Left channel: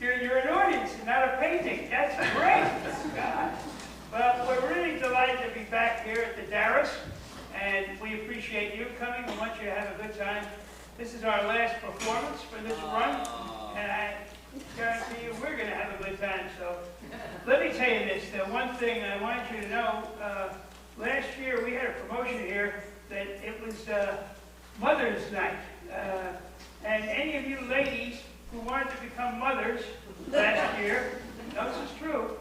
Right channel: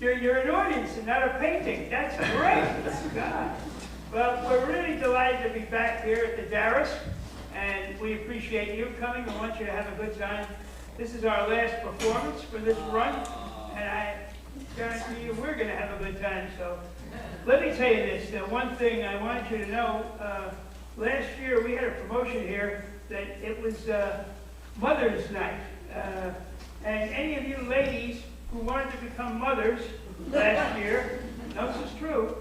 You're an audience and not a painting. That's great. God. Well, we're really delighted to be back here at the Darress, and we appreciate you coming. We want you to have a good time. This is our last performance for this run, and I guarantee you we're going to have a good time. So let me tell you this. The one thing I want you to know, last year we had a promotion here that it was Mother's Night. And any of you ladies who wanted to become mothers last year, this is true,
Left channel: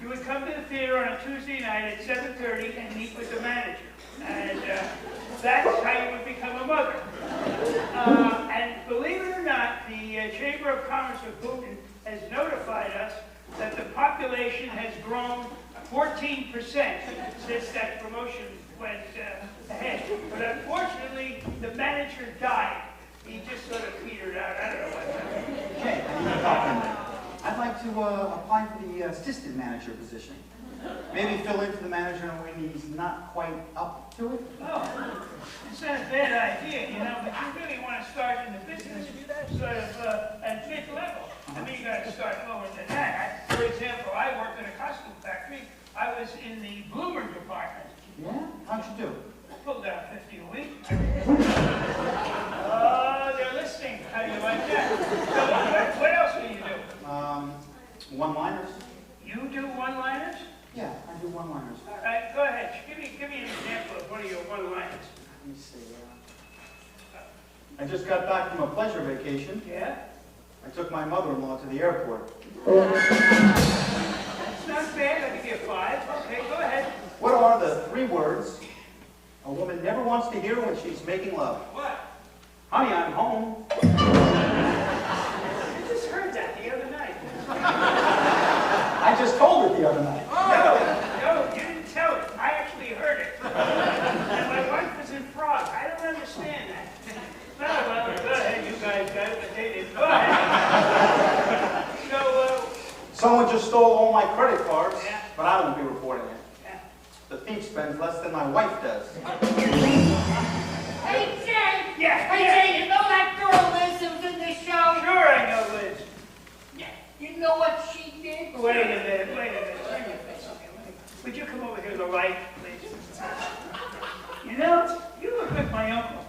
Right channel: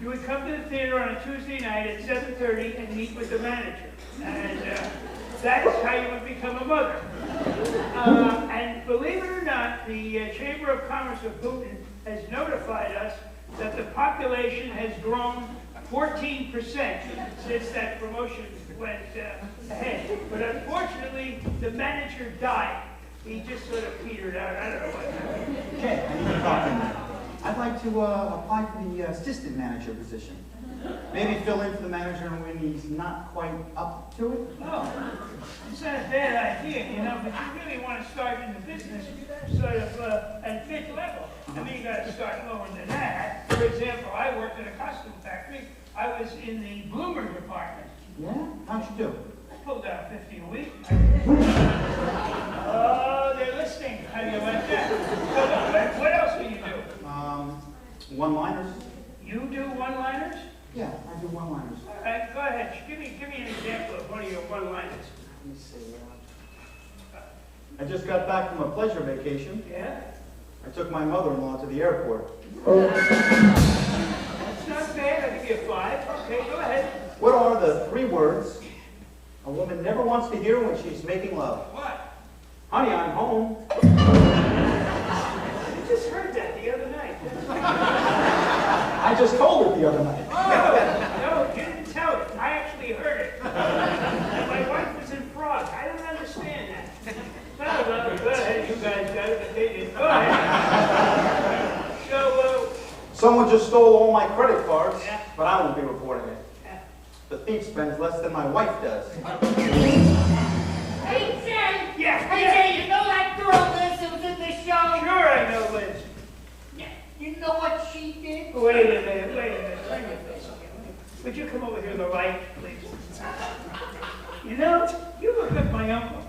you would come to the theater on a Tuesday night at 7:30 and meet with the manager. And that's how you would become a mother. And believe it or not, the Chamber of Commerce of Boonton has notified us that the population has grown 14% since that promotion went ahead. But unfortunately, the manager died. He just sort of petered out. I don't know what happened. I'd like to apply for the assistant manager position. Maybe fill in for the manager when he's not quite up to it. Oh, it's not a bad idea, but you really want to start in the business sort of at mid-level. I mean, you got to start lower than that. For example, I worked in a costume factory. I was in the bloomer department. Yeah? How'd you do? I pulled out 50 a week. Oh, they're listening. How do you like that? So what else do you do? One-liners. You do one-liners? Yeah, I do one-liners. All right, go ahead. Give me an example of one of your one-liners. Let me see. I just got back from a pleasure vacation. Yeah? I took my mother-in-law to the airport. That's not bad. I'll give you a 5. Okay, go ahead. What are the 3 words a woman never wants to hear when she's making love? What? Honey, I'm home. I just heard that the other night. I just told it the other night. No, you didn't tell it. I actually heard it. And my wife was in Prague. I don't understand that. Well, go ahead. You guys got it, but they didn't. Go ahead. So, someone just stole all my credit cards, yeah. But I won't be reporting it. Yeah. The thief spends less than my wife does. Hey, Jay! Yeah, Hey, yeah. Jay, you know that girl Liz who was in the show? Sure I know Liz. Yeah. You know what she did? Wait a minute. Turn your face again. Would you come over here to the light, please? You look like my uncle.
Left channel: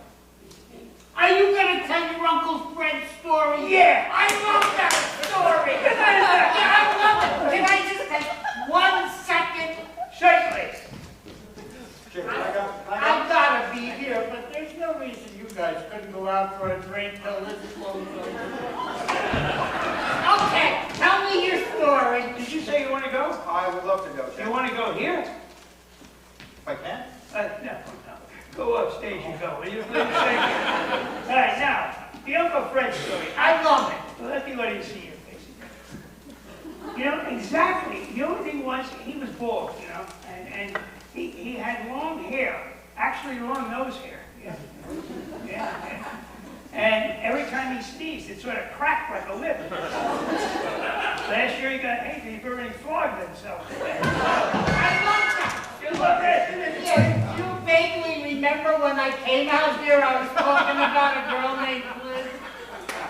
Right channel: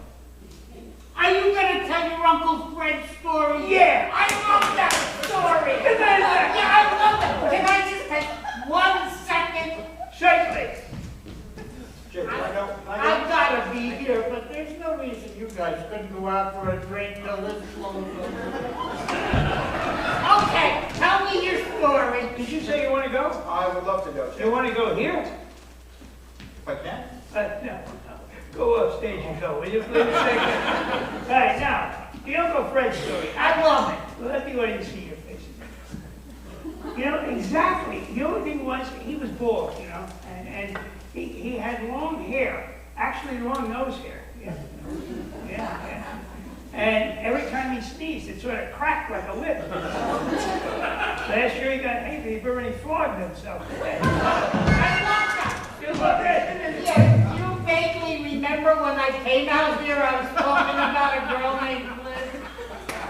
Are you going to tell your Uncle Fred's story? Yeah. I love that story. Yeah, I love it. Can I just take 1 second? Certainly. Jim, can I go? I've got to be here, but there's no reason you guys couldn't go out for a drink till this blows over. Okay, tell me your story. Did you say you want to go? I would love to go, Jim. You want to go here? If I can? No. Go upstage and go, will you? All right, now, the Uncle Fred story. I love it. Well, let me let you see your face again. Exactly. The only thing was, he was bald, and he had long hair, actually long nose hair. Yeah. And every time he sneezed, it sort of cracked like a lip. Last year he got hay fever and he flogged himself. I love that. You love it? Yeah, you vaguely remember when I came out here, I was talking about a girl named Liz?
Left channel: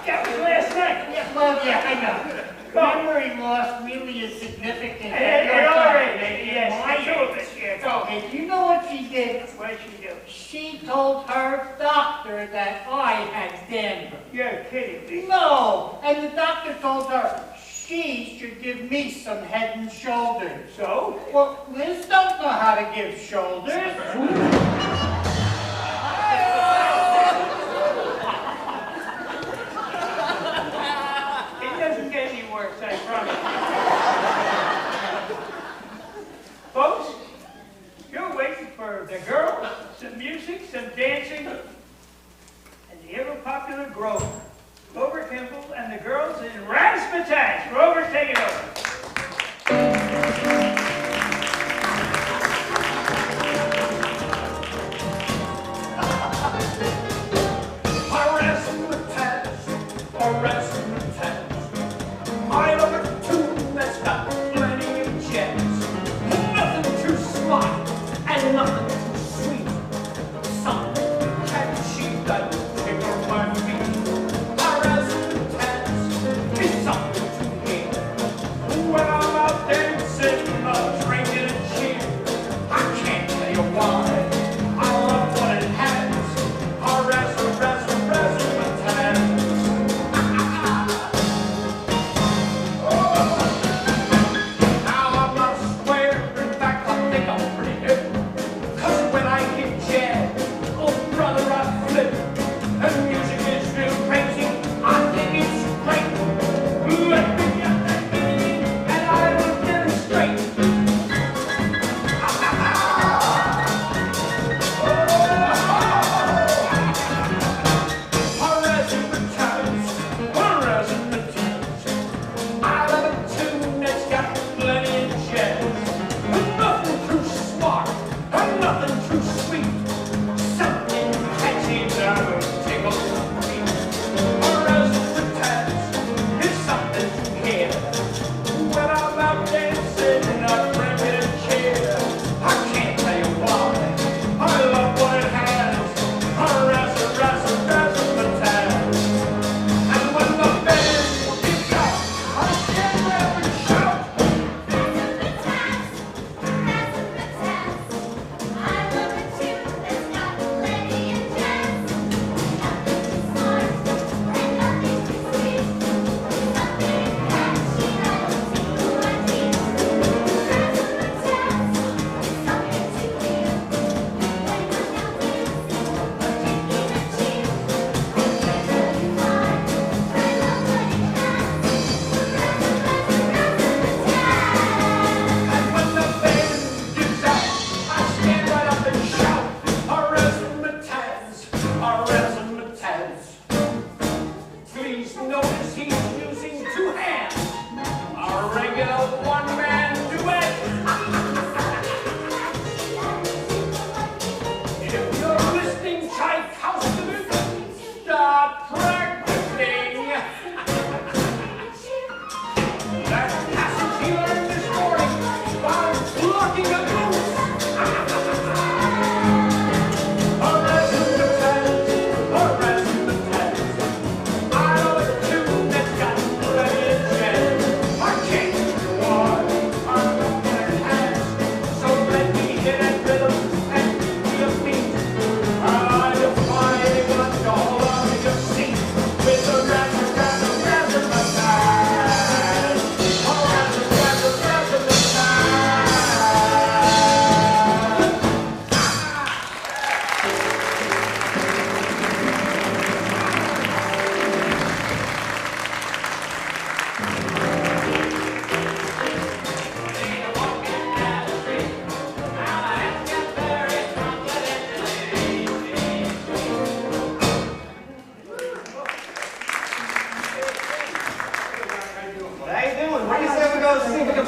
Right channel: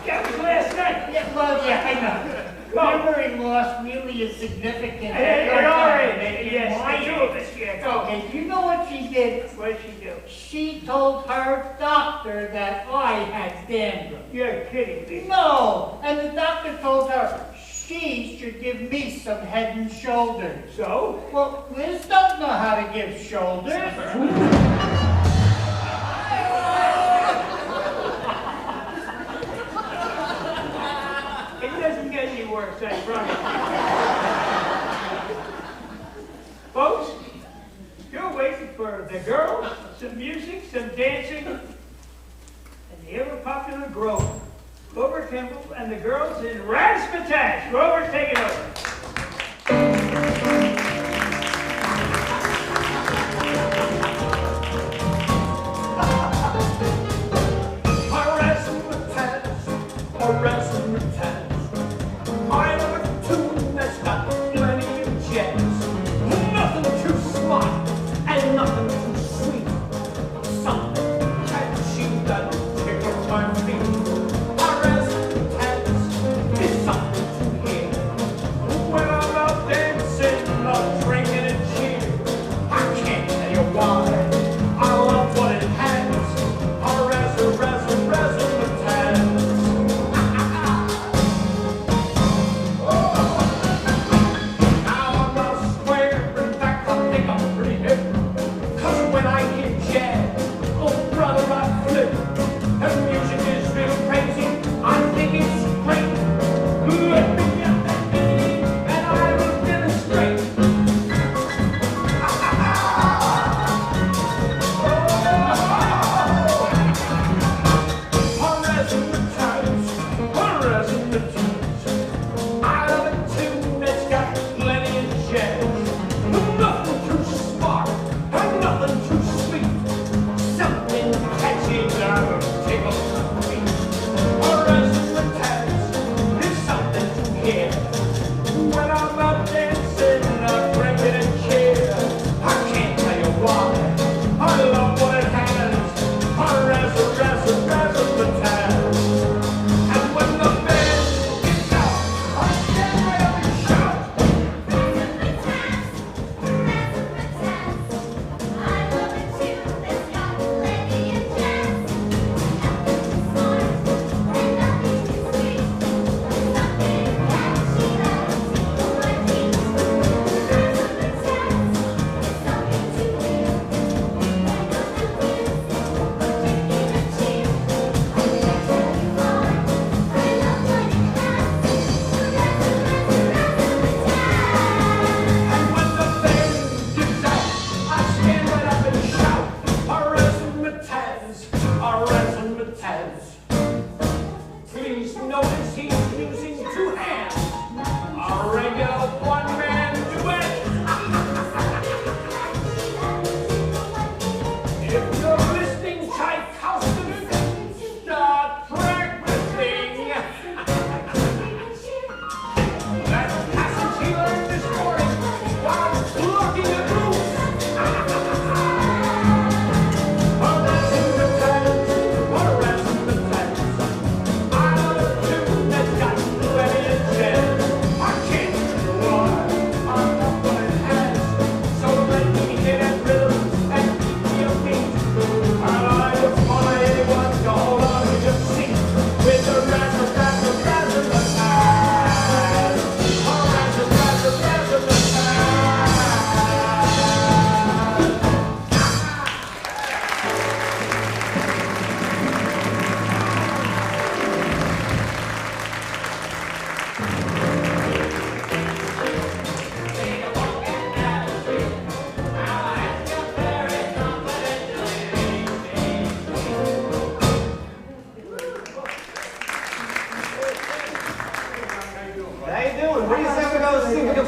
That was last night. Yeah, well, yeah, I know. Memory loss really is significant. It already, yes, the two of us, yeah. Okay, do you know what she did? What did she do? She told her doctor that I had dandruff. You're kidding me. No, and the doctor told her she should give me some head and shoulders. So? Well, Liz don't know how to give shoulders. It doesn't get any worse, I promise. Folks, you're waiting for the girls, some music, some dancing, and the ever-popular Grover. Grover Kimball and the girls in Raz Ma Taz. Grover, take it over. Nothing too sweet, something catchy that tickles my feet.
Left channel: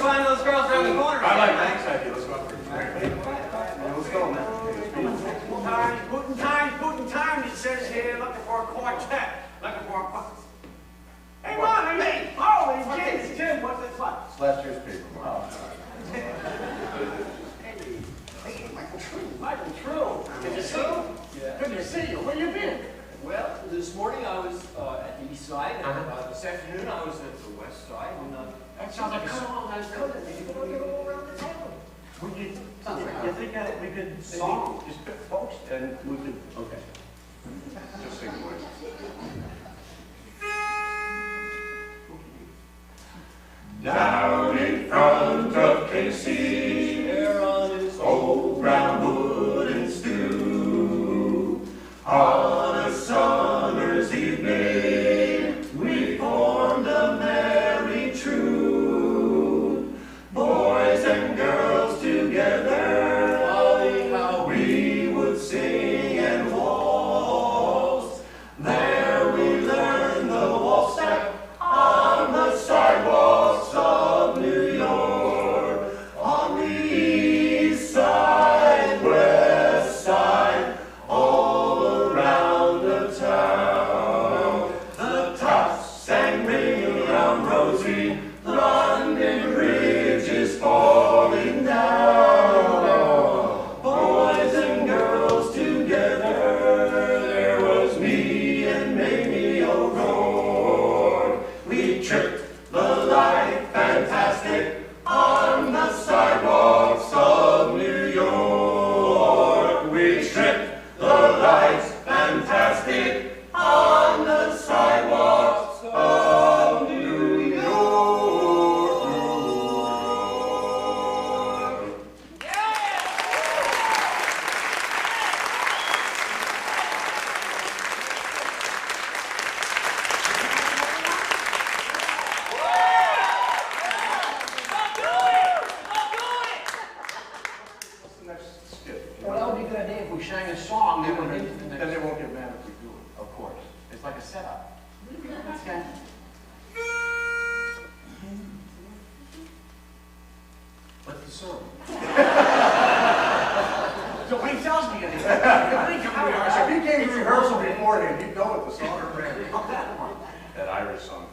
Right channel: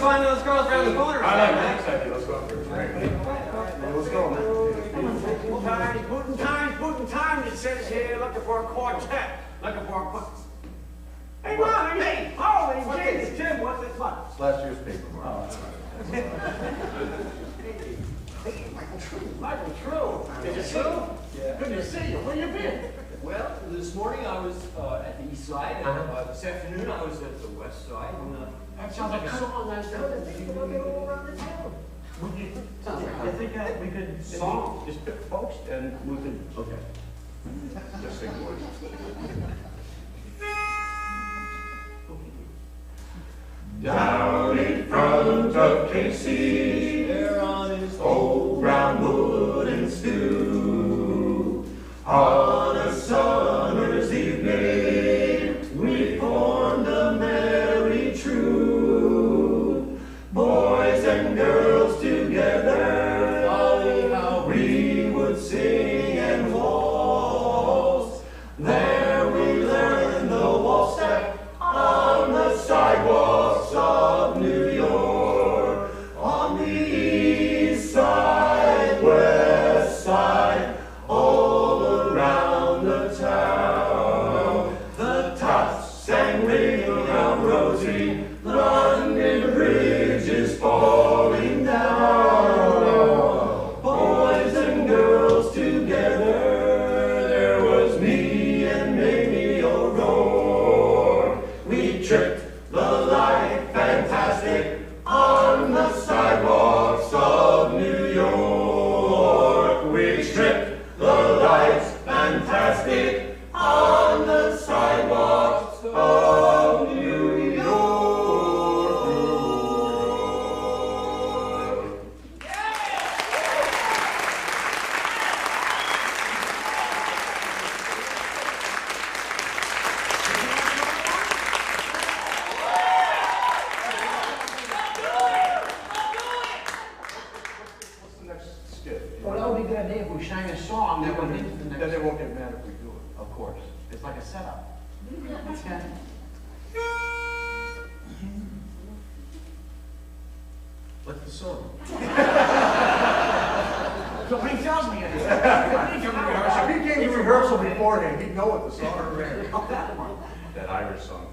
find those girls around the corner. I like Hank's idea. Let's go out for a drink. Let's go, man. Boonton time, it says here, looking for a quartet. Looking for a quartet. Hey, Ron, hey, holy Jesus, Jim, what's this one? It's last year's paper, Mark. Hey, Michael True. Is it true? Yeah. Good to see you. Where you been? Well, this morning I was at the east side, and this afternoon I was at the west side. And, That sounds like a song. You think we could Song, just pick folks and we can. Okay. Just sing the words. Down in front of Casey, there on his old brown wooden stew, on a summer's evening, we formed a merry troop, boys and girls together, how we would sing and waltz. There we learned the waltz step on the sidewalks of New York, on the east side, west side, all around the town. The tops sang ring around Rosie, London Bridge is falling down. Boys and girls together, there was me and Mamie O'Rourke. We tripped the light fantastic on the sidewalks of New York. We tripped the lights fantastic on the sidewalks of New York. What's the next skit? Well, that would be a good idea if we sang a song that went into the Then next. they won't get mad if we do it. Of course. It's like a setup. That's good. What's the song? Nobody tells me anything. If he came to rehearsal beforehand, he'd know what the song is. That Irish song.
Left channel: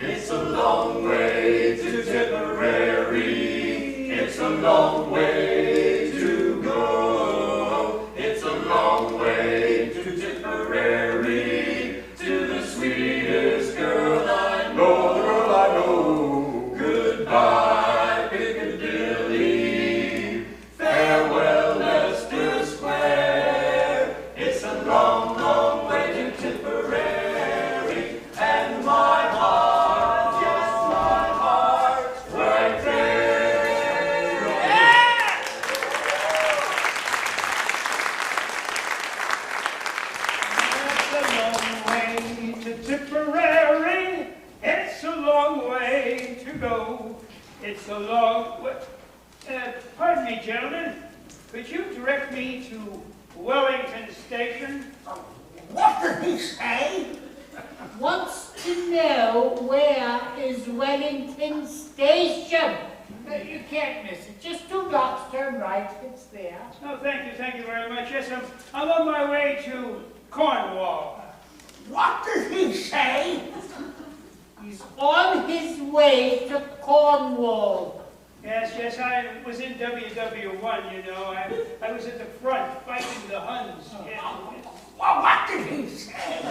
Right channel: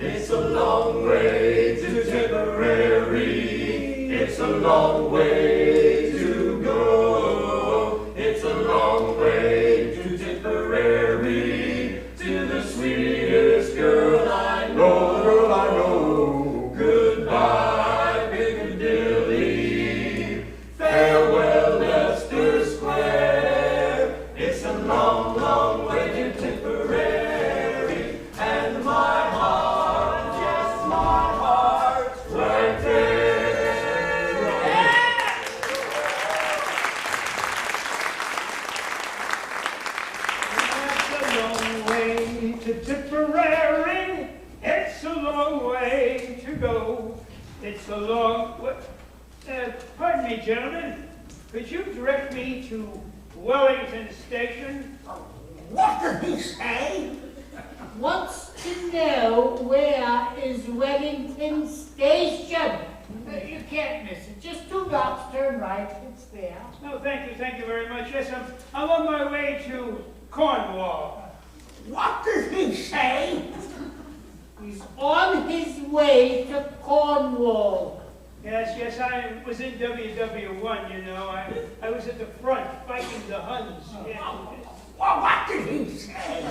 It's a long way to Tipperary. It's a long way to go. It's a long way to Tipperary, to the sweetest girl I know. Girl I know. Goodbye, Piccadilly. Farewell, Leicester Square. It's a long, long way to Tipperary, and my heart, yes, my heart's right there. It's a long way to Tipperary. It's a long way to go. It's a long way. Pardon me, gentlemen. Could you direct me to Wellington Station? What did he say? Wants to know where is Wellington Station. You can't miss it. Just 2 blocks, turn right. It's there. Oh, thank you very much. Yes, I'm on my way to Cornwall. What did he say? He's on his way to Cornwall. Yes, I was in WW1, you know. I was at the front fighting the Huns. Yes. Well, what did he say?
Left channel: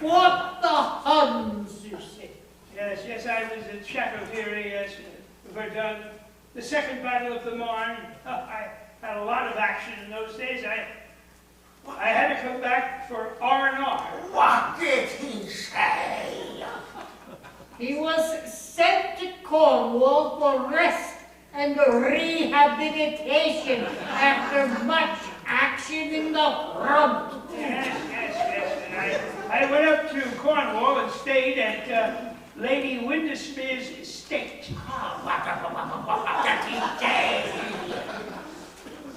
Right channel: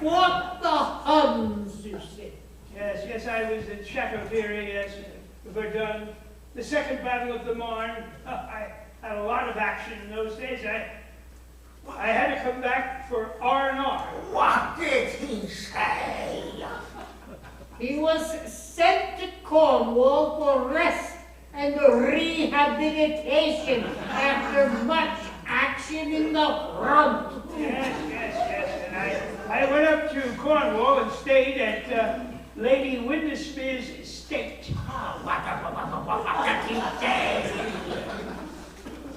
What the Huns, you see. Yes, I was at Chateauthierry, yes, Verdun. The Second Battle of the Marne. I had a lot of action in those days. I had to come back for R&R. What did he say? He was sent to Cornwall for rest and rehabilitation after much action in the front. Yes. And I went up to Cornwall and stayed at Lady Windusmere's estate. What did he say?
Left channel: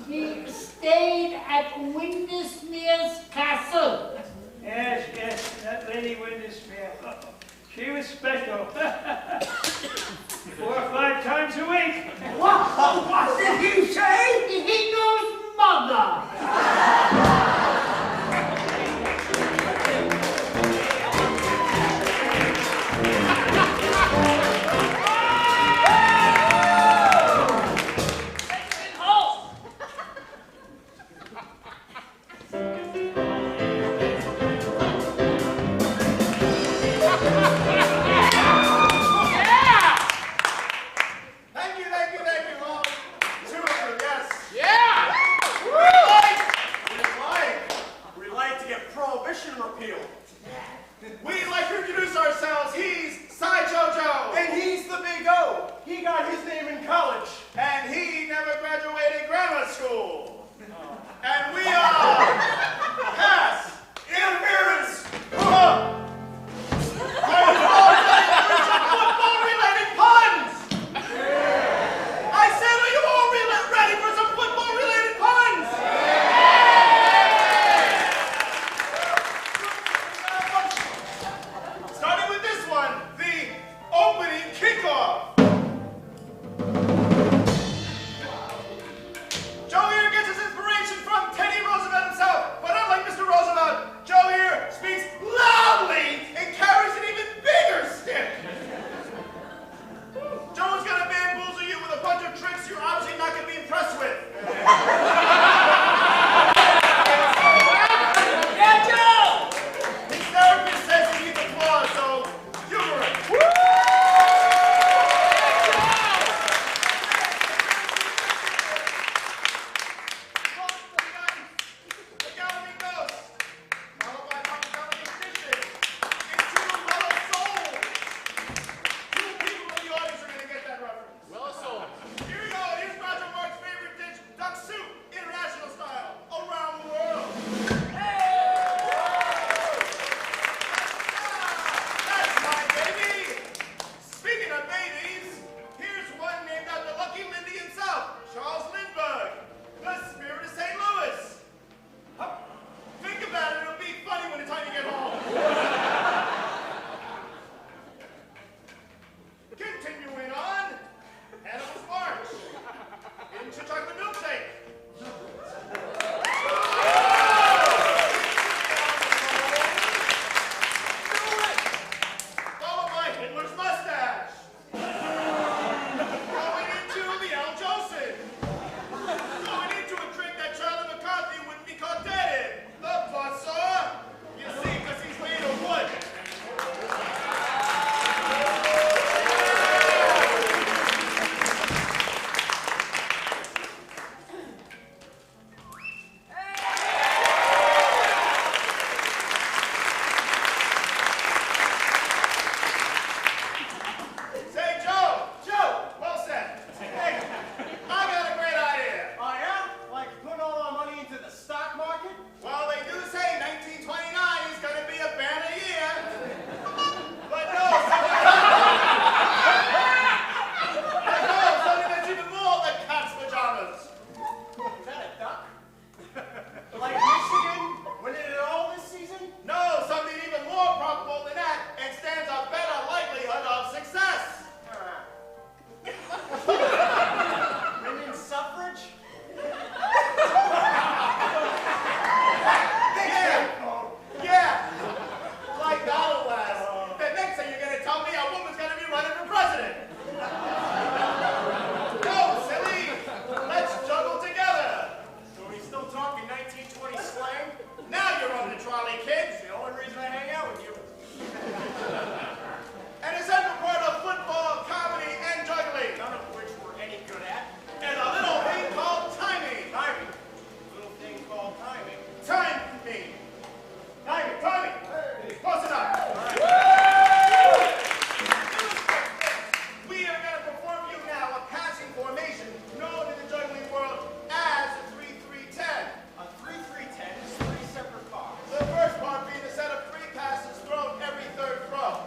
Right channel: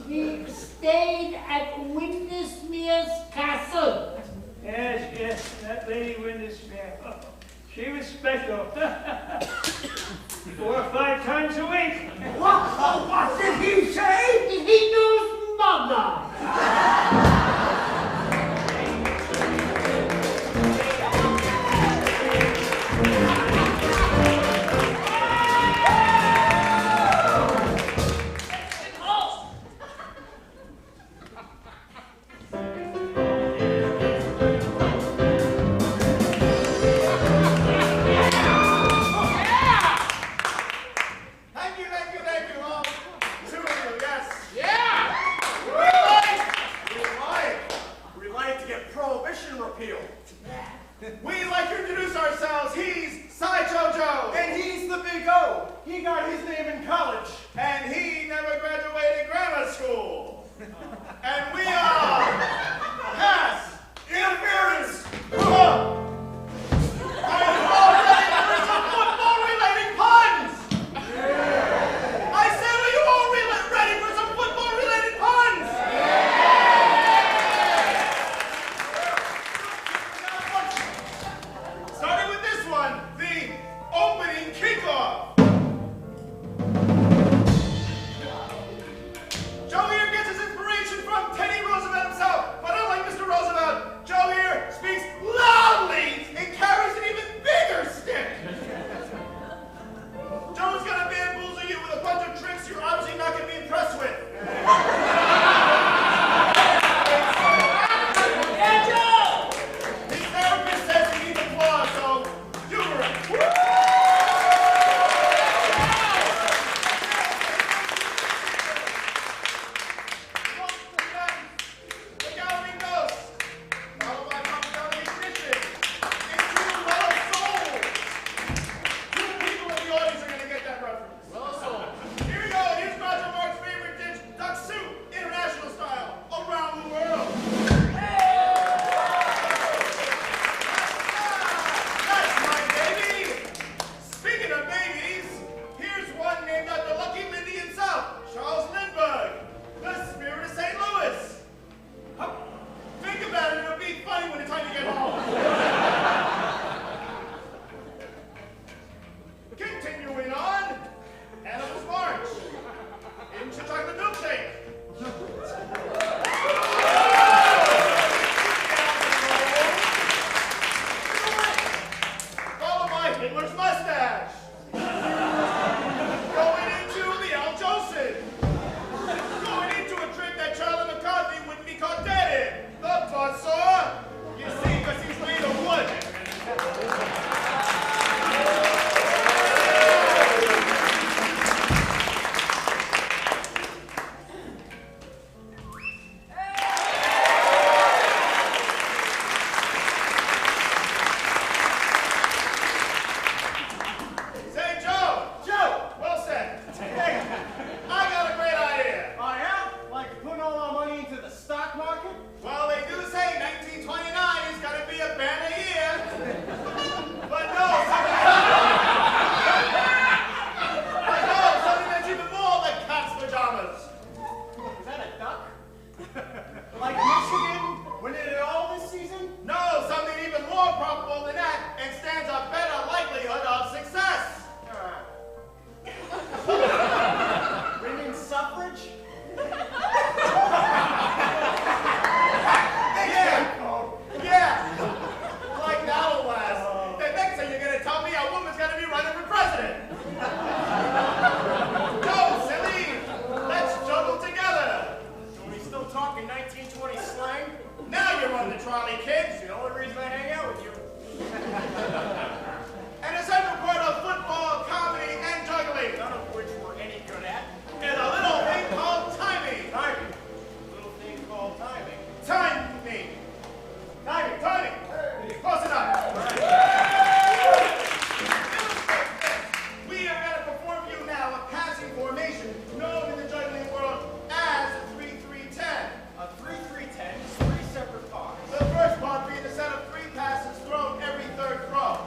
He stayed at Windusmere's castle. Yes, that Lady Windusmere. She was special. 4 or 5 times a week. What did he say? He knows mother. We'd like to introduce ourselves. He's Sideshow Joe. And he's the Big O. He got his name in college. And he never graduated grammar school. And we are Pass Interference. Are you all ready for some football-related puns? Yeah. I said, are you all ready for some football-related puns? Starting with this one, the opening kickoff. Joe here gets his inspiration from Teddy Roosevelt himself, but unlike Mr. Roosevelt, Joe here speaks loudly and carries an even bigger stick. Joe's gonna bamboozle you with a bunch of tricks you're obviously not gonna be impressed with. His therapist says he needs applause, so humor it. Look out, he goes. Followed by Papa Ignition. It's Two Lost Souls. 2 people in the audience are going to get that reference. Here we go. Here's Roger Mark's favorite dish, duck soup, international style, around the world. That's my baby. Speaking of babies, here's one named after Lucky Lindy himself, Charles Lindbergh, the spirit of St. Louis. Hup. Think about it, it'll be funny when it's time to get home. Continuing on, Animals March. Into chocolate milkshake. Followed by Hitler's mustache. Going into the Al Jolson. Going into a trick that Charlie McCarthy wouldn't be caught dead in. The buzzsaw. You see, because he's made of wood. Say, Joe, well said. Hey, I got a great idea. Oh, yeah? Like putting all our money into the stock market? Well, they do say 1929 is going to be a banner year. But no, something that's even more like cat's pajamas. Is that a duck? Like Michigan winning it all this season? No, something even more probable than that and stands a better likelihood of success. Women's suffrage? Yeah. Like that'll last. The next thing you're going to tell me a woman's going to be running for president. No, silly. Let's juggle together. Are we still talking 1920 slang? Now you're on the trolley, kids. The only reason I hang out with you. An essential part of football, comedy, and juggling, none of which we're any good at, is a little thing called timing. Timing. A little thing called timing. Timing. Timing. Timing. Close enough. All right. We are going to perform for you now a passing formation known in the juggling world as a 3-3-10. A 3-3-10 is 3 separate parts. The first part being a set of 3 passes thrown every 3rd throw.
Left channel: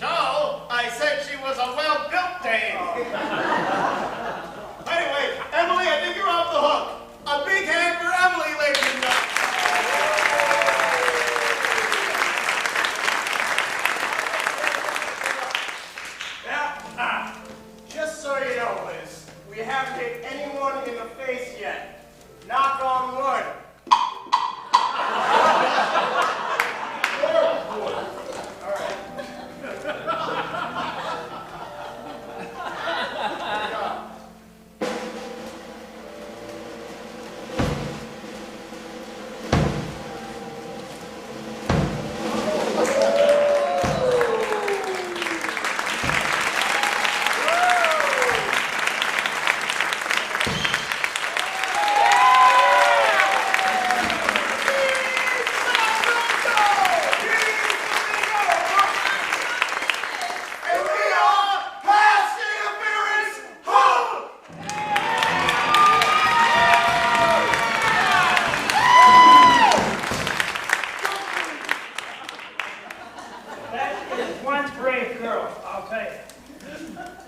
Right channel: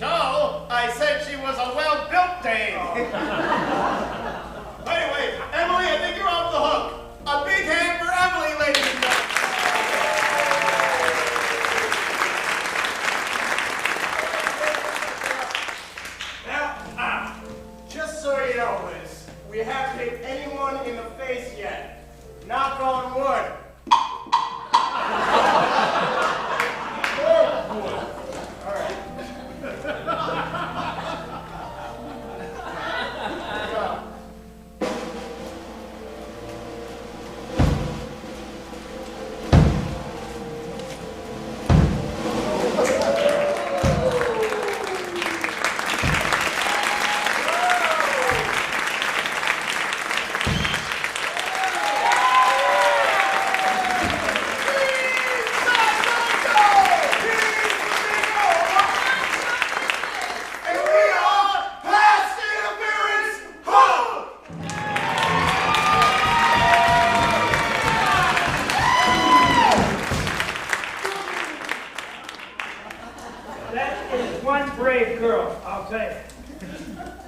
So, I said she was a well-built dame. Anyway, Emily, I think you're off the hook. A big hand for Emily, ladies and gentlemen. Now, just so you know, Liz, we haven't hit anyone in the face yet. Knock on wood. All right.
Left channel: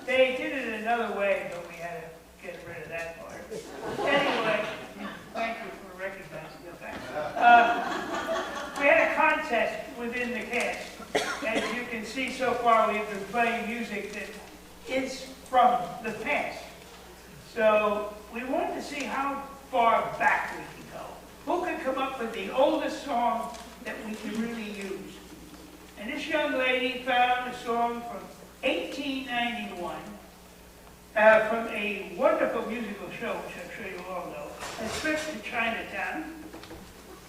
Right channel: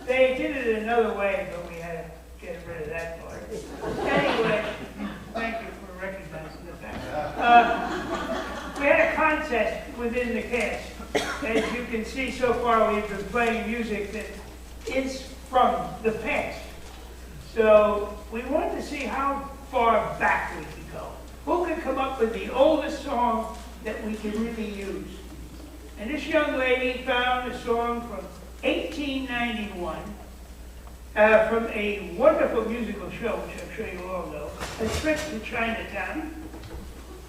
They did it another way, but we had to get rid of that part. Anyway, thank you for recognizing the fact. We had a contest within the cast. As you can see so far, we've been playing music that is from the past. So we wanted to see how far back we could go. Who could come up with the oldest song that we could really use? And this young lady found a song from 1891 from a wonderful musical show, which I'm sure you all know, A Trip to Chinatown.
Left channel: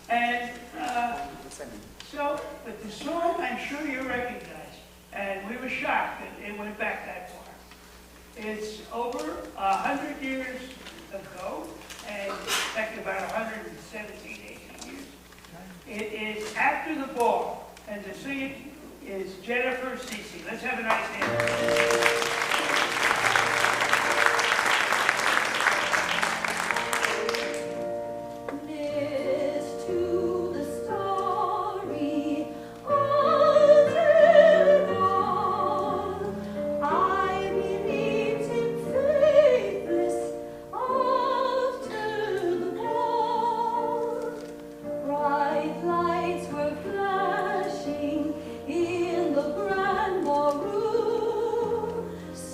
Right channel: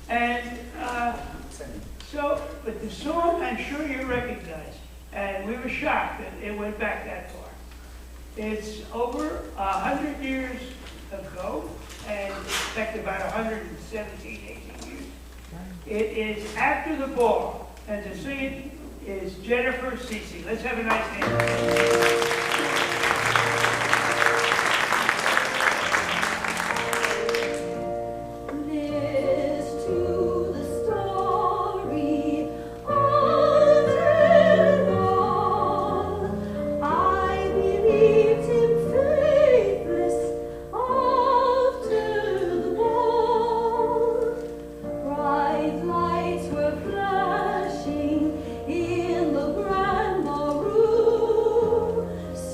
And but the song I'm sure you recognize, and we were shocked that it went back that far. It's over 100 years ago, and in fact about 117, 18 years. It is After the Ball, and to sing it is Jennifer Cece. Let's have a nice hand. So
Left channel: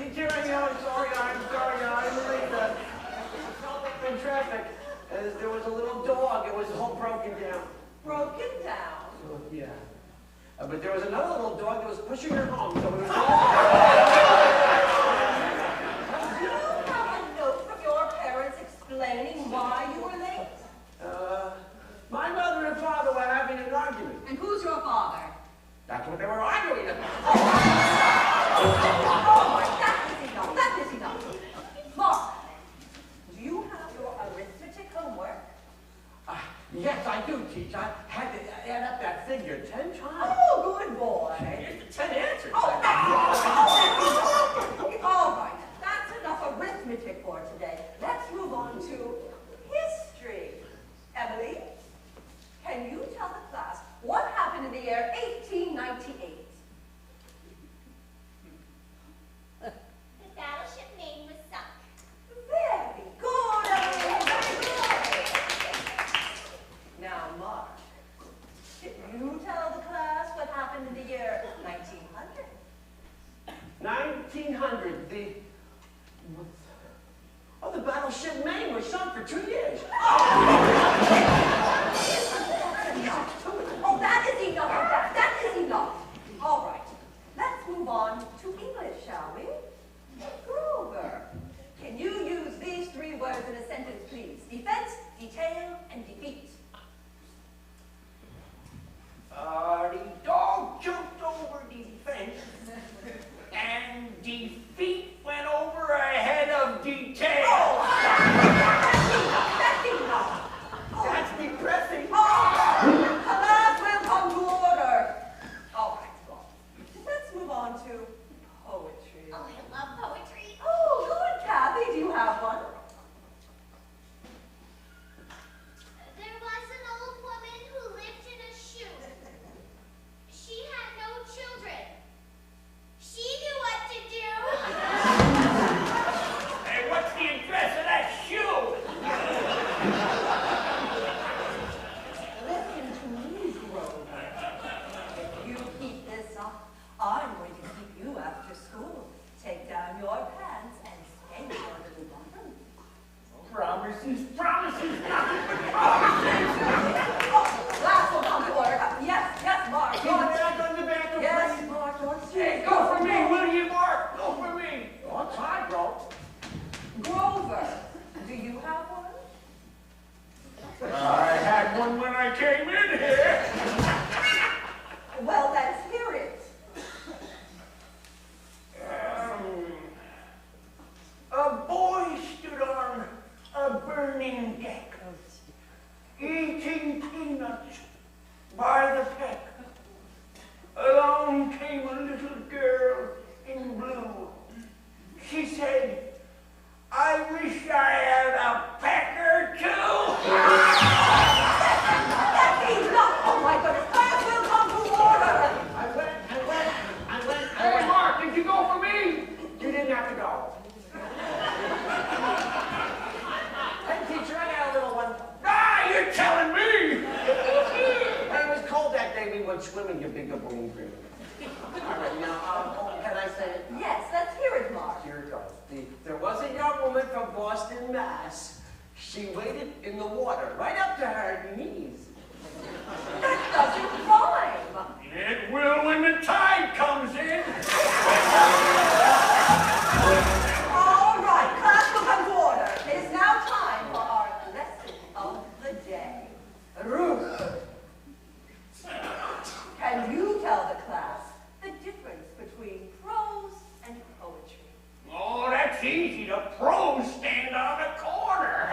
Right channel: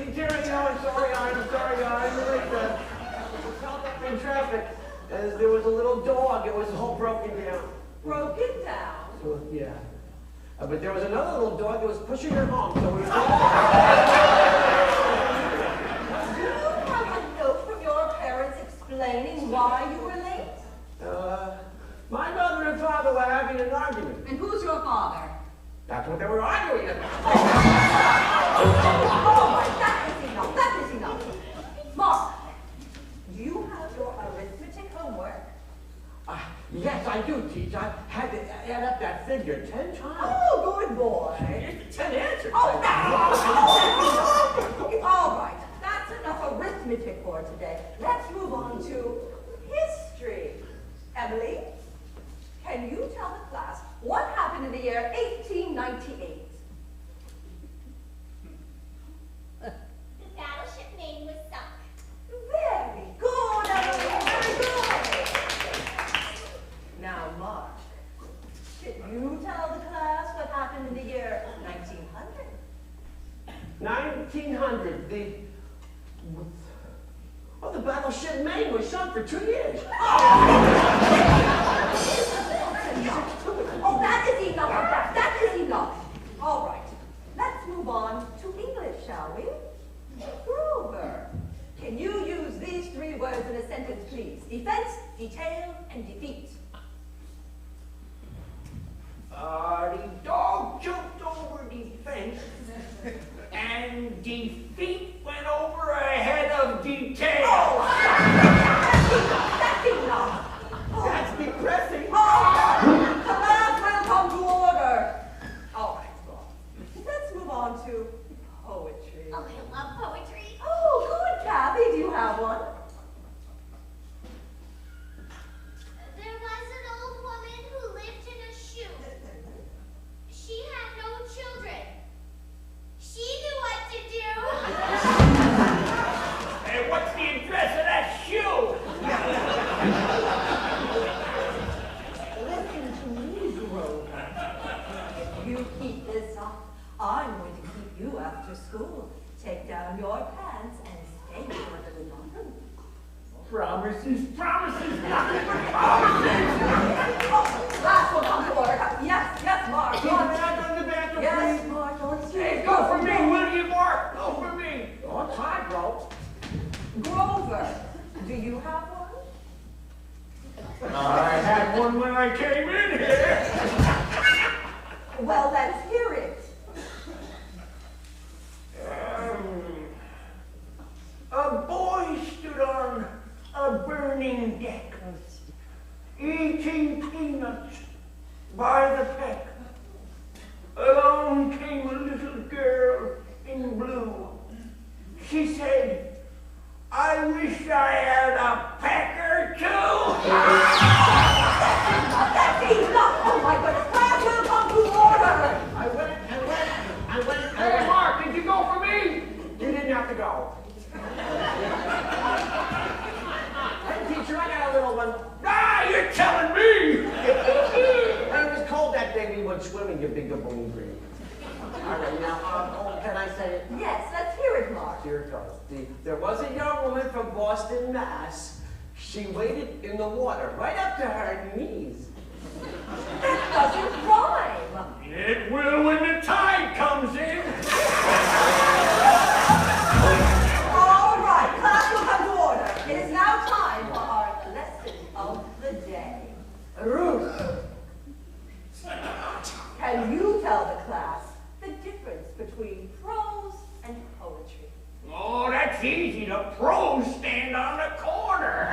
Teacher, I'm sorry, I'm late. Held up in traffic. There was a little dog. It was all broken down. Broken down? So, yeah. But there was another little dog that was pushing her home, so it was all... Do you have a note from your parents explaining why you were late? My mother and father were having an argument. And who's your father? That's what they were arguing about. Oh, my, that is enough. Mark, do you have your arithmetic homework? Yes, I do, teach. I had to add up that figure 10 times. Oh, good boy. Here's the 10 answers. All right, that's enough arithmetic for today. Let's move on to history. Emily, can you tell the class what happened in the year 1898? The battleship Maine was sunk. Very good, Emily, very good. Now, Mark, can you tell the class what happened in the year 1900? 1900, the battleship Maine was sunk for 2 years. Oh, that is enough of that. That is enough. All right, let's move on to English, shall we? Grover, can you use these 3 words in a sentence, please? Defense, detail, and defeat. The dog jumped over the fence, and defeat went over ahead of detail. Oh, that's enough. That's depressing. Class will come to order. All right, well, let's move on to poetry. Oh, I love poetry. Oh, good, Kathy. Do you have one? There was an old woman who lived in a shoe. She had no children. She knew what to do. Hey, what's the address of that shoe? Listen to me, Grover. If you keep this up, I'm going to keep you after school. Take down your pants and stay your little bottom. Promises, nothing but promises. Last one, come to order. Yes, Mark. Can I go in the bathroom, Yes, please? Mark. Hey, go for me, will you, Mark? Go for me. Oh, time, bro. Grover, do you have one? I had one when I came in here. Well, let's hear it. A boy stood on a burning deck, eating peanuts by the peck. Along came a little girl in blue. She said, I wish I had a peck or two. That's enough! Oh my goodness, class will come to order! I went. Hey, Mark, did you go for me? You didn't have to go. Hey, teacher, I got a little one. Ah, you're telling me! It was cold that day we went swimming, you big Bolger. All right, now, can I say it? Yes, let's hear it, Mark. Here it goes. There was a young woman from Boston, Mass. She waded in the water right up to her knees. That doesn't rhyme. It will when the tide comes in. All right, class will come to order. It is now time for our lesson of the day. Ruth, can you tell the class the difference between prose and poetry? Oh, that's easy. The pros stand on the corner.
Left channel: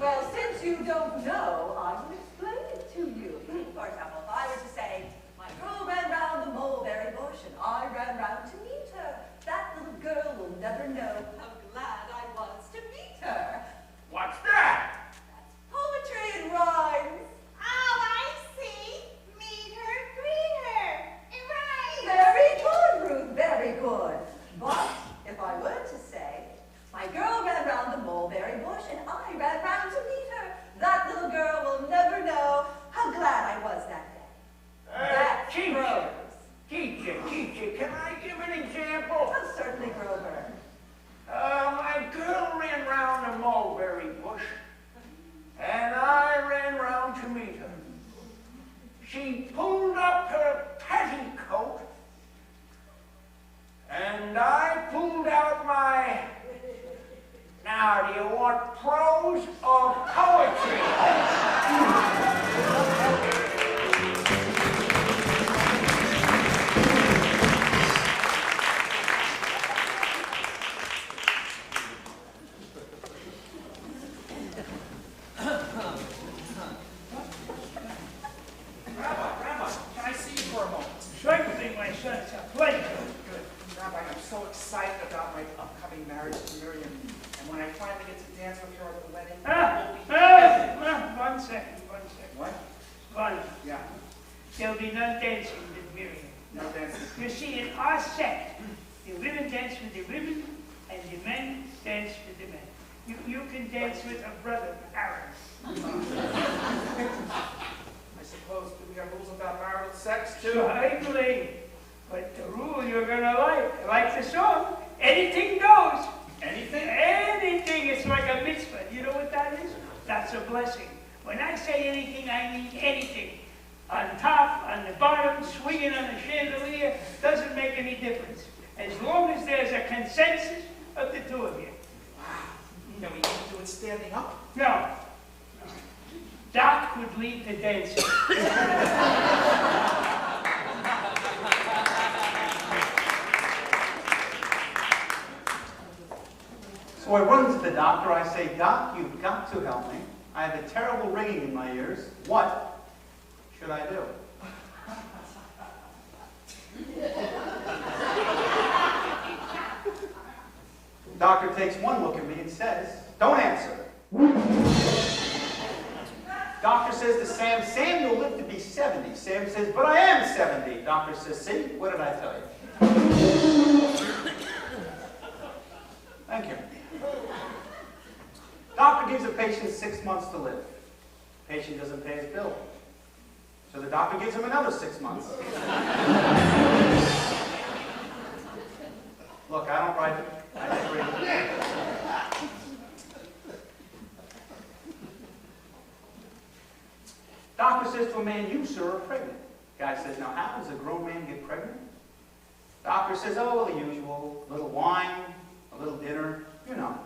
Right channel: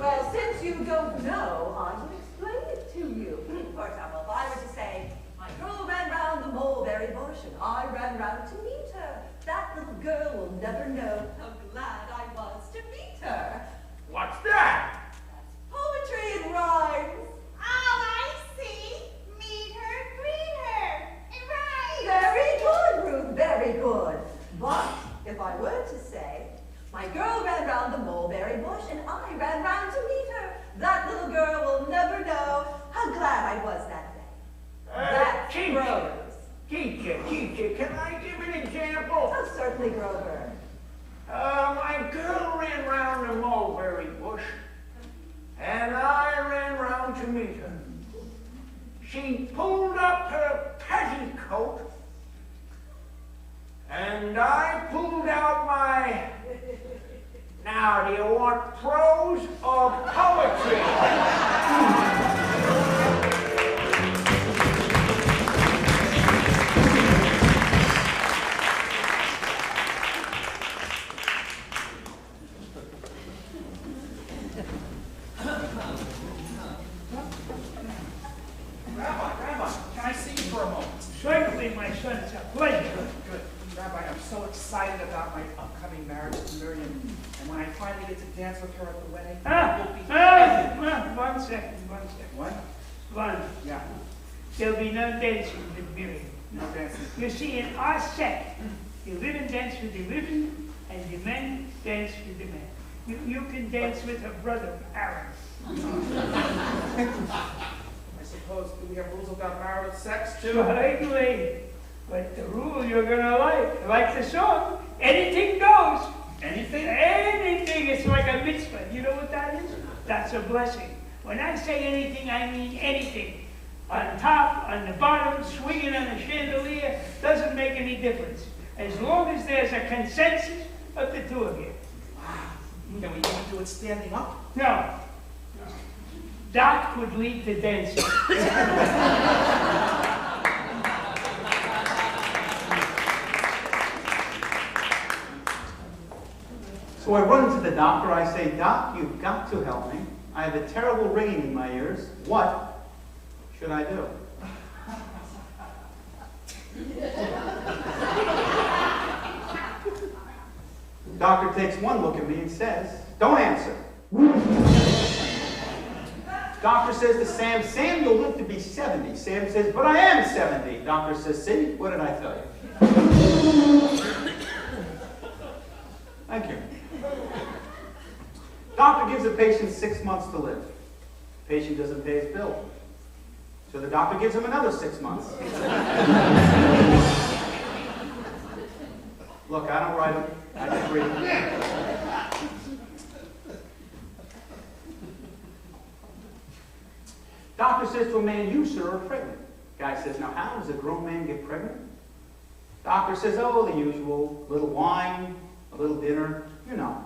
Well, since you don't know, I will explain it to you. For example, if I were to say, my girl ran round the mulberry bush and I ran round to meet her, that little girl will never know how glad I was to meet her. What's that? That's poetry in rhymes. Oh, I see. Meet her, greet her. It rhymes. Very good, Ruth, very good. But if I were to say, my girl ran round the mulberry bush and I ran round to meet her, that little girl will never know how glad I was that day. That's Teacher. prose. Teacher, can I give an example? Oh, certainly, Grover. A girl ran round a mulberry bush, and I ran round to meet her. She pulled up her petticoat, and I pulled out my... Now, do you want prose or poetry? Rabbi, can I see you for a moment? Certainly, my son, it's a pleasure. Good. Rabbi, I'm so excited about my upcoming marriage to Miriam. And when I finally get to dance with her at the wedding, it will be heaven. One second. What? One. Yeah, There'll be no dancing with Miriam. no dancing. You see, in our sect, the women dance with the women, and the men dance with the men. You can dance with her brother, Aaron. I suppose, do we have rules about marital sex too? Certainly. But the rule you're gonna like the song, anything goes. Anything? Anything, it's like a mitzvah. You know what that is? That's a blessing. When I say anything, I mean anything. On top, on the bottom, swinging on a chandelier, doesn't make any difference. As long as there's a consensus of the two of you. Wow. Can we even do it standing up? No. Doc would lead the dancing. So I run to the doctor, I say, Doc, you've got to help me. I have a terrible ringing in my ears. What should I do? Doctor takes one look at me and says, don't answer. Doctor says to Sam, you'll live to be 70. Sam says, but I am 70. Doctor says, see, what did I tell you? Thank you. Doctor gives a patient 6 months to live. Patient doesn't pay his bill. So the doctor gives him another 6 months. Look, I don't write it. I just read it. Doctor says to a man, you, sir, are pregnant. Guy says, now how does a grown man get pregnant? Doctor says, oh, the usual. A little wine, a little dinner, you know.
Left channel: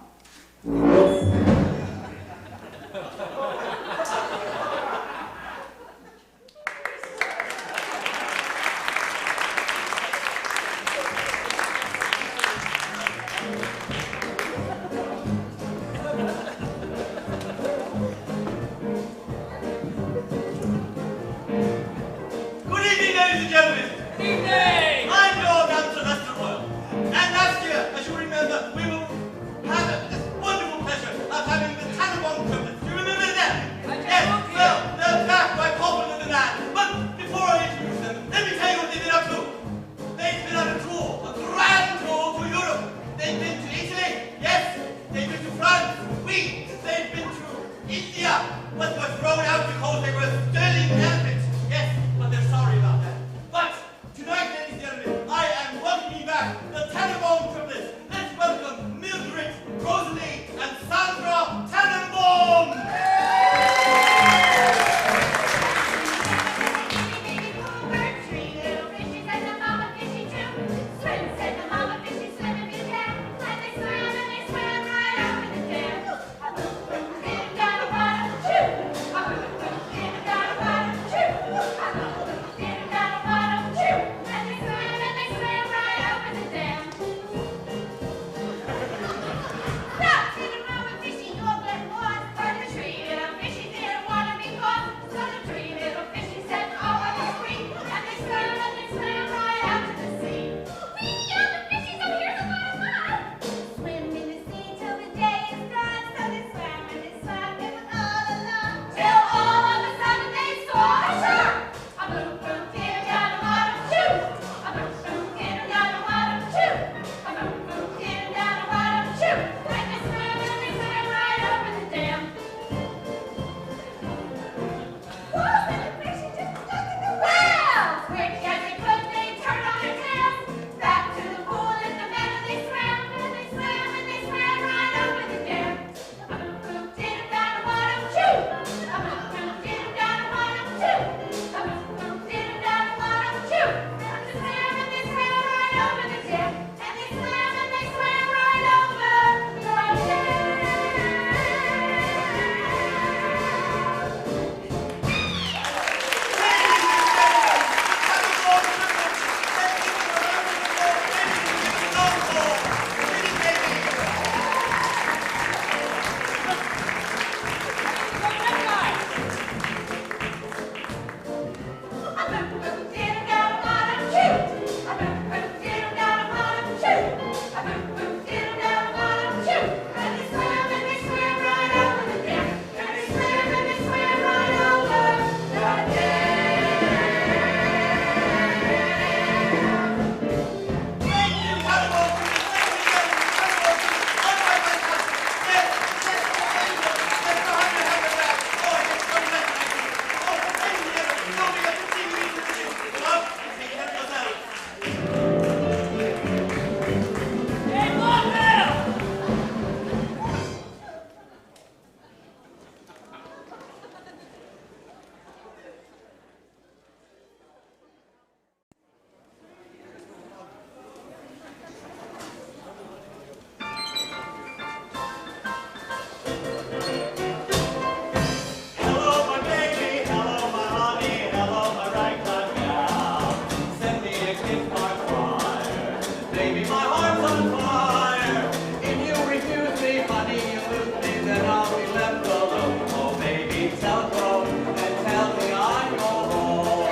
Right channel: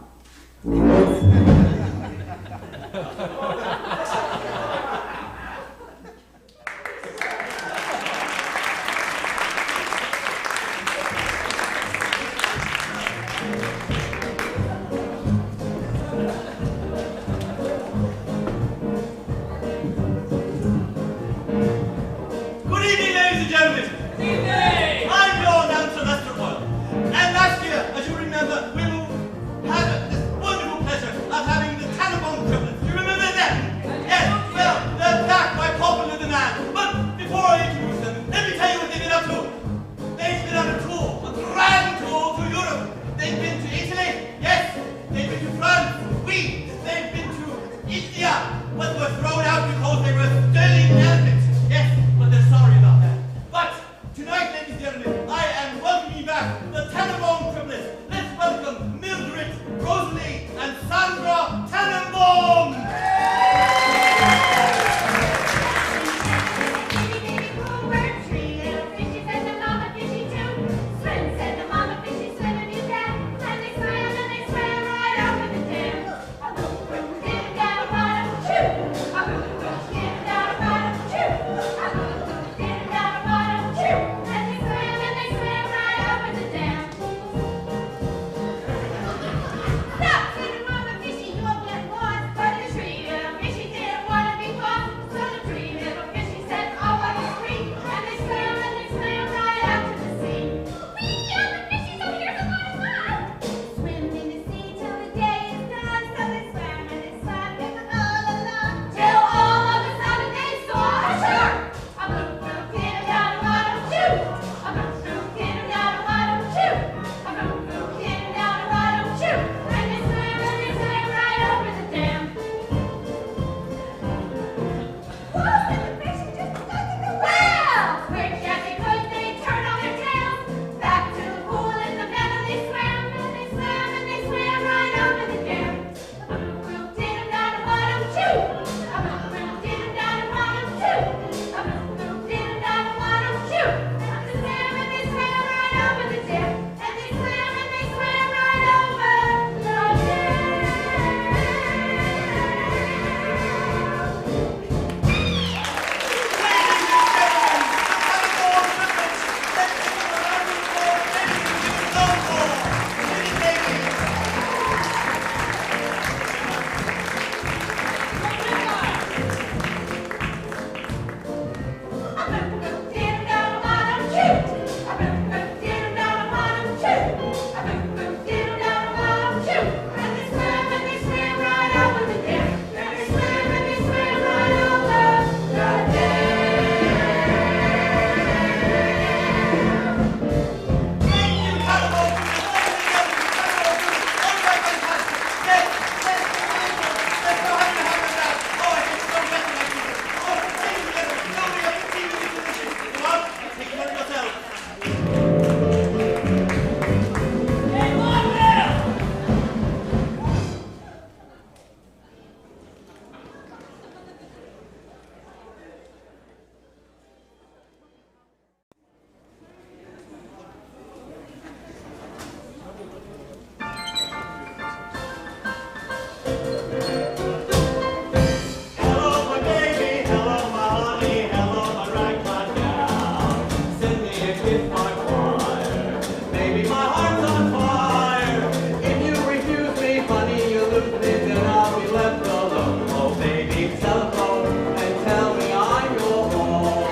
my heart's on fire. If you refuse me, honey, you lose me, then I'll be left alone. Oh, baby, telephone and tell me I'm your home.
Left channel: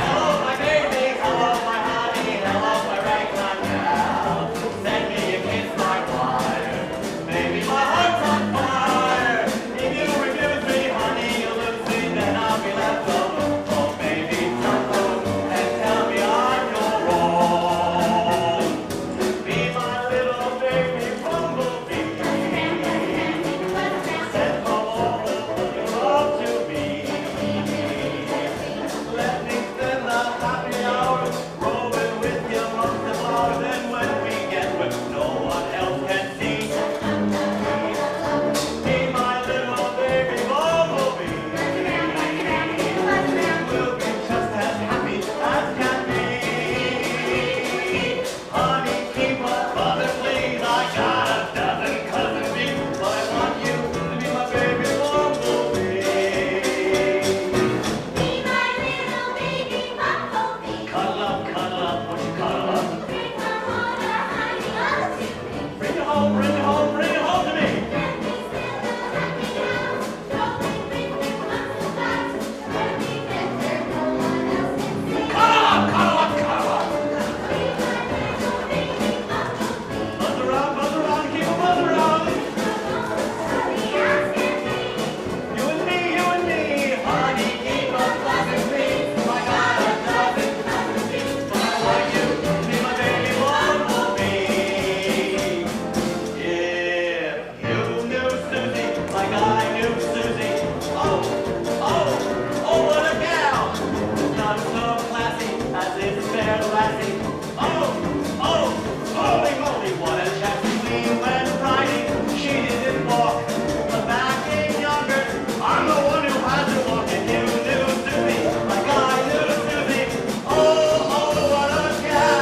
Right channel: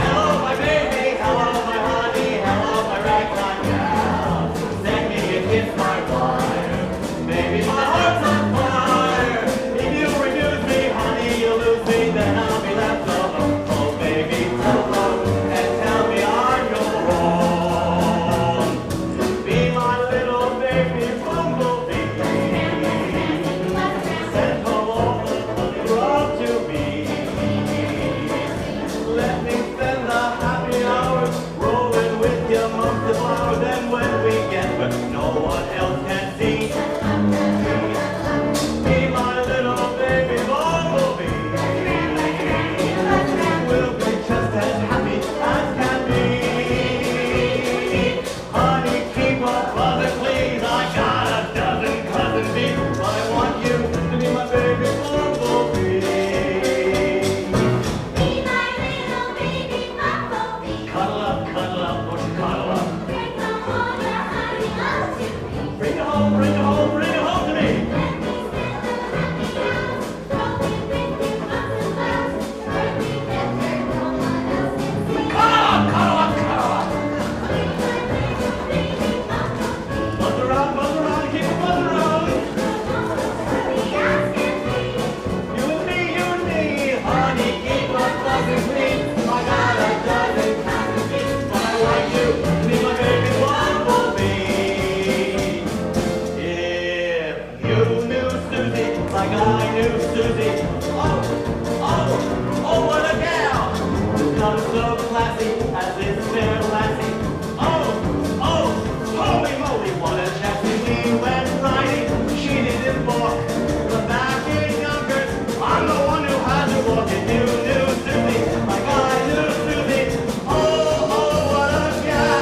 Hello, my baby, hello, my honey, hello, my ragtime gal. Send me a kiss like fire. Baby, my heart's on fire. If you refuse me, honey, you lose me, then I'll be left alone. Oh, baby, telephone and tell me I'm your home. Be my little baby bumblebee. Send the love of the road to me. Let me spend the happy hours rolling with you most of all. Then when we get where no one else can see, be my little baby bumblebee. We'll be just as happy as can be. Honey, keep on loving, please. I got a dozen cousin bees, but I want you to be my baby bumblebee. Be my little baby bumblebee. Cuddle up, won't you cuddle up? Bring home all the honey up to me. Bring it home, bring it home, bring it home to me. Let me spend the happy hours rolling with you once in a while. When we get there, no one else can see. Cuddle up, cuddle up, cuddle up. Be my little baby bumblebee. Buzz around, keep it buzz around. Honey, as can be. You and me, honey, keep on buzzing me. I got a dozen cousin bees, but I want you to be my baby bumblebee. If you knew Susie like I knew Susie, oh, what a gal! None so classy as this fair lassie. Oh, holy moly, what a chassis we went riding. She didn't balk. The back in younger, I'm the one who had to walk. And you knew Susie like I knew Susie. Oh, what a gal!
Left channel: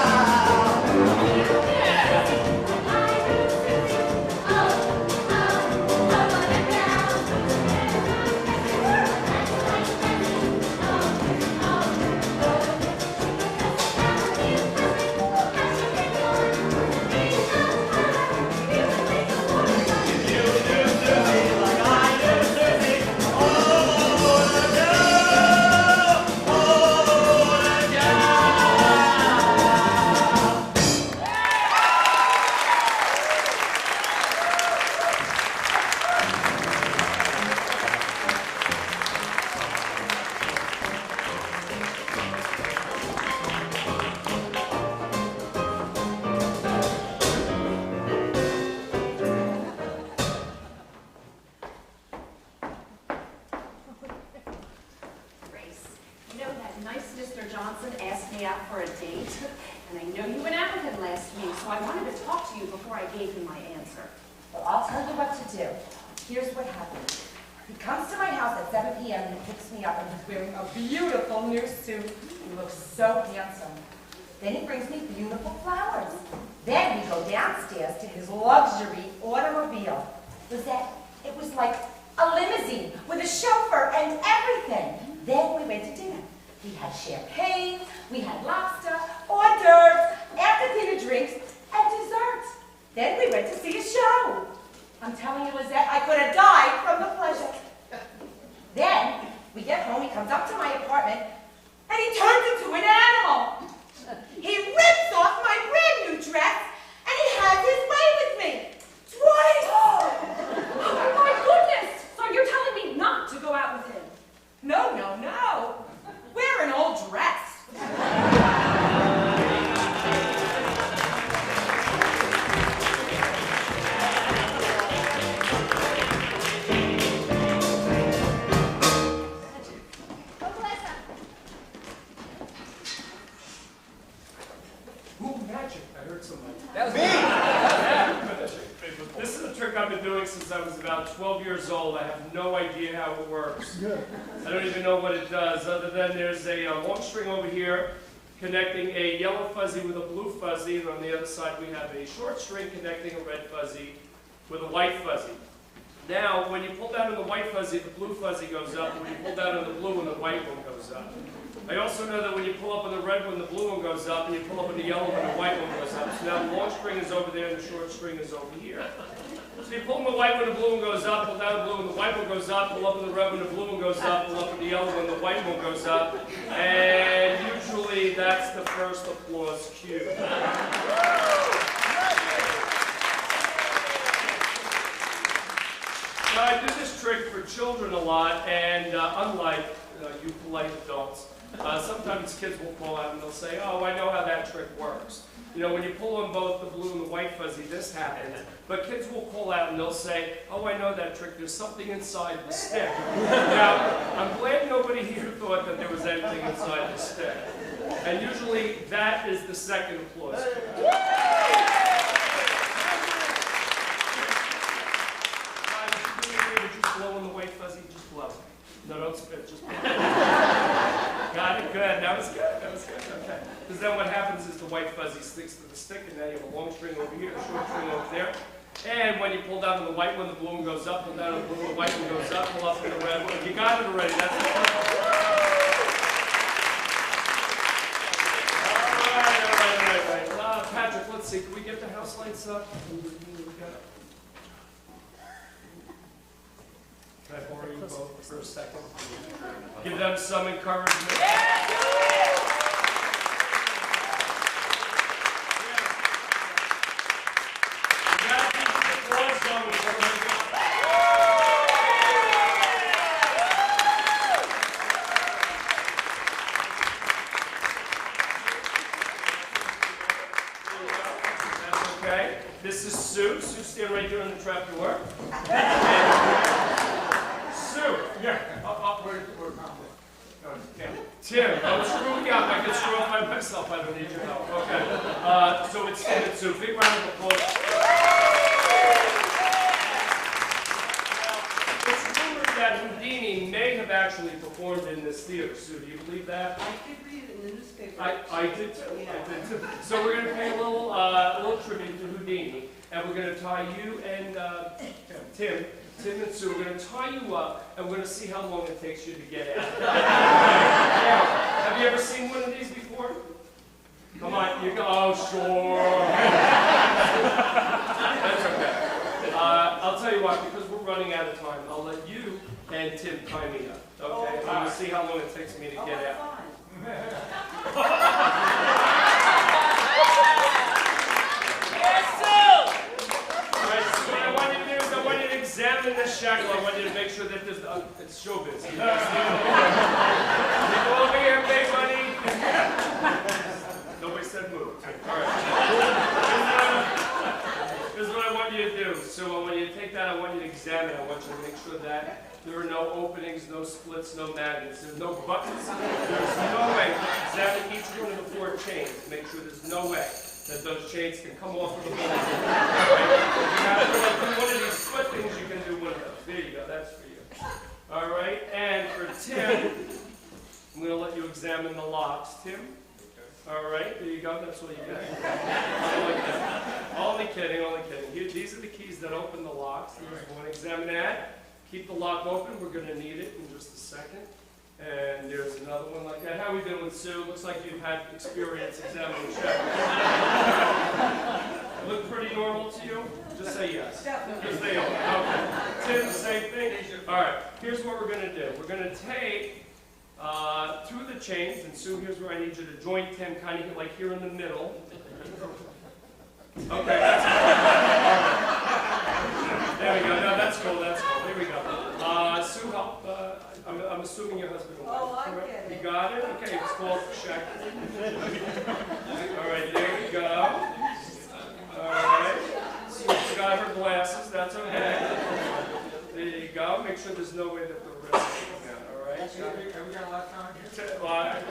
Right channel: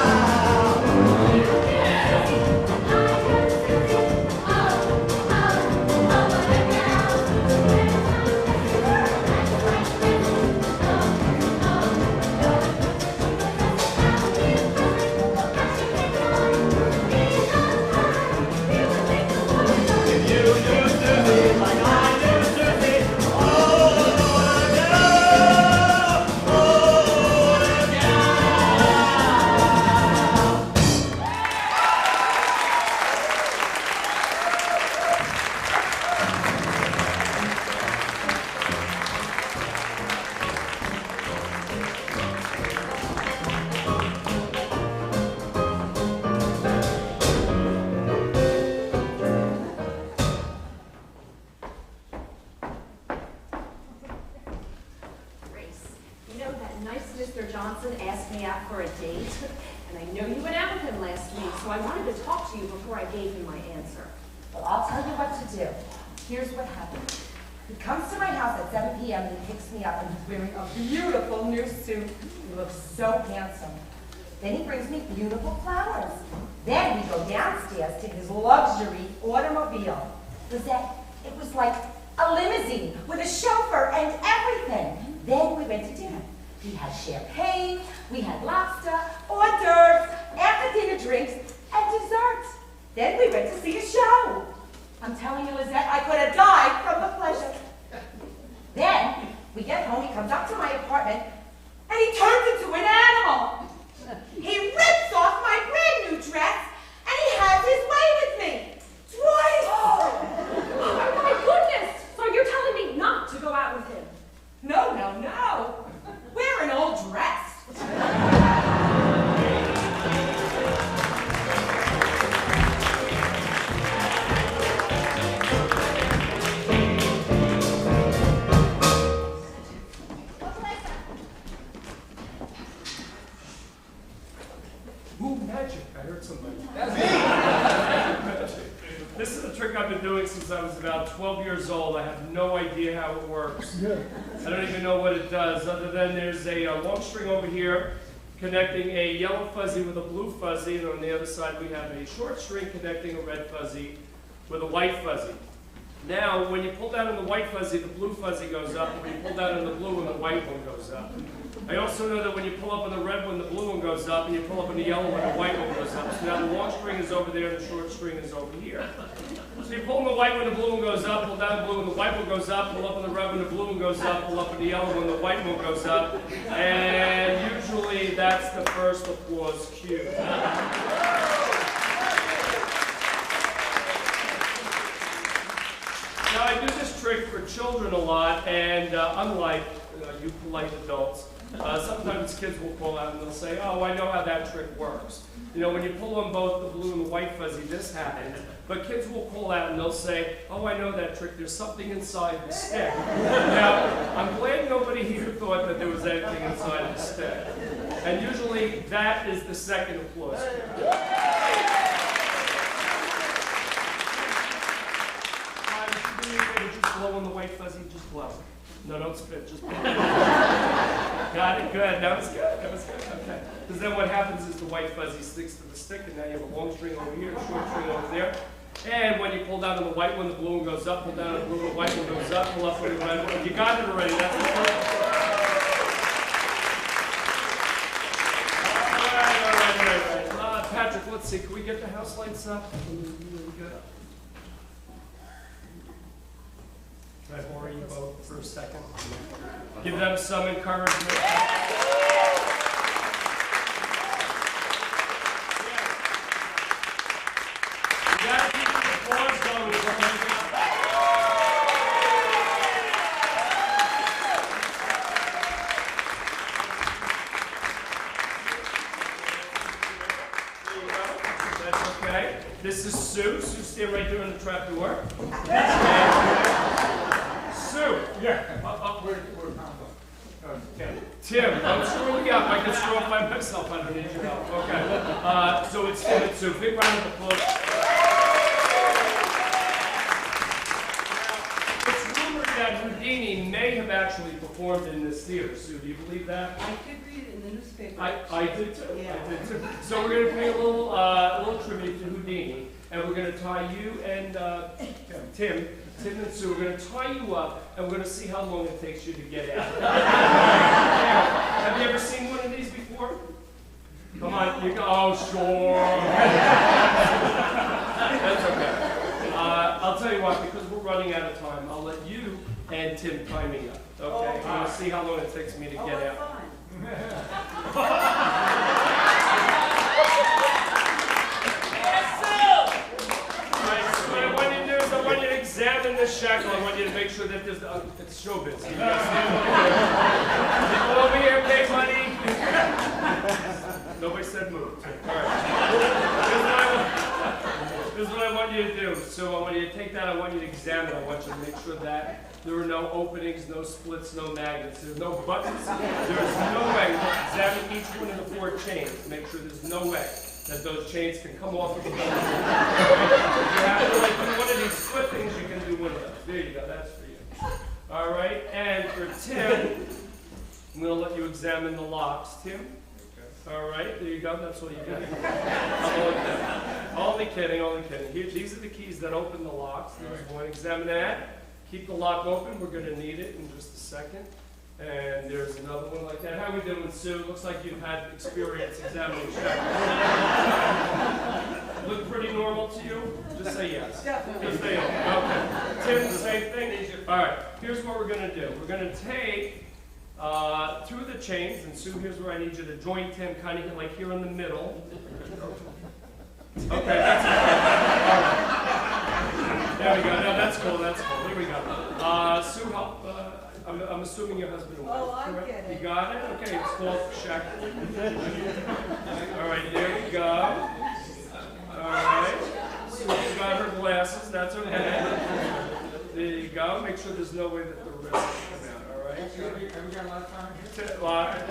If you knew Susie like I knew Susie, oh, what a gal! Oh, what a gal! Grace, you know that nice Mr. Johnson asked me out for a date, and I know you went out with him last week, so I wanted to talk to you before I gave him my answer. Well, I'll tell you what to do. Here's what happened. He comes to my house at 7 p.m. and he picks me up and he's wearing a beautiful new suit. He looks so handsome. Then he brings me beautiful flowers. Then we go downstairs to his luxury automobile. It was like a limousine with a chauffeur and everything. Then we went to dinner. We had champagne, we had lobster, hors d'oeuvres, after dinner drinks, and desserts. Then we went to see a show. I'm telling you, Lizette, I could have died from the pleasure. Then we get home, he comes up to my apartment, and he turns into an animal. He rips off my brand new dress, and he has his way with me. Twice! Oh my goodness! So you're telling me not to go out with him? No. Wear an old dress. Ooh, magic. I heard somebody. This is a trick I've been doing since I was about 12 years old. I have no idea how it works. I don't even know what it does, other than there's a long string over here connecting a yellow fuzzy with a blue fuzzy, and on the other side we have a short string connecting a red fuzzy with a white fuzzy. Now, when you pull down on the white fuzzy, the blue fuzzy goes up, and when you pull down on the blue one, the white one goes up. I also know that when you pull up on the red one, the blue one goes up, and you pull up on the yellow one, the white one goes up. So now the long string is over there, and the short string is over here. So you pull on the white one, the blue one goes up, pull down the blue one, the white one goes up, pull up on the red one, the blue one goes up, pull up on the yellow one, the white one goes up, and usually that's the first applause cue. Now, I do this trick for children a lot, and unlike you polite adults, sometimes kids will call out and they'll say, oh, I know how that trick works. You know, when you pull on both the blue and the white fuzzy, this happens. But kids will call out and they'll say, oh, I know that trick. There's something inside the stick. Now, I'm glad nobody here thought that there was anything inside the stick. And usually, that is the second applause cue. Just blow on the white fuzzy, just blow. No, don't spit, just blow. Got it, good. That was good, okay. Because then what happens is the white fuzzy sticks to the stick, and now you have a long string over here, a short string over there. And when you pull down on the white one, the blue one goes up, pull down on the blue one, the white one goes up, pull up on the red one. You got it already, that's the first one. All right. Patrick, let's see, can we get the house lights up? Can I borrow you both for a second? Give them some encouragement. You gotta keep the applause going. That's okay. This is Sue. Sue's standing right there in the trap door. Sue. Yeah. Tim, don't screw me up. I can screw up by myself. I don't need your help. Okay. So it's Tim and Sue. Big round of applause. Now, it's rumored that Houdini may have actually performed in this theater. Sue, do you believe that? I did read it in the newspaper. I did too. Yeah. I did too. So we're going to pay a little tribute to Houdini, and we're going to tie you and Tim and Sue, we're going to tie you up, and we're going to see how long it takes you to get out. Have you ever seen one of these before? Come on, you go, oh, sure. That's okay. I'll tell you what, because we're running out of time, I'll let you and Tim tie me up, okay? And we'll see how long it takes me to get out. I want you to examine this shackle. I want you to make sure that there's it's showbiz. Go over here, big buddy. Nobody said move. All right. This is what I want you to do. So I want you to take that. I want you to examine. I want you to make sure that there are no openings, no splits, no magnets. There's no buttons. There's no way. Examine each one of the 4 chains. Make sure there's no way that those chains can come off of the board. If you have to do one of these split things, you can do one of those. There you go, that's for you. All right, and for Tim, I'm going to let you examine the locks. Tim? All right, there you go, that's what you get. Only kidding. Here, these are the keys that open the locks. There's one, examine that. Keep the lock open, we're going to need it in just a second. And there's another one like that. How are we doing with Sue? Looks like you've had experience examining shackles. Look pretty normal to you? Just say yes. Definitely. Just say okay. Tim, the same thing? All right, here's what we're going to do. We're going to take 2 of the chains, and Sue, here's where I need you to join Tim, kind of like here in the middle. Okay, that's cool. There we go. No, that's cool. Here we go. Sue, help. I'm assuming your husband will. Oh, I get it. You got it? Okay, it's called shackle. All right, there we go. All right. She got her glasses. That's okay. There you go. Make sure there's no way that the wrist will come out. All right. Have we got a lot of time here?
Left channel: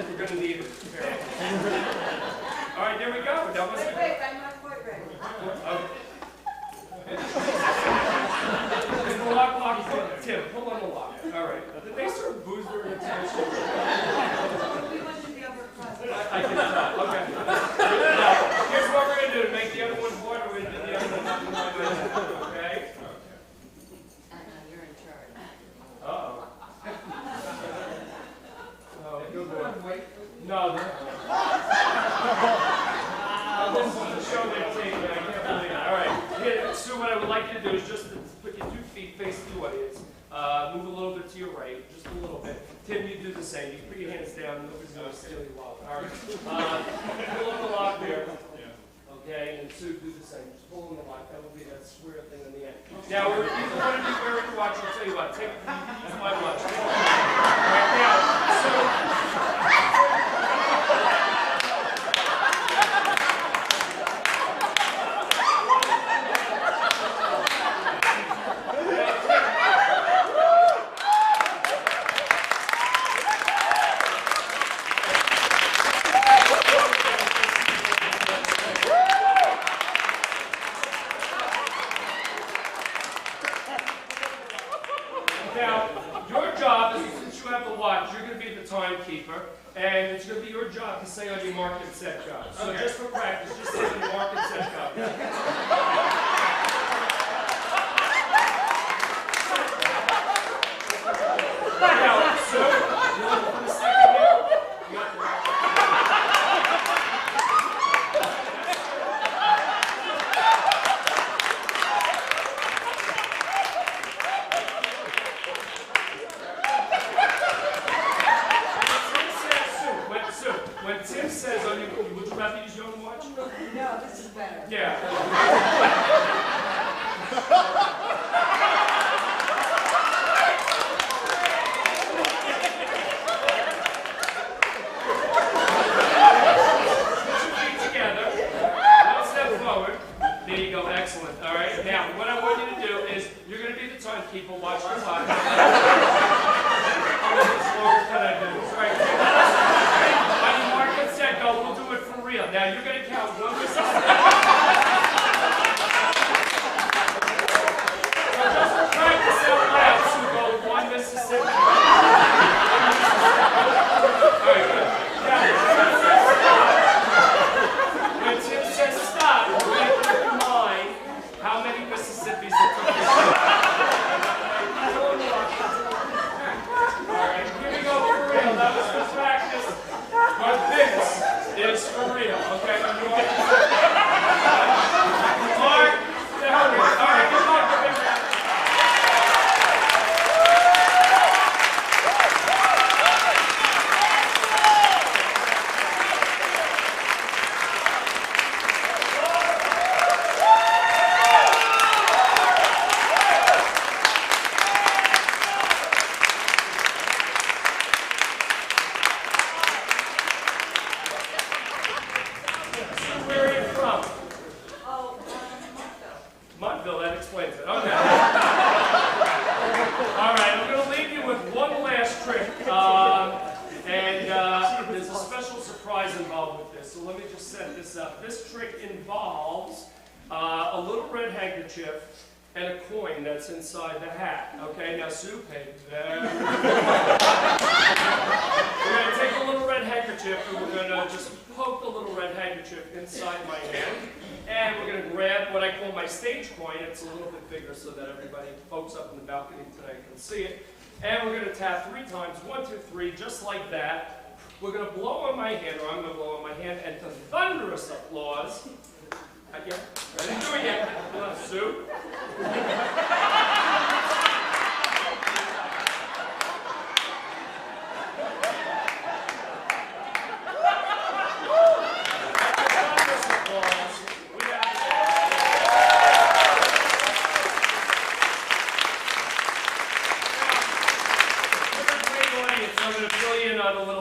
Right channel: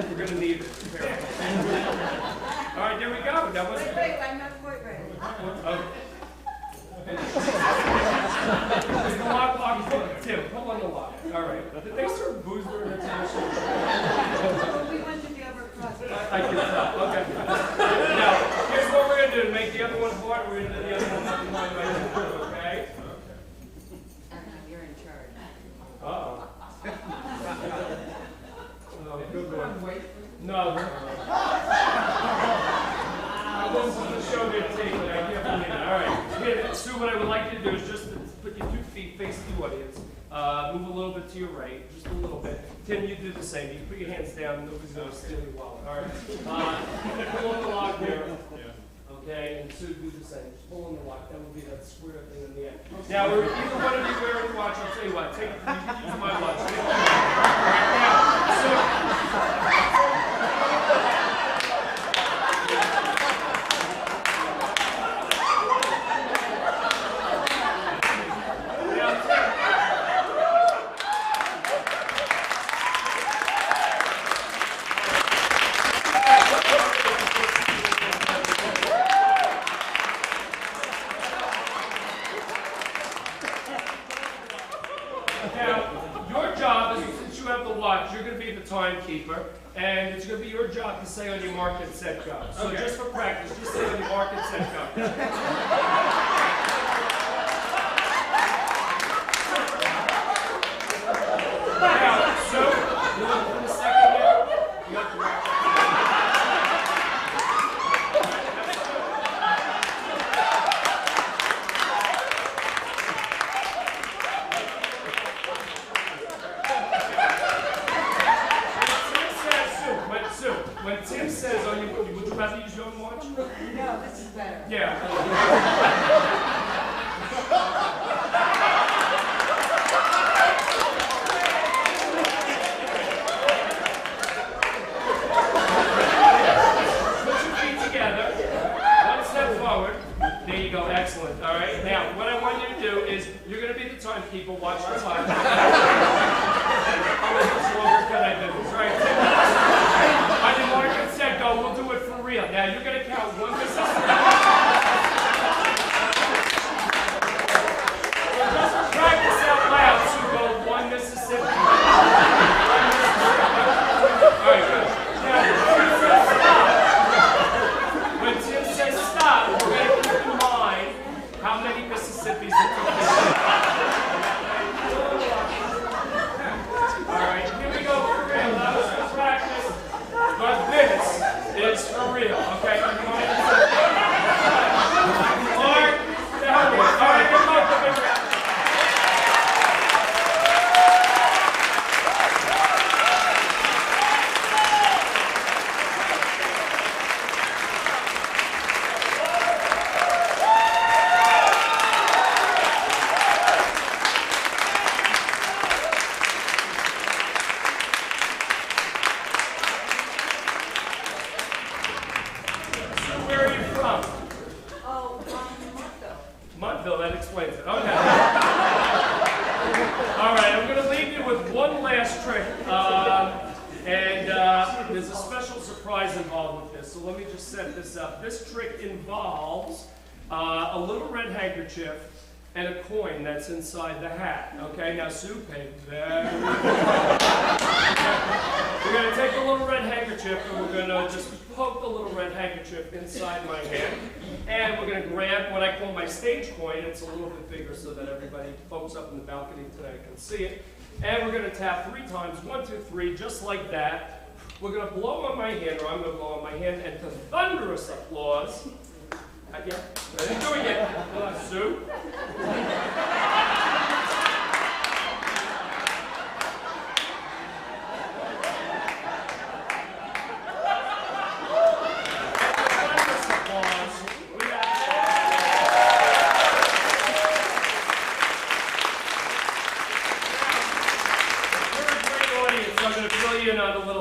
We're going to need it. All right, there we go. That was Wait, I'm not quite ready. Is the lock? Tim, pull on the lock. All right. Did they serve booze during the time? We went to the upper class. I can tell. Okay. Now, here's what we're going to do. To make the other one hard, we're going to do the other one behind my head. Okay? You're in charge. Uh-oh. Oh, good boy. is the show they've taken. I can't believe it. All right. Here, Sue, what I would like you to do is just to put your 2 feet facing the audience. Move a little bit to your right, just a little bit. Tim, you do the same. You put your hands down. Nobody's going to steal your wallet. All right. Pull up the lock there. Okay, and Sue, do the same. Just pull on the lock. That would be that square thing in the end. Now, either one of you wearing a watch, I'll tell you what. Take use my watch. All right, now, so. Timekeeper, and it's going to be your job to say on your mark and set go. So just for practice, just say on your mark and set go. Now, so, you want to put a second here? You have to wrap it. When Tim says on your, would you rather use your own watch? No, this is better. Yeah. Put your feet together. 1 step forward. There you go. Excellent. All right. Now, what I want you to do is you're going to be the timekeeper. Watch the clock. How much longer can I do this? All right. On your mark and set go, we'll do it for real. Now you're going to count 1 Mississippi. Just for practice out loud, so go 1 Mississippi. 1 Mississippi. All right, good. Now, when Tim says stop, we're going to keep in mind how many Mississippis it took. All right, here we go for real. That was the practice. But this is for real, okay? You want to Mark, the hell with it. All right, come on, set this up. This trick involves a little red handkerchief and a coin that's inside the hat. Okay, now Sue paid very We're going to take a little red handkerchief and we're going to just poke the little red handkerchief inside my hand. And we're going to grab what I call my stage coin. It's a little bit bigger so that everybody, folks up in the balcony tonight, can see it. And we're going to tap 3 times, 1, 2, 3, just like that. We're going to blow on my hand, or I'm going to blow on my hand, and to thunderous applause. Not yet. I didn't do it yet. Sue.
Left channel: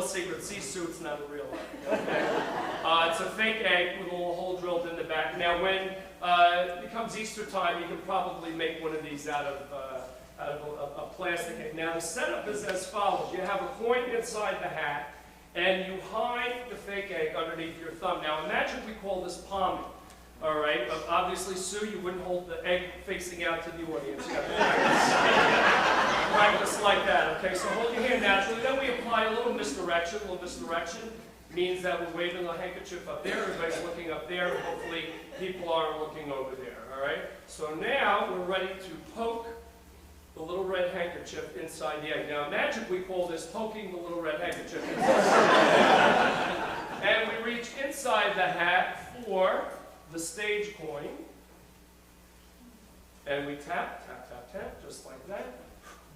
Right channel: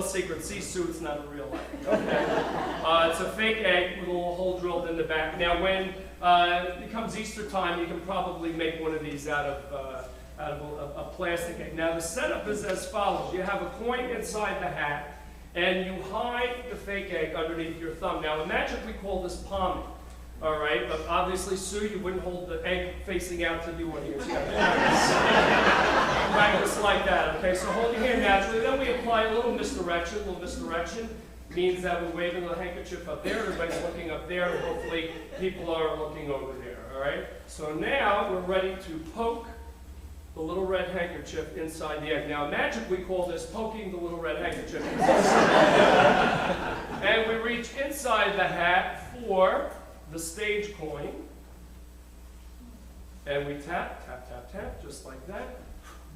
Secret. See, Sue, it's not a real egg. Okay? It's a fake egg with a little hole drilled in the back. Now, when it becomes Easter time, you can probably make one of these out of a plastic egg. Now, the setup is as follows. You have a coin inside the hat, and you hide the fake egg underneath your thumb. Now, in magic, we call this palming. All right, but obviously, Sue, you wouldn't hold the egg facing out to the audience. You have to practice like that, okay? So hold your hand naturally. Then we apply a little misdirection. A little misdirection means that we're waving the handkerchief up there. Everybody's looking up there, and hopefully people are looking over there, all right? So now we're ready to poke the little red handkerchief inside the egg. Now, in magic, we call this poking the little red handkerchief. And we reach inside the hat for the stage coin, and we tap, tap, tap, tap, just like that.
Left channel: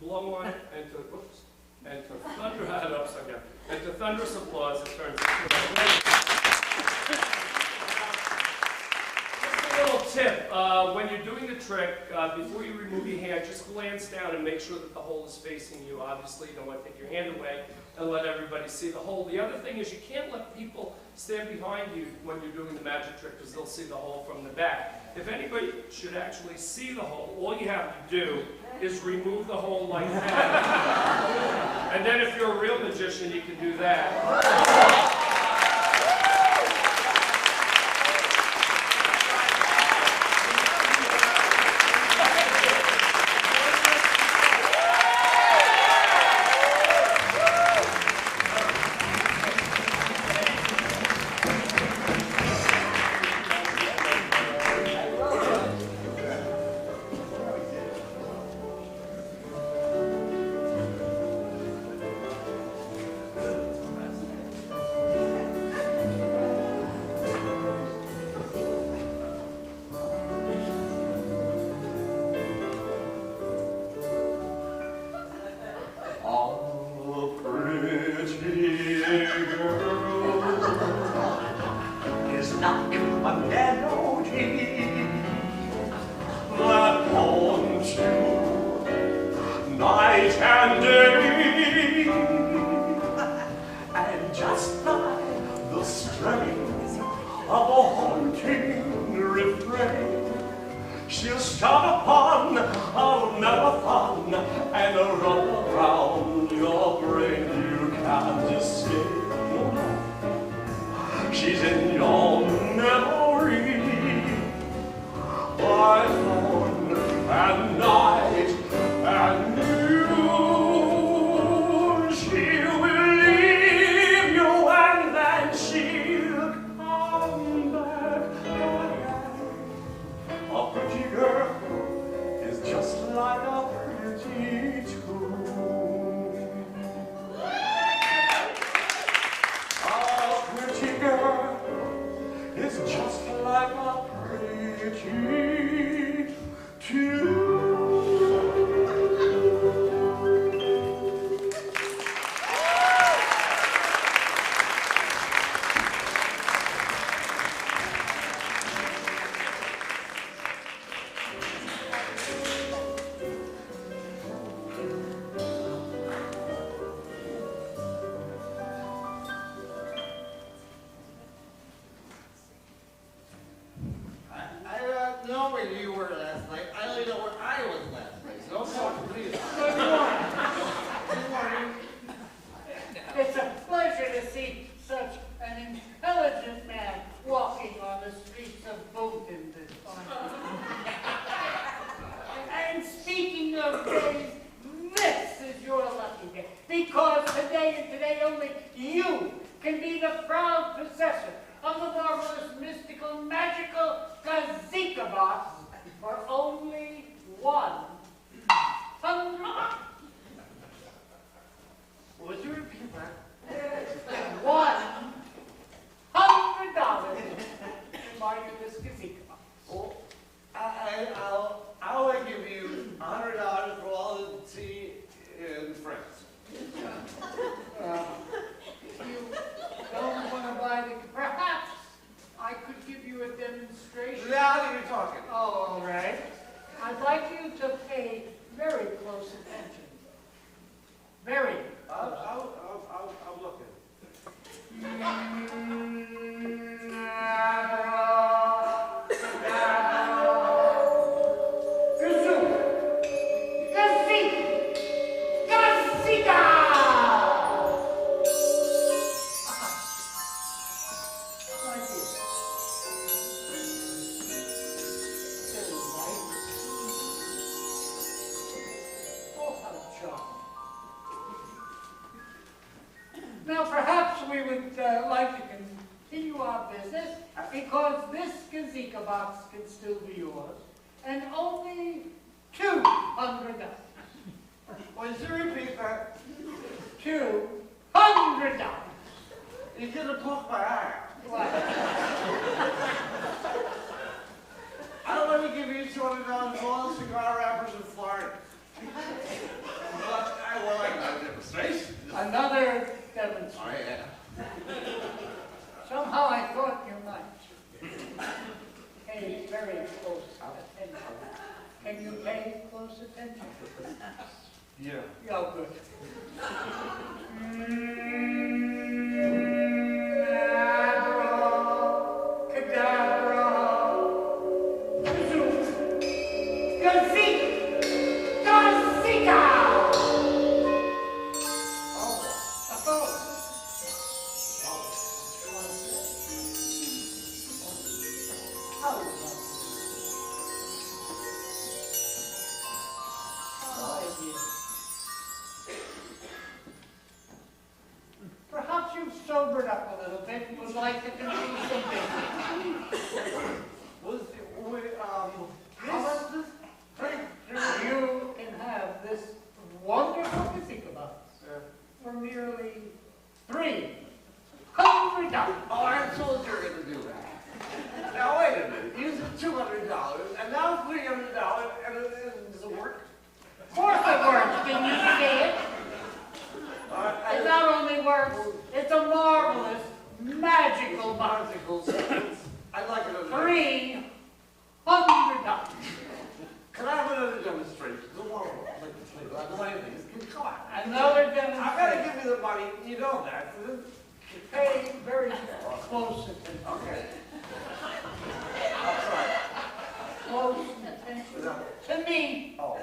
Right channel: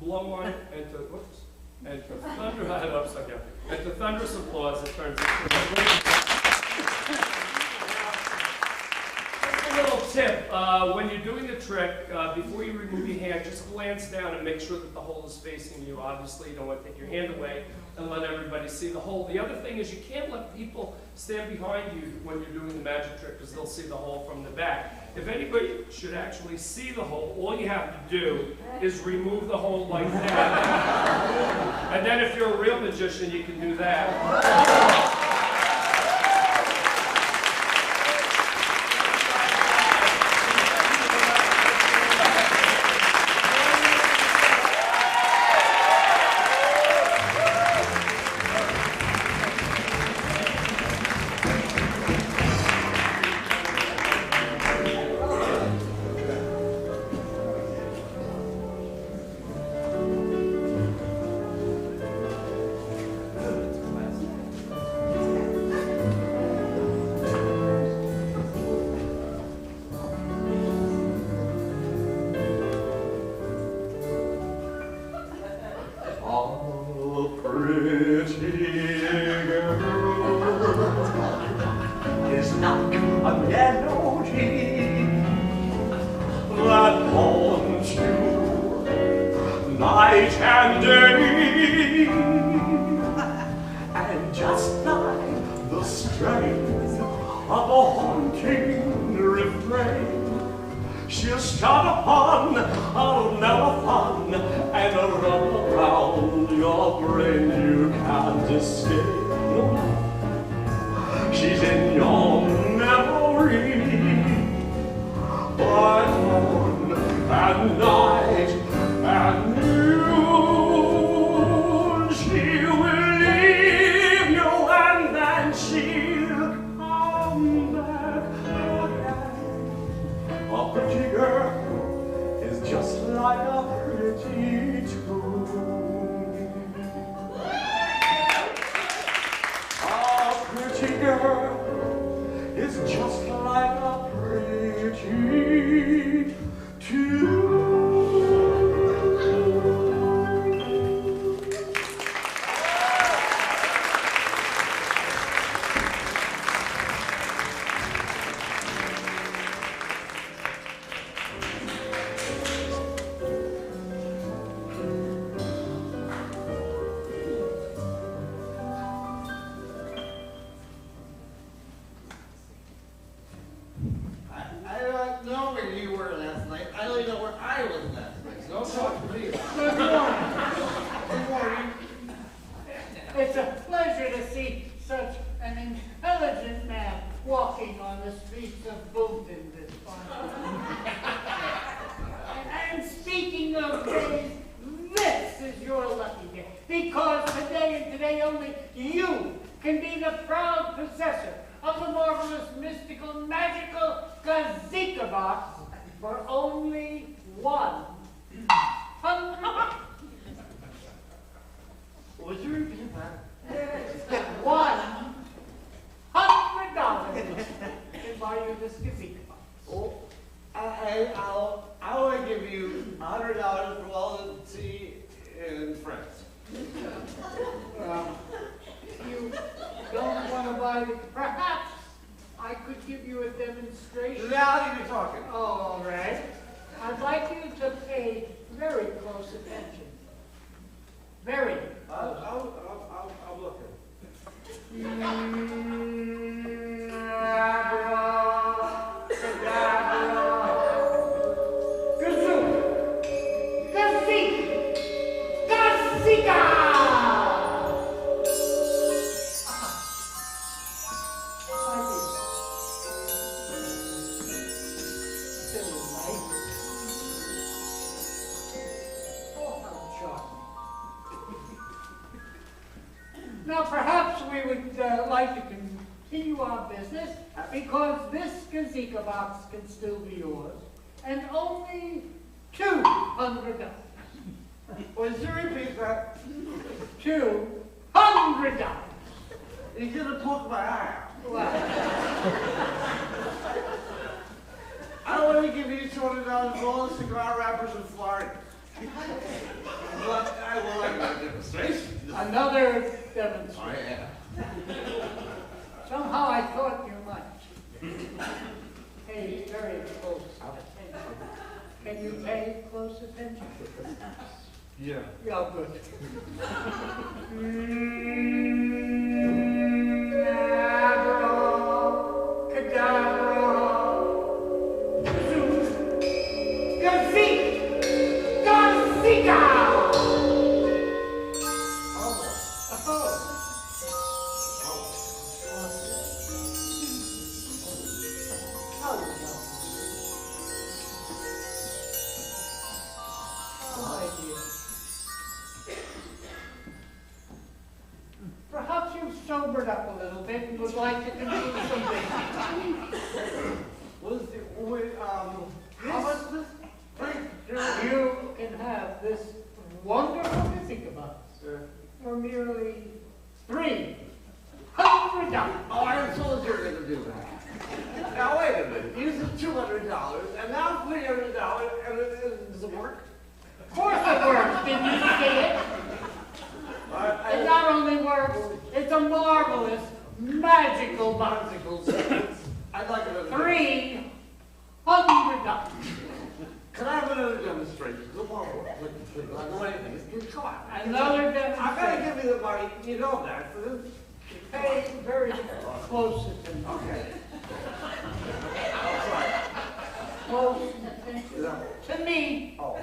Blow on it, and to, whoops, and to thunder, upside down, and to thunderous applause, it turns into a little tip, when you're doing the trick, before you remove your hand, just glance down and make sure that the hole is facing you. Obviously, you don't want to take your hand away and let everybody see the hole. The other thing is you can't let people stand behind you when you're doing the magic trick because they'll see the hole from the back. If anybody should actually see the hole, all you have to do is remove the hole like that. And then if you're a real magician, you can do that. Boonton this fine. And speaking of days, this is your lucky day, because today and today only you can be the proud possessor of the marvelous, mystical, magical Gazeeka Box for only $100. Would you repeat that? $100 to buy you this Gazeeka Box. Oh, I'll give you $100 for all the tea and friends. You don't want to buy the... Perhaps I could give you a demonstration. Now you're talking. Oh, all right. I'd like you to pay very close attention. Very close. I'm looking. Now, perhaps we would like to continue our business, because this Gazeeka Box can still be yours, and only $200. Would you repeat that? $200. You're gonna poke my eye. Well, only give you $200 for all the cigar wrappers in Florida. But I will like another demonstration. Another demonstration. Oh, yeah. Somehow I thought you might. Pay very close attention. Can you pay close attention? Yeah. Yeah, good. Perhaps you've sobered up a little bit and would like to continue some business. How much is this? You can have this wonderful Gazeeka Box for merely $300. Oh, I told you were going to do that. Now, wait a minute. You said $200, and now $300, and does it work? Of course it works. Didn't you see it? It not only works, it's a marvelous, magical box. I'd like another $300. Can I have another demonstration? Tomorrow. I don't know anything. Come on. Another demonstration. I've got to give you the money. You know that. Pay very close attention. Okay. Close attention to me. Oh.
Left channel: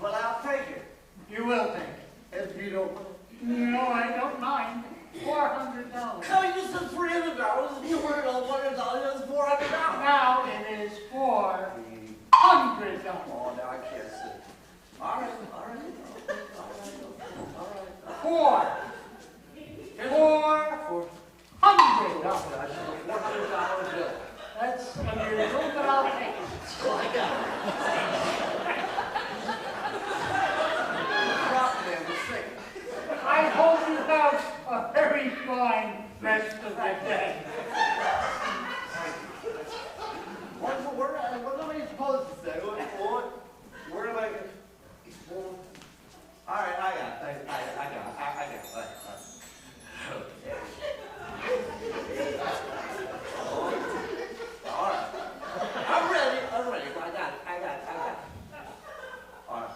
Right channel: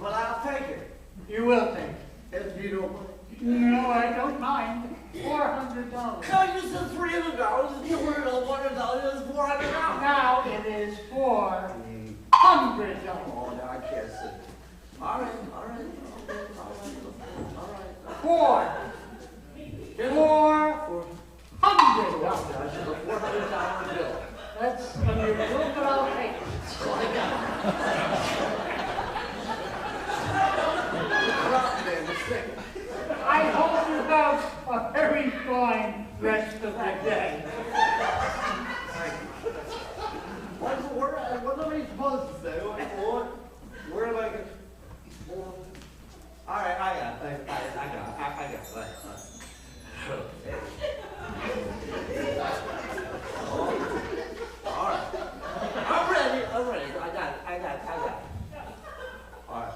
Well, I'll take it. You will take it. If you don't. No, I don't mind. $400. No, you said $300. If you were $100, it's $400. Now it is $400. Oh, now I can't see. All right. $400. That's a $400 bill. That's unusual, but I'll take it. I hope you have a very fine rest of the day. What am I supposed to say? Where am I going to... All right, I got it. I got it. All right. I'm ready. I got it. All right.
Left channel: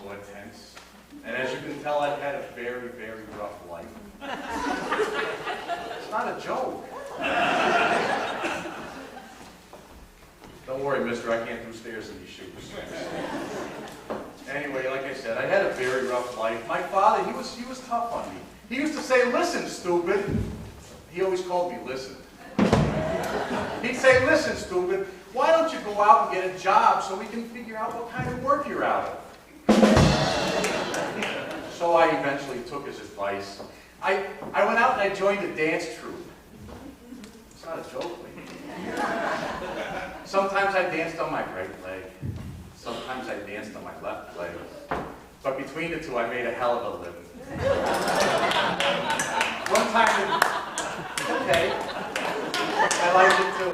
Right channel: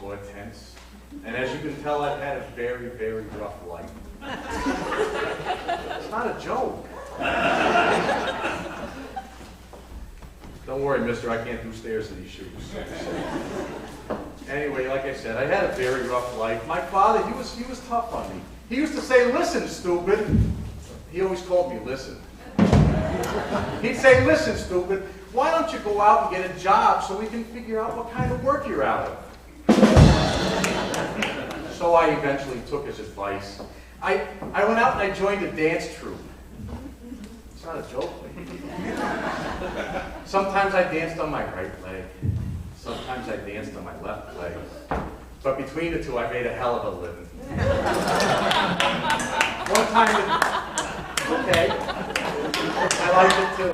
Hortense, and as you can tell, I've had a very, very rough life. It's not a joke. Don't worry, mister, I can't do stairs in these shoes. Anyway, like I said, I had a very rough life. My father, he was tough on me. He used to say, listen, stupid. He always called me listen. He'd say, listen, stupid, why don't you go out and get a job so we can figure out what kind of work you're out of? So I eventually took his advice. I went out and I joined a dance troupe. It's not a joke, lady. Sometimes I danced on my right leg. Sometimes I danced on my left leg. But between the two, I made a hell of a living. One time, okay, I liked it too.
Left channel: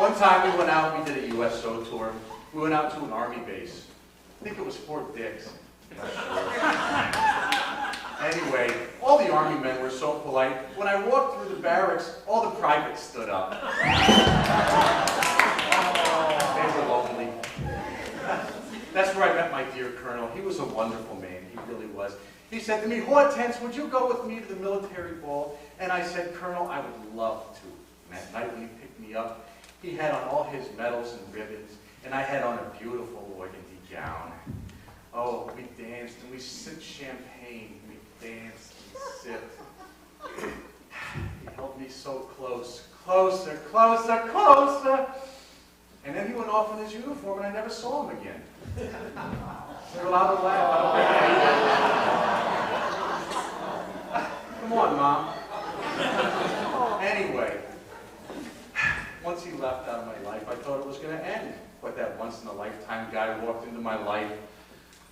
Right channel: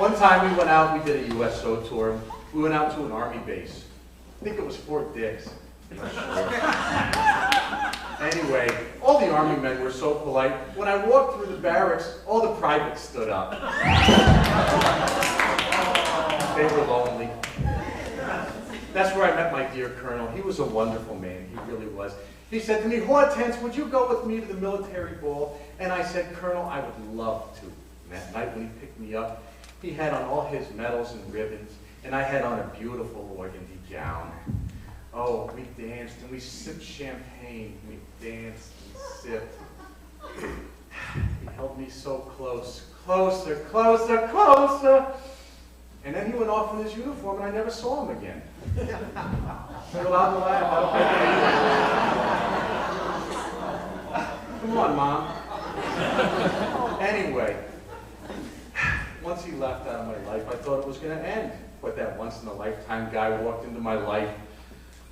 One time we went out, we did a USO tour. We went out to an army base. I think it was Fort Dix. I'm not sure. Anyway, all the army men were so polite. When I walked through the barracks, all the privates stood up. They were lonely. That's where I met my dear colonel. He was a wonderful man. He really was. He said to me, Hortense, would you go with me to the military ball? And I said, Colonel, I would love to. And that night when he picked me up, he had on all his medals and ribbons, and I had on a beautiful organdy gown. Oh, we danced and we sipped champagne. We danced and sipped. He held me so close, closer, closer, closer. And then he went off in his uniform and I never saw him again. You're allowed to laugh. Come on, Mom. Anyway, once he left out of my life, I thought it was going to end. But that once-in-a-lifetime guy walked into my life.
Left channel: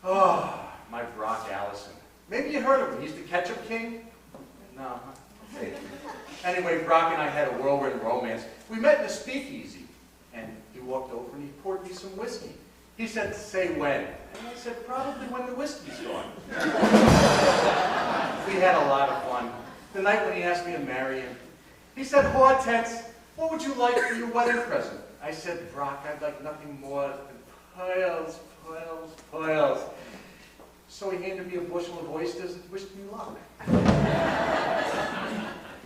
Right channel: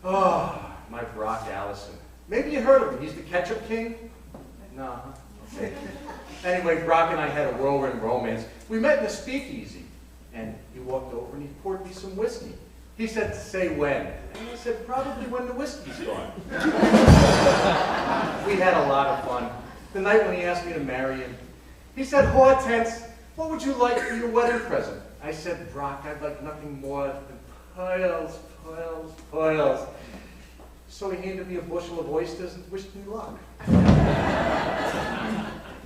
Oh, my Brock Allison. Maybe you heard of him. He's the ketchup king? No. Okay. Anyway, Brock and I had a whirlwind romance. We met in a speakeasy. And he walked over and he poured me some whiskey. He said, say when. And I said, probably when the whiskey's gone. We had a lot of fun. The night when he asked me to marry him, he said, Hortense, what would you like for your wedding present? I said, Brock, I'd like nothing more than pearls, pearls, pearls. So he handed me a bushel of oysters and wished me luck.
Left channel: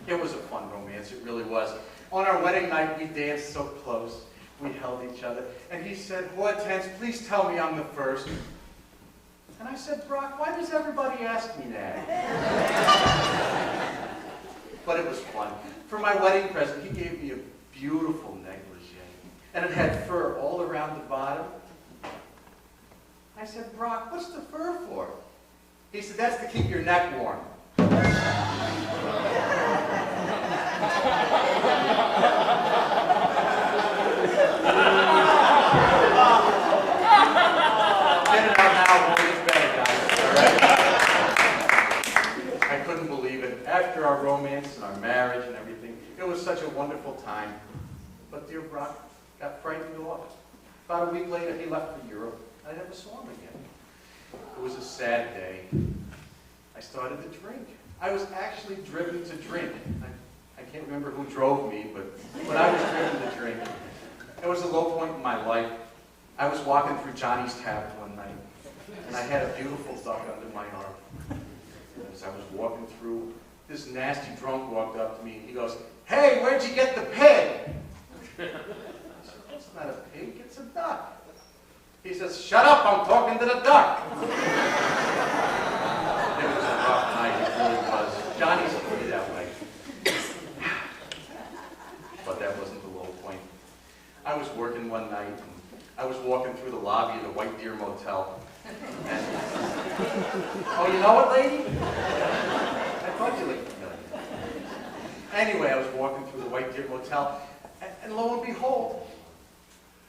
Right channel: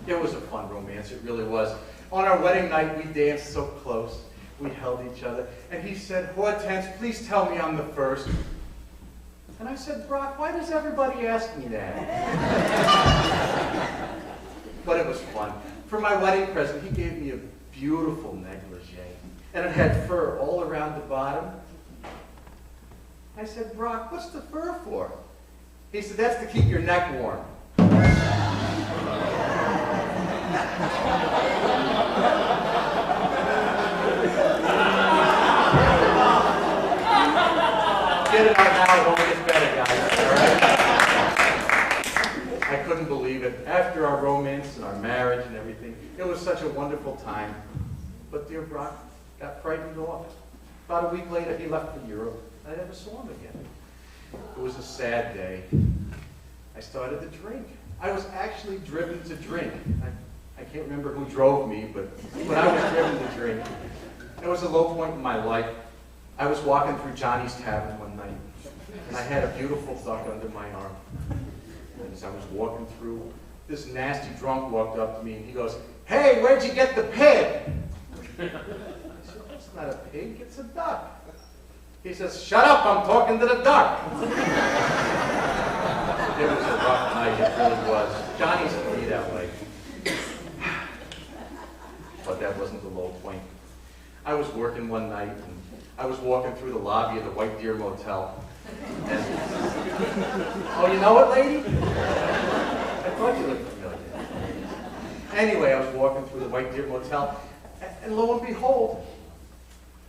It was a fun romance, it really was. On our wedding night, we danced so close. We held each other. And he said, Hortense, please tell me I'm the first. And I said, Brock, why does everybody ask me that? But it was fun. For my wedding present, he gave me a beautiful negligee. And it had fur all around the bottom. I said, Brock, what's the fur for? He said, that's to keep your neck warm. Get it out now, it only gets better, guys. All right? I couldn't believe it. After our romance and our marriage and everything, it was such a wonderful time. But dear Brock got frightened off. About a week later, he left for Europe. I never saw him again. It was a sad day. I started to drink. I was actually driven to drink. I can't remember who drove me, but I was driven to drink. It was a low point in my life. I was walking through Johnny's Tavern one night, and I had a beautiful duck under my arm. And as I was walking through, this nasty drunk walked up to me, and he goes, hey, where'd you get the pig? I said, that's not a pig, it's a duck. He says, shut up, I'm talking to the duck. It was a rough night, it really was. Johnny's to me that way. But that wasn't the low point. I was working one night, and I was walking through the lobby of the White Deer Motel. And, oh, you know what, lady? I thought you looked familiar. Anyway, I was walking through the White Deer Motel, and lo and behold,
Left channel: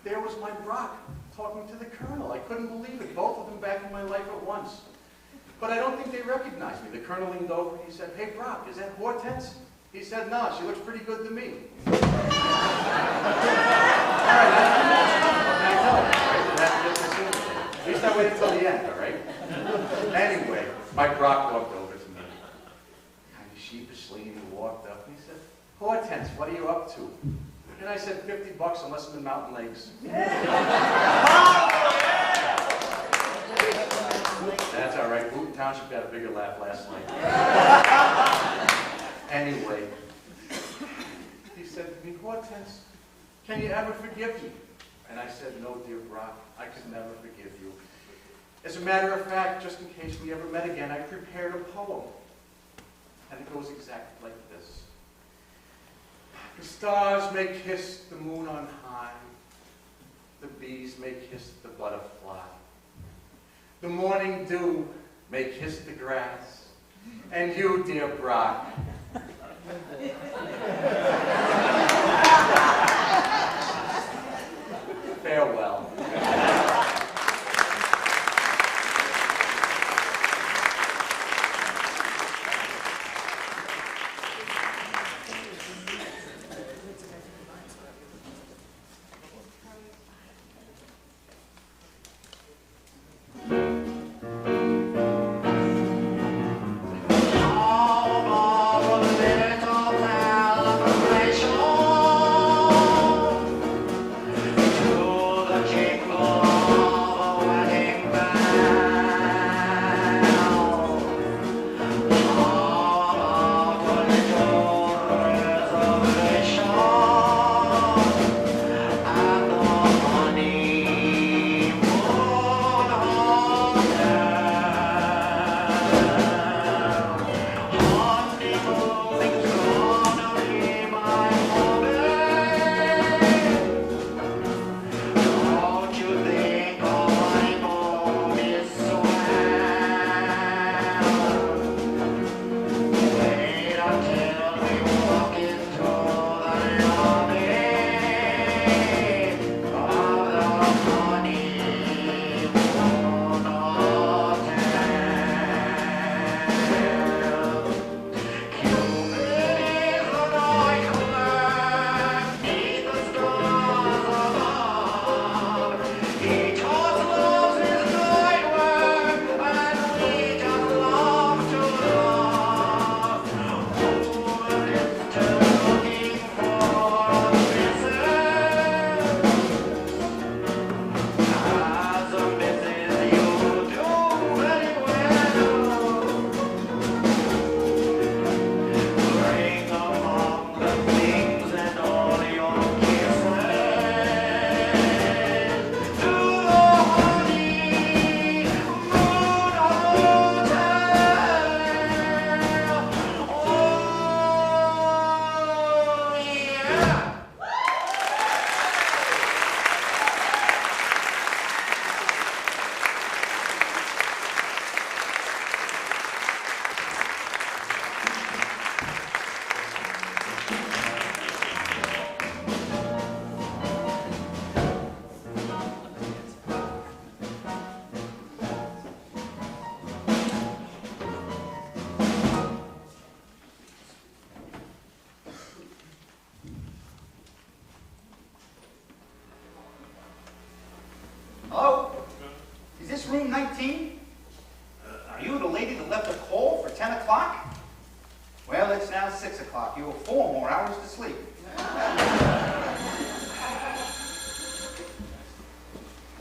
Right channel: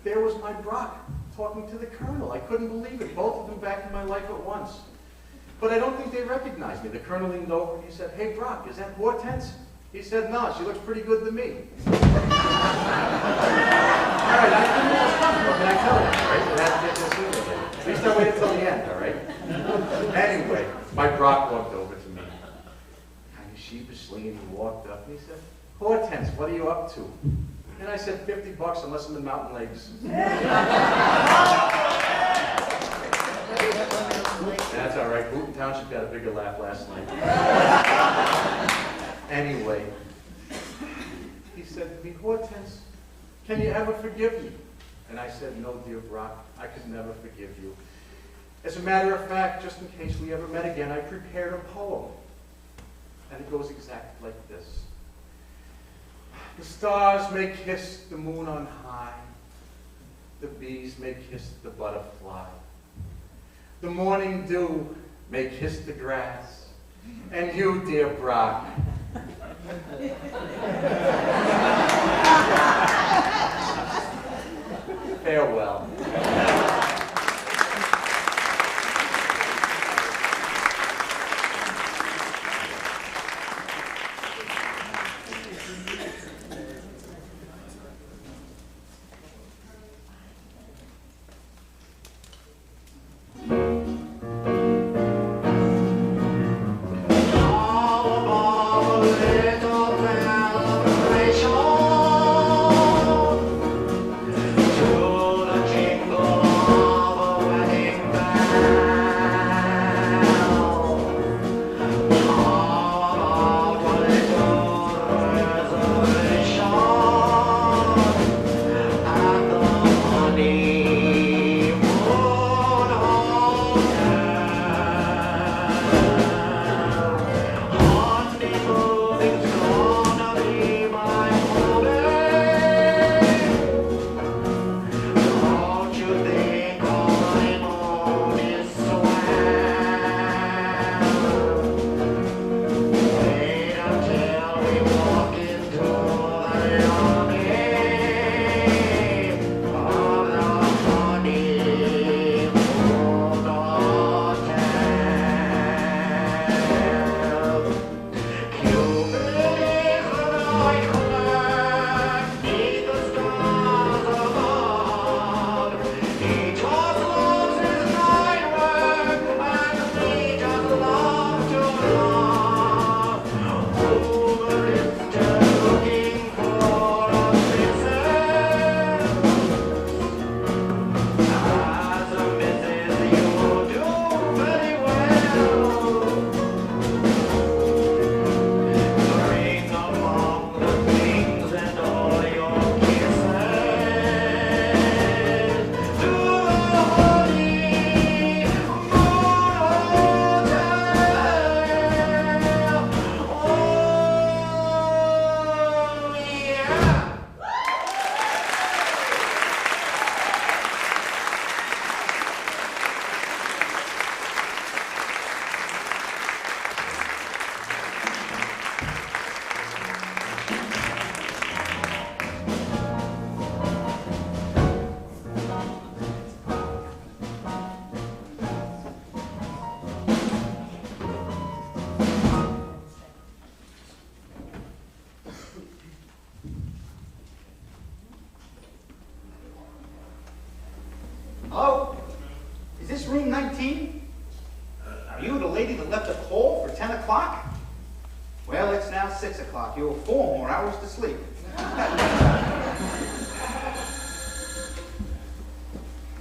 there was my Brock talking to the colonel. I couldn't believe it. Both of them back in my life at once. But I don't think they recognized me. The colonel leaned over and he said, hey, Brock, is that Hortense? He said, no, she looks pretty good to me. All right, what can I tell you, right? It has to get this in with it. At least I waited till the end, all right? Anyway, my Brock walked over to me, kind of sheepishly, and he walked up and he said, Hortense, what are you up to? And I said, $50 unless I'm in Mountain Lakes. That's all right. Boonton Township got a bigger laugh last night. Anyway, he said to me, Hortense, can you ever forgive me? And I said, no, dear Brock, I could never forgive you. As a matter of fact, just in case we ever met again, I prepared a poem. And it goes exactly like this. The stars may kiss the moon on high. The bees may kiss the butterfly. The morning dew may kiss the grass. And you, dear Brock, clock. You're 4 more hours to sleep.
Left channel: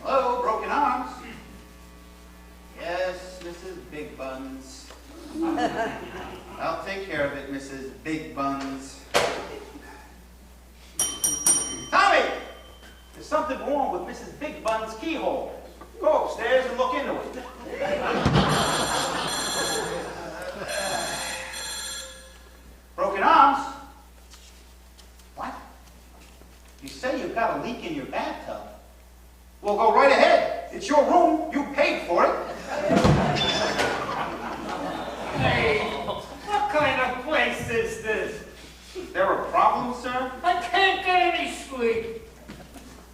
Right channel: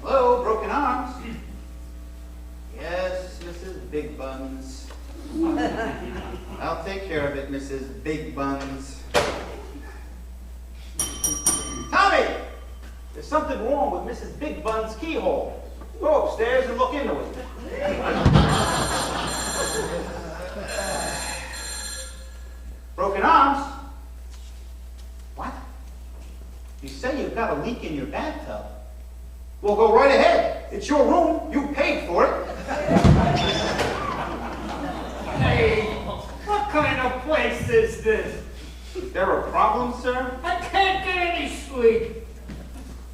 Hello, broken arms. Yes, Mrs. Big Buns. I'll take care of it, Mrs. Big Buns. Tommy! There's something wrong with Mrs. Big Bun's keyhole. Go upstairs and look into it. Broken arms? What? You say you've got a leak in your bathtub? Well, go right ahead. It's your room. You paid for it. Hey, what kind of place is this? There a problem, sir? I can't get any sleep.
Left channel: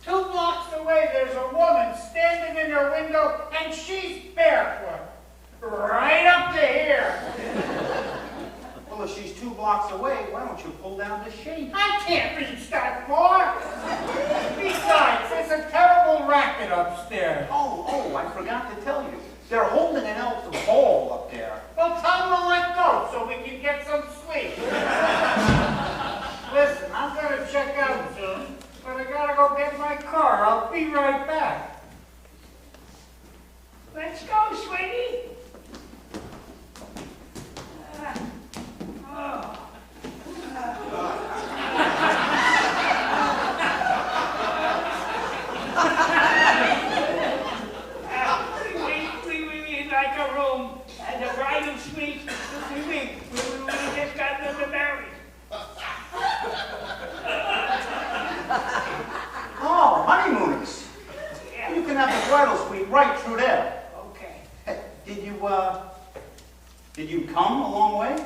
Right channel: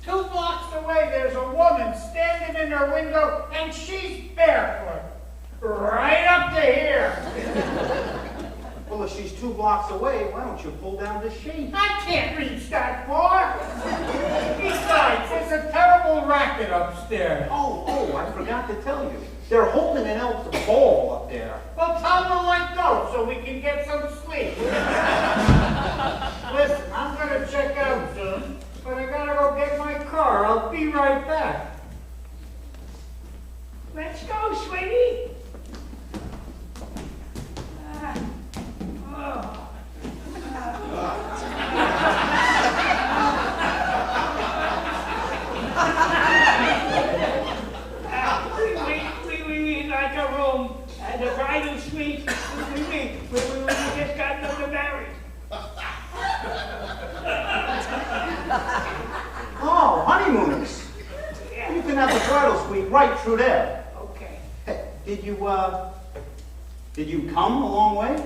2 blocks away, there's a woman standing in her window, and she's barefoot. Right up to here. Well, if she's 2 blocks away, why don't you pull down the sheet? I can't reach that far. Besides, there's a terrible racket upstairs. Oh, I forgot to tell you. They're holding an elk ball up there. Well, tell them to let go so we can get some sleep. Listen, I'm going to check out soon, but I got to go get my car. I'll be right back. Let's go, sweetie. We like a room and a bridal suite. We just got to married. Oh, honeymooners. Yeah. You can have the bridal suite right through there. Okay. Hey, did you come a long way?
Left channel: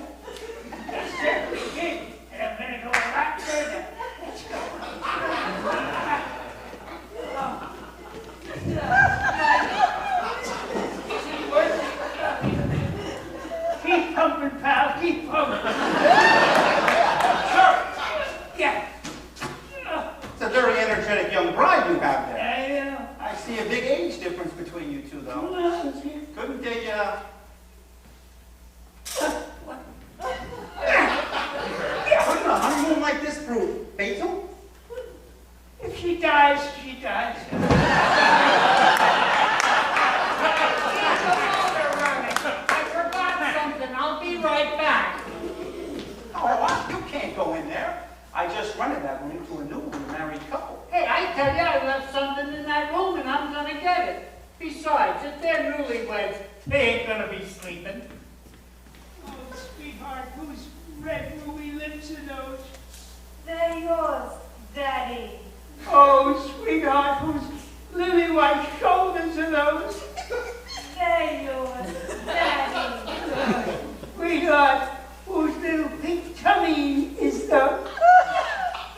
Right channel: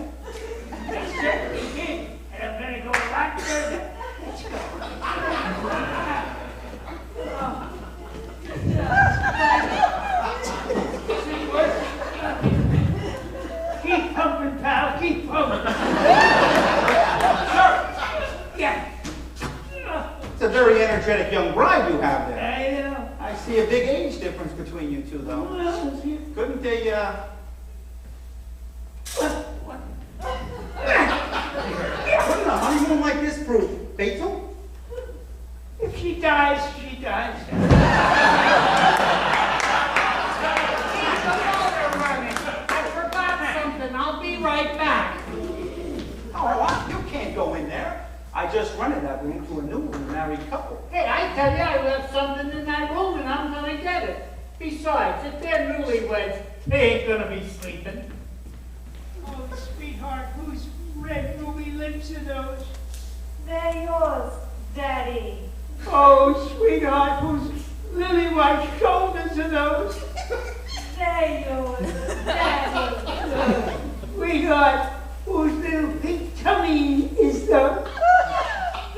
Yes, sir, we did. And I'm going to go a lot further. Let's go. Is it worth it? Keep pumping, pal. Keep pumping. Sure. Yeah. It's a very energetic young bride you have there. I know. I see a big age difference between you two, though. Well, Couldn't they, Couldn't a honeymoon like this prove fatal? if she dies, she dies. Keep the motor running. I forgot something. I'll be right back. Oh, what? You can't go in there. I just rented that room to a newly married couple. Hey, I tell you, I left something in that room and I'm going to get it. Besides, if they're newlyweds, they ain't going to be sleeping. Oh, sweetheart, whose red ruby lips are those? They're yours, Daddy. Oh, sweetheart, whose lily white shoulders are those? They're yours, Daddy. Sweetheart, whose little pink tummy is those?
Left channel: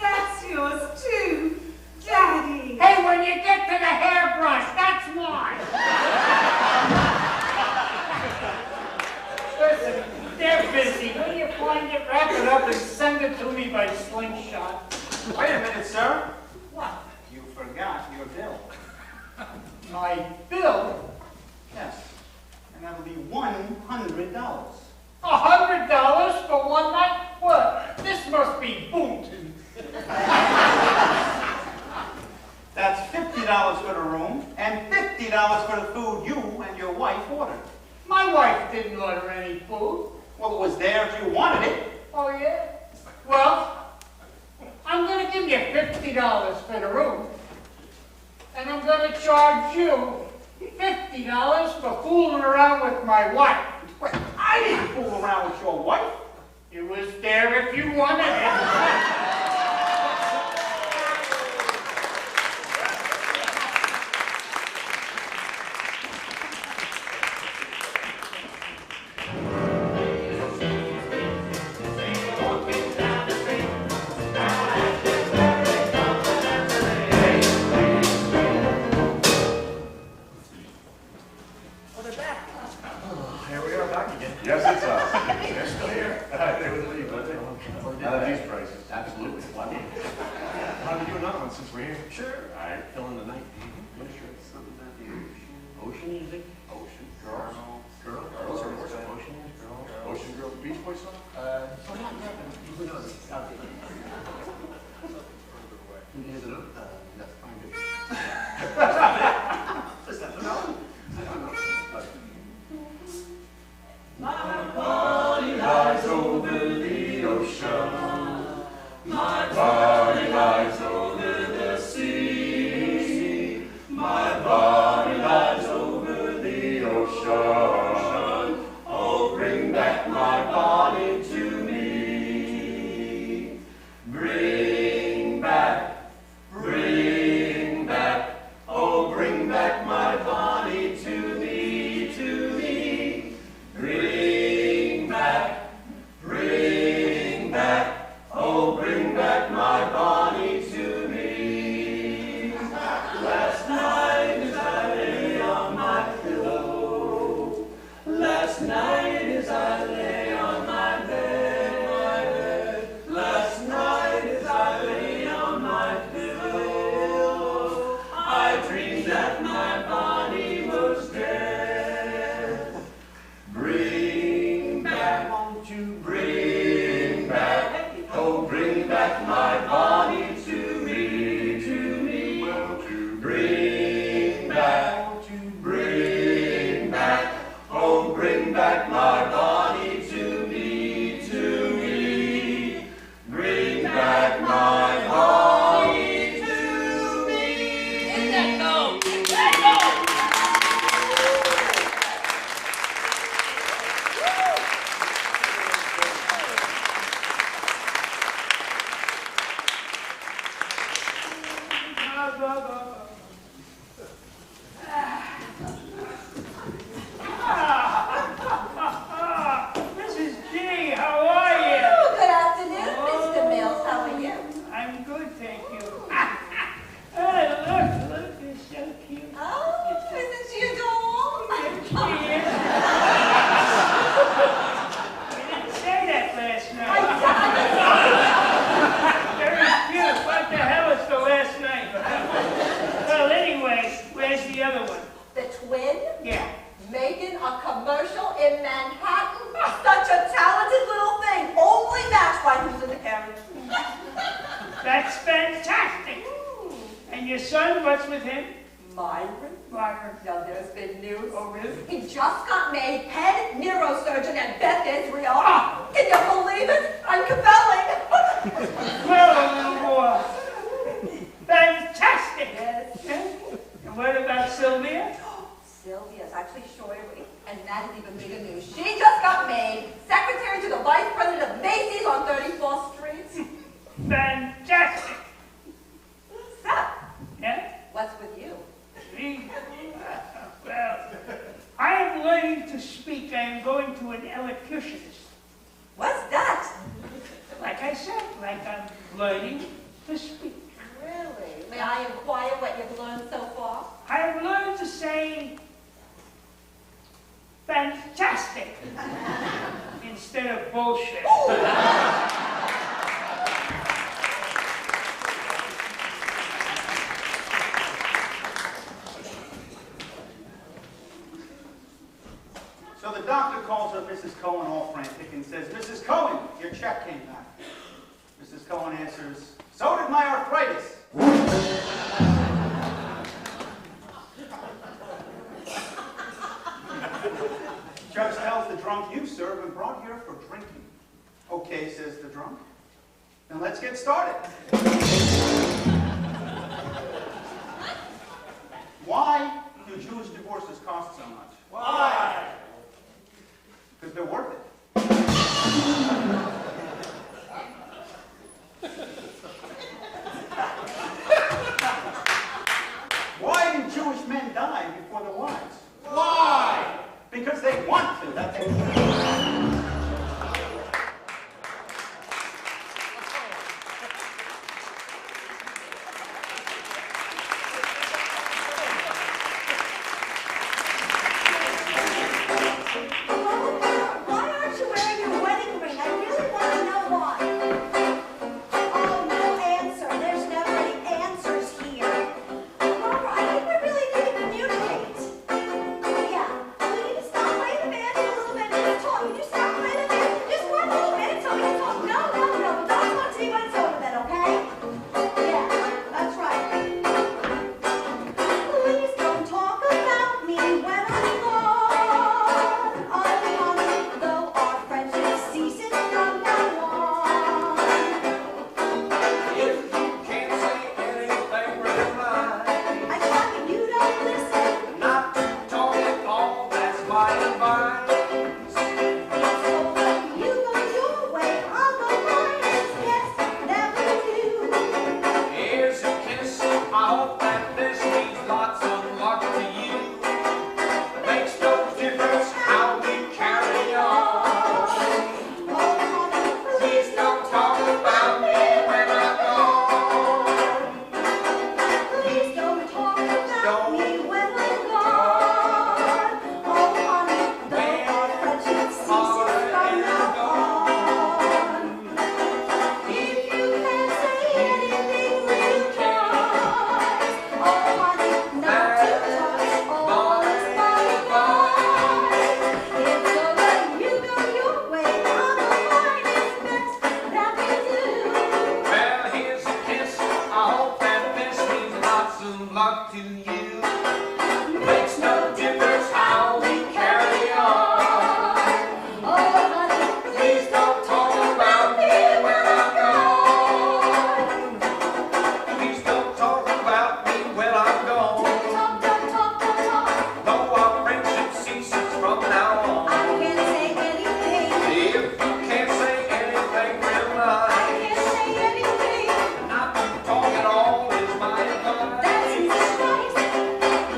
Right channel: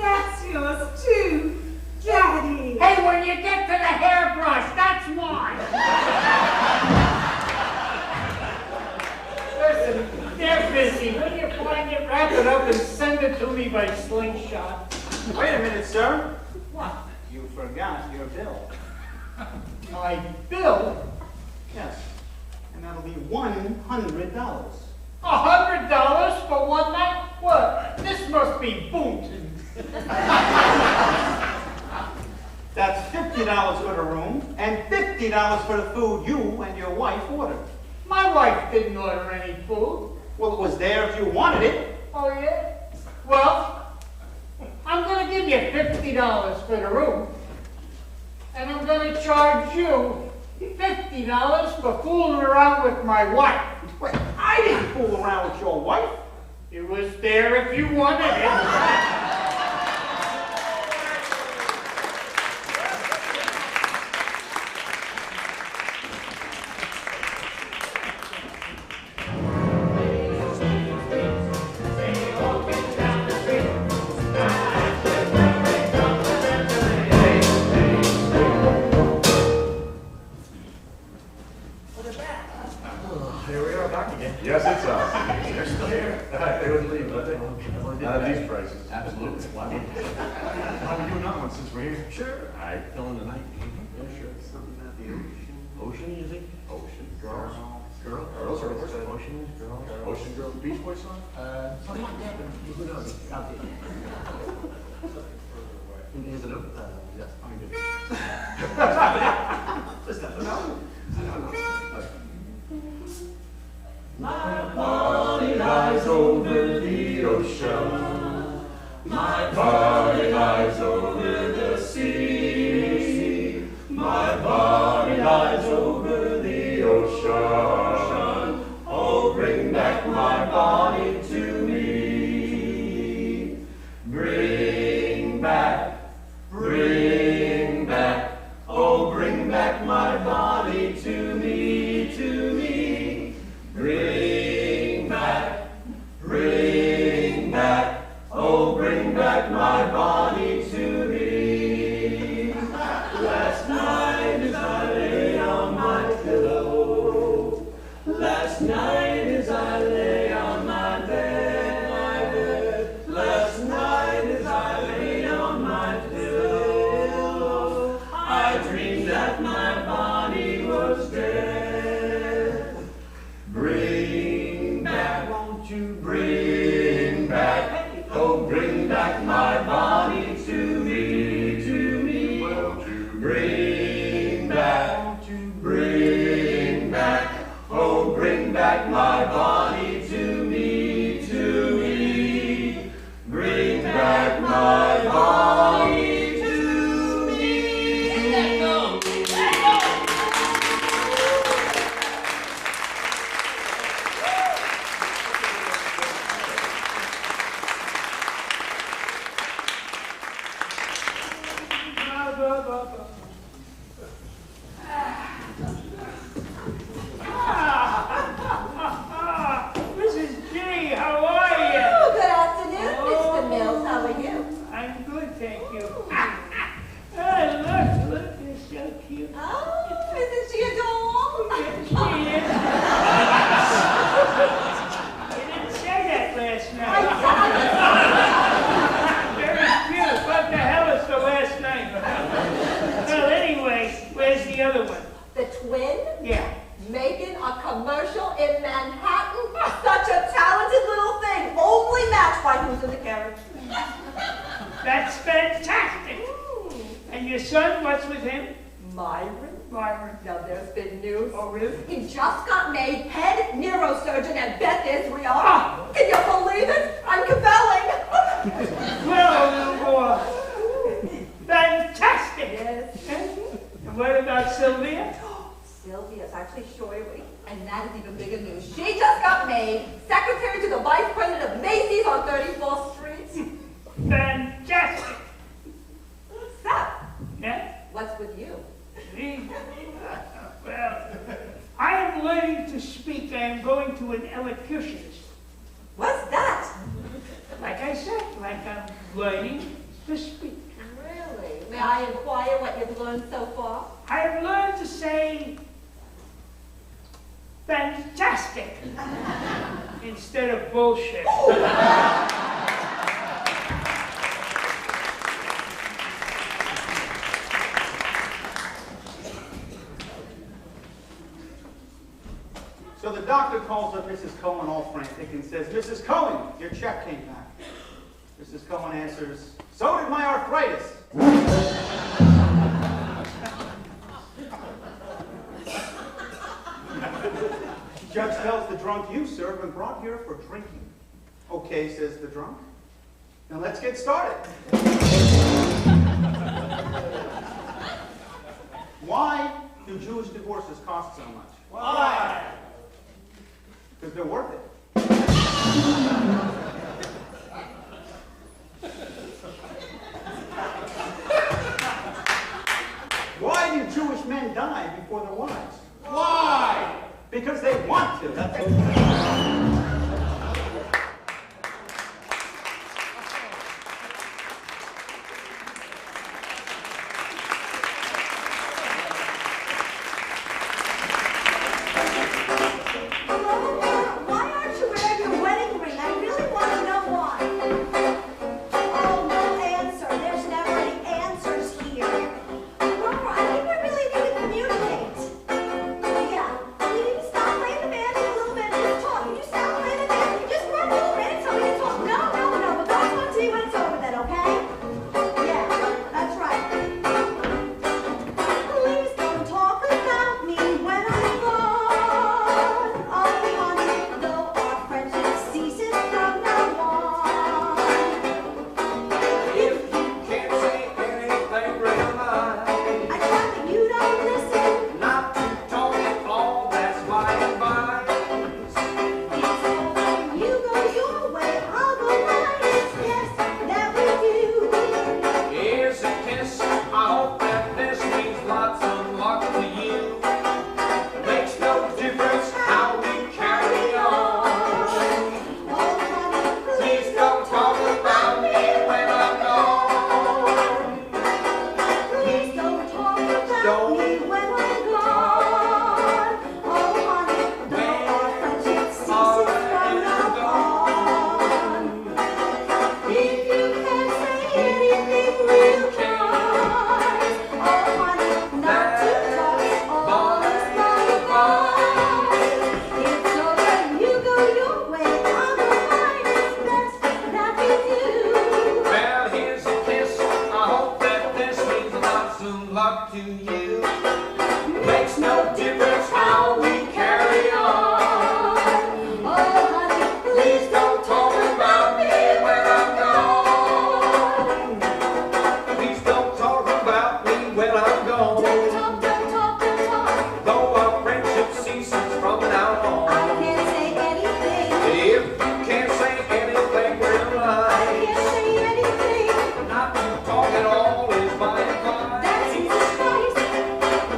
That's yours too, Daddy. Hey, when you get to the hairbrush, that's mine. Listen, they're busy. When you find it, wrap it up and send it to me by slingshot. Wait a minute, sir. What? You forgot your bill. My bill? Yes. And that'll be $100. $100 for one night? What? This must be Boonton. That's $50 for the room and $50 for the food you and your wife ordered. My wife didn't order any food. Well, it was there if you wanted it. Oh, yeah? Well, I'm going to give you $50 for the room. And I'm going to charge you $50 for fooling around with my wife. Wait, I didn't fool around with your wife. It was there if you wanted it. Yes, it's us. They're still here. They wouldn't leave, would they? Not at these prices. Absolutely. Why not? Why don't we do another one since we're here? Sure. All right, fill in the night. Yeah, sure. Something about the ocean. Ocean music? Ocean. Girls. Girl? Ocean Girl, Beach Boys song? My body lies over the ocean. My body lies over the sea. My body lies over the ocean. Oh, bring back my body to me. Bring back, oh, bring back my body to me, to me. Bring back, oh, bring back my body to me. Last night as I lay on my pillow, last night as I lay on my bed, last night as I lay on my pillow, I dreamed that my body was dead. Bring back, won't you bring back, oh, bring back my body to me, to me. Won't you bring back, oh, bring back my body to me, to me. Bring back my body to me. Let go, let go. Mrs. G, how are you? Oh, good afternoon, Mr. Mills. How are you? I'm good, thank you. Look, you're so cute. Oh, isn't she a doll? Yes, she is. You didn't say that last night. Very cute. What the hell is the last night? Well, anyway, where's the other one? The twin? Yeah. Making a commercial in Manhattan? Such a talented little thing. Only matched by who's in the carriage. That's fantastic. And your son, what's with him? Myron? Myron. Now there's been news. Oh, really? He just got made head neurosurgeon at Beth Israel. Ah. Can you believe it? I'm compelling. Well, little boy. Fantastic. Yes. And what about Sylvia? Sylvia's actually shorter weight, and that is even bigger news. She just got made secretary to the vice president of Macy's on 34th Street. Fantastic. Seth, Yeah? what's with you? Me? Well, I am learning to speak. I am going to an elocutionist. What's that? Like I said, like I'm learning to speak. Really? May I inquire what you've learned so far? I have learned to say fantastic instead of bullshit. So the doctor calls up Mrs. Cohen all frantic and says, Mrs. Cohen, your check came back. Mrs. Cohen answers, so did my arthritis. Judge tells the drunk, you, sir, have been brought here for drinking. Okay, says the drunk. Now let's get started. Why do Jewish divorces cost so much? Why? Because they're worth it. Why do Jewish men die before their wives? Why? Because they want to. That's it. Why aren't you wearing your wedding ring? I really want to you. Makes no difference how we carry on. Oh, honey, please don't talk about me when I'm gone. Please don't talk about me when I'm gone. Don't talk, don't talk, don't talk. Though our friendship ceases from now on. I can't say anything. If you can't say anything, well, I can't say anything. Not to talk at all is my advice. That's just right.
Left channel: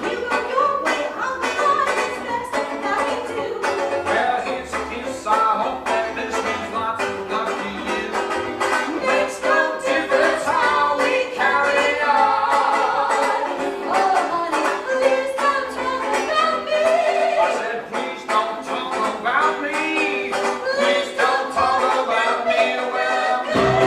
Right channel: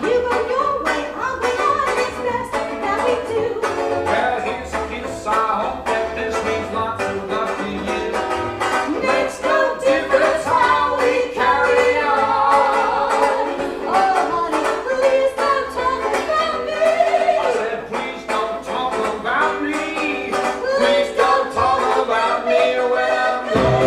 You go your way, I'll go mine. It's best that we do. Well, here's a kiss. I hope that this means lots of love to you. Makes no difference how we carry on. Oh, honey, please don't talk about me. I said, please don't talk about me. Please don't talk about me when I'm gone.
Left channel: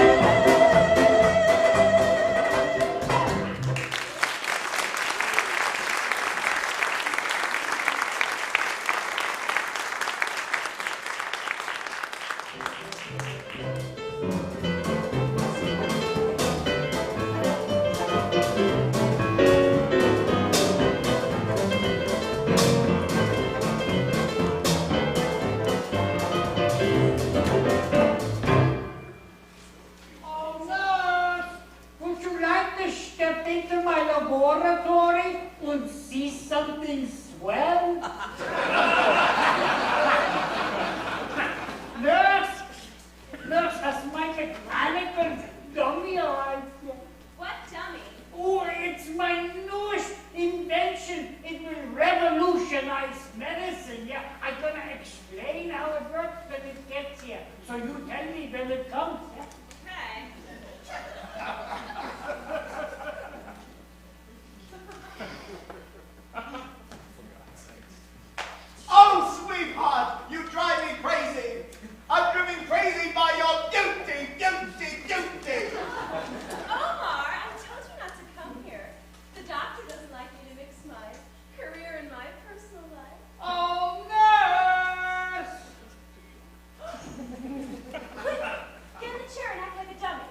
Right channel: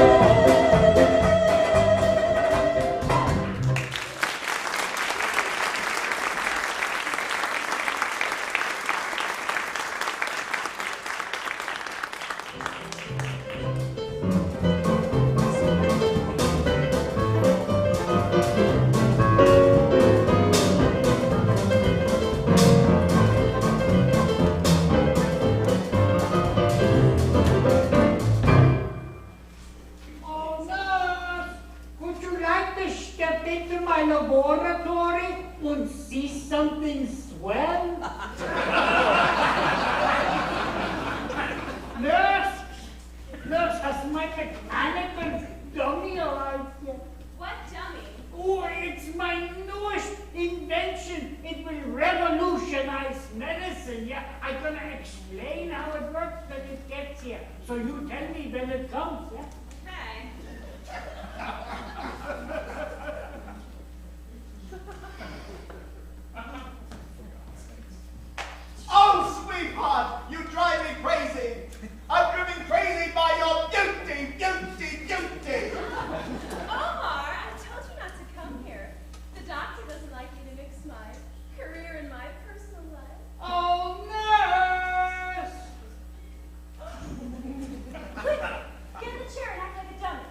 Oh, nurse, would you like to step into my laboratory and see something swell? Nurse, has my mechanical dummy arrived yet? What dummy? Oh, it's my newest invention. It will revolutionize medicine. Yeah, I'm gonna explain how it works when it gets here. So you tell me when it comes. Yeah. Oh, sweetheart, you drive me crazy. I'm driven crazy by your beauty, beauty, beauty. Omar, I told you not to come here. The doctor doesn't like me to mix my career and my personal life. Oh, nurse! Quick, get in the chair and act like a dummy.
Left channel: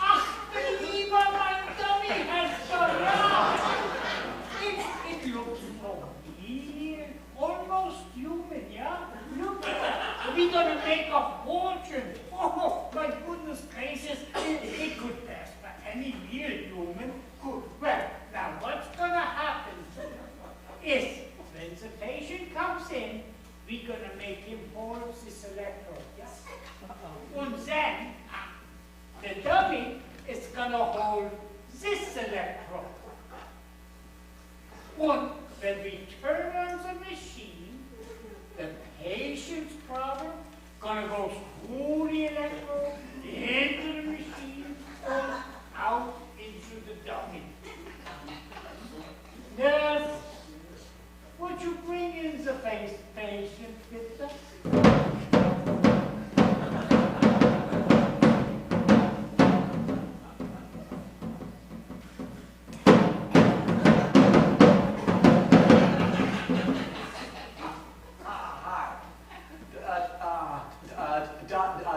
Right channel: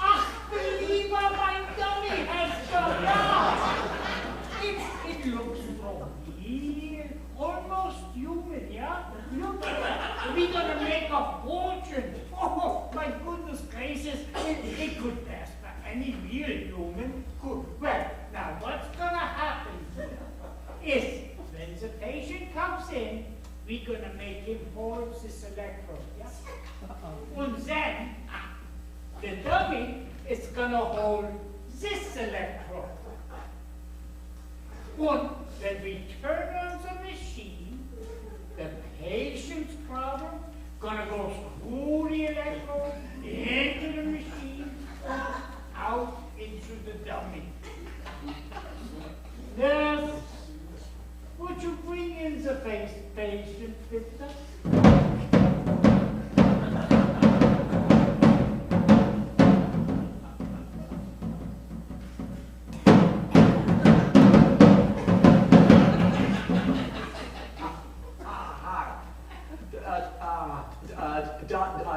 Ach, believer, my dummy has gone out. It looks so real, almost human, yeah? Look at that. We're gonna make a fortune. Oh, my goodness gracious. It could pass for any real human. Good. Well, now what's gonna happen is when the patient comes in, we're gonna make him hold this electrode, yeah? And then the dummy is gonna hold this electrode. And when we turn on the machine, the patient's problem gonna go through the electrode, into the machine, and out into the dummy. Yes. Would you bring in the patient, Victor? Doctor, I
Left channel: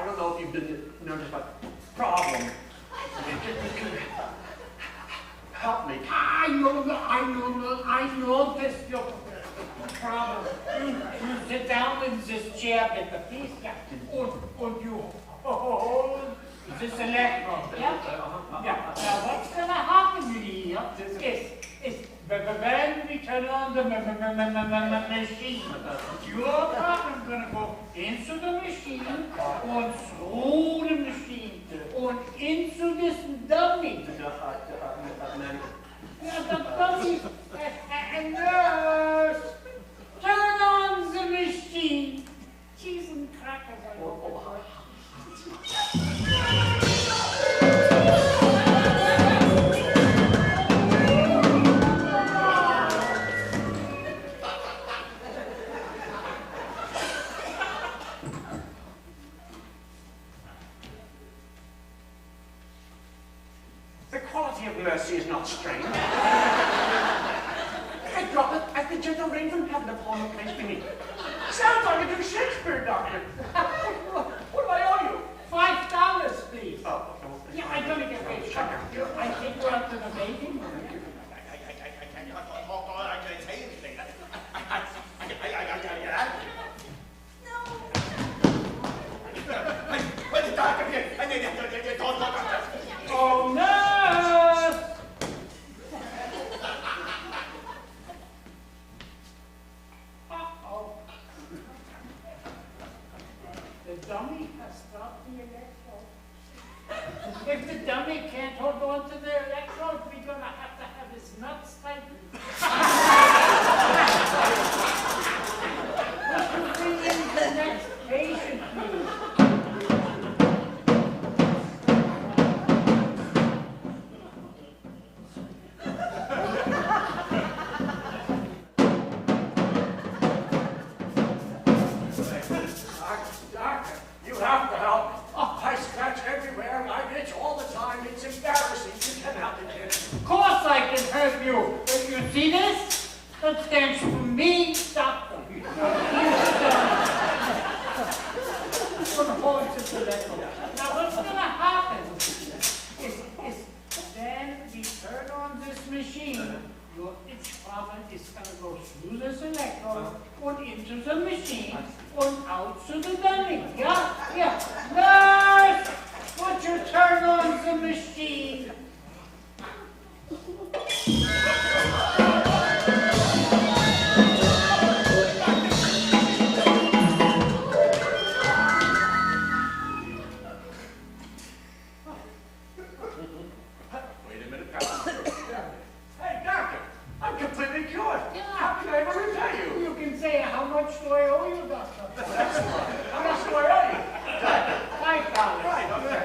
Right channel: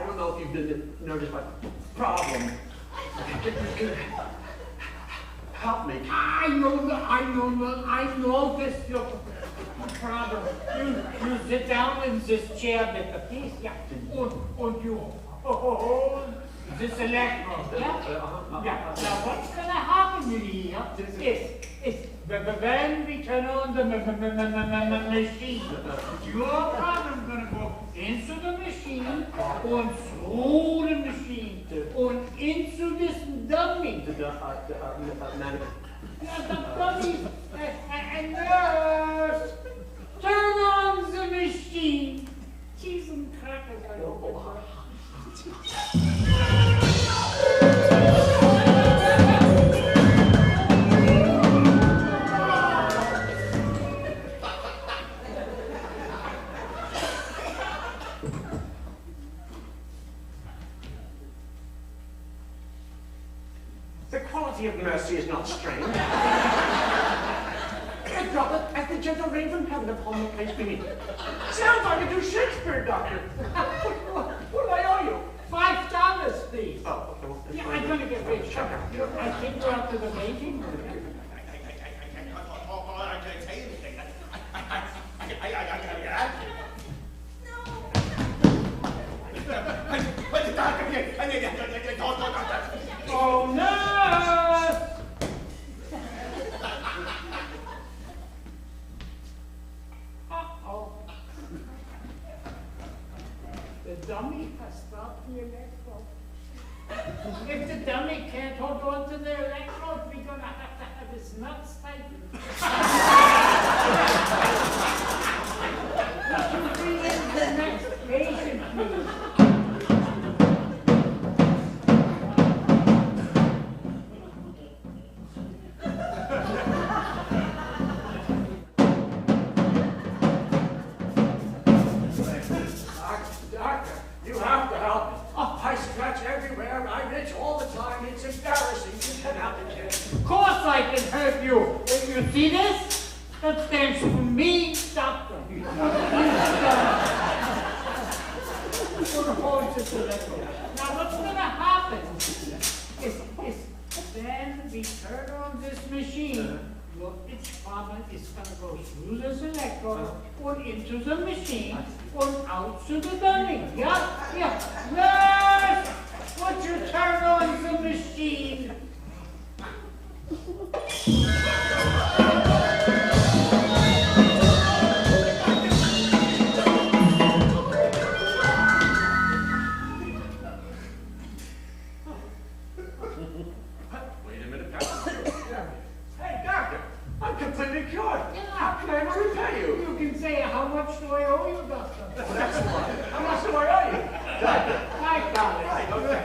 don't know if you've noticed my problem. Help me. I know this your problem. You sit down in this chair, Victor, please, yeah. And you hold this electrode, yeah? Yeah. Now what's gonna happen here is when we turn on the machine, your problem gonna go into the machine, and through the machine, and into this dummy. The dummy, and nurse, turn on the machine. Cheese and crackers. The quality of mercy is not strained. I drop it at the gentleman from heaven upon the place beneath. Sounds like a new Shakespeare, Doctor. What do I owe you? $5, please. Oh, okay, well, Yeah, I'm gonna get paid. I think we're up to the making. I can't say anything. I gotta get out of here. Where's the doctor here? Oh, nurse! Uh-oh. The dummy has stopped the electrode. If the dummy can't hold on to the electrode, we're gonna have to have his nuts tightened. Would you bring in the next patient, please? Doctor, you have to help me. Oh, I scratch everywhere. I itch all the time. It's embarrassing. You can help me, kid. Of course I can help you. You see this? That stands for me, doctor. Now what's gonna happen is then we turn on this machine. Your itch farmer is gonna go through this electrode and into the machine and out to the dummy. Yeah. Nurse, would you turn on the machine? Wait a minute, Doctor. Hey, doctor, I'm completely cured. How can I ever repay you? You can say, how much do I owe you, doctor? How much do I owe you? Doctor. $5. Right, okay.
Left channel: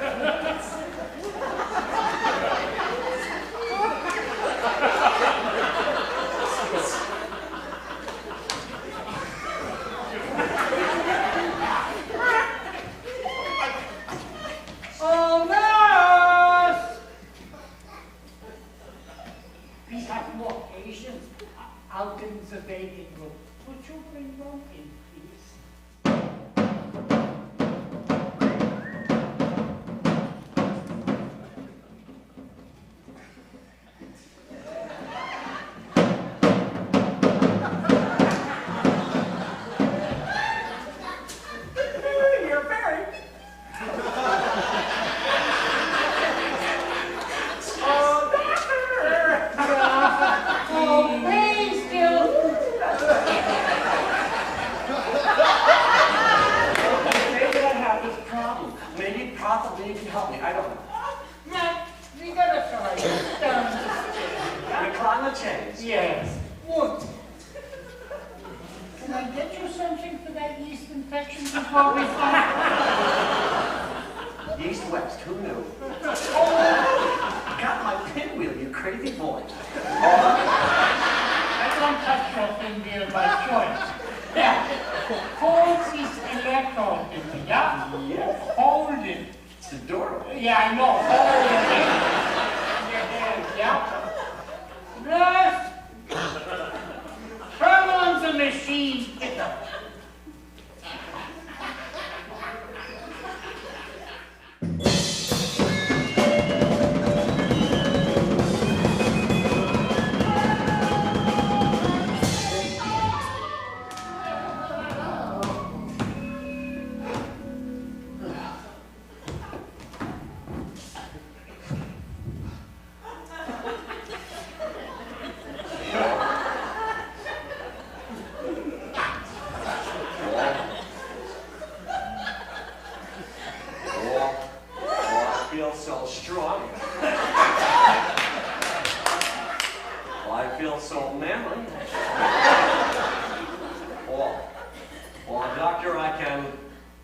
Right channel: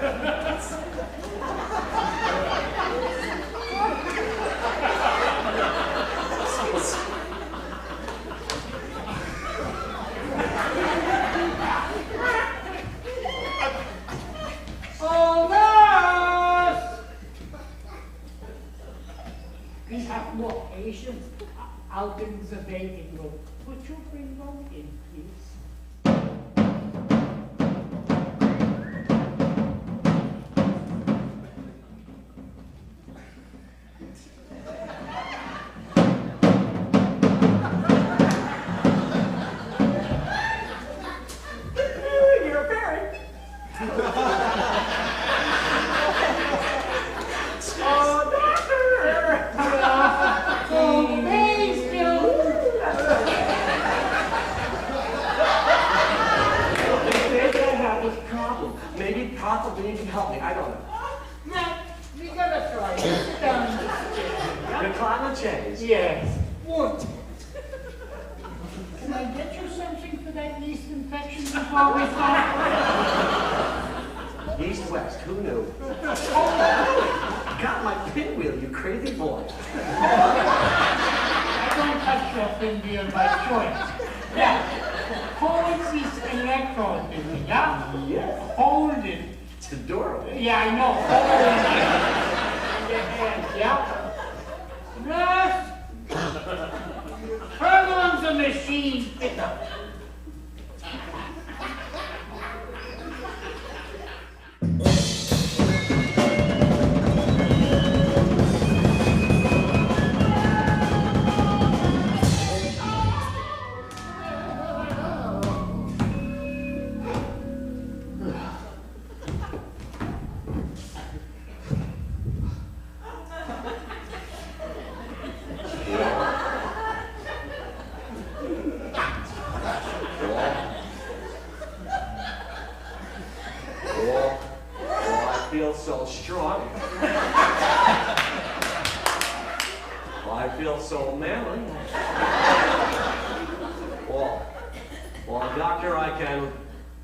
Oh, nurse! We have more patients out in the waiting room. Would you bring them in, please? You're very. Oh, doctor! Oh, please, Maybe I have this problem. Maybe possibly you can help me. I don't know. Now, we gotta try this down the stairs. Recline the chains. Yes. Look. Can I get you something for that yeast infection before we start? East west, who knew? Got my pinwheel, you crazy boy. I don't touch your pinwheel by choice. Yeah. Hold this electrode in me, yeah? Yes. Hold it. It's adorable. Yeah, I know. Hold it in your hand, yeah? Nurse! Turn on the machine. So strong. I feel so manly. Well, doctor, I can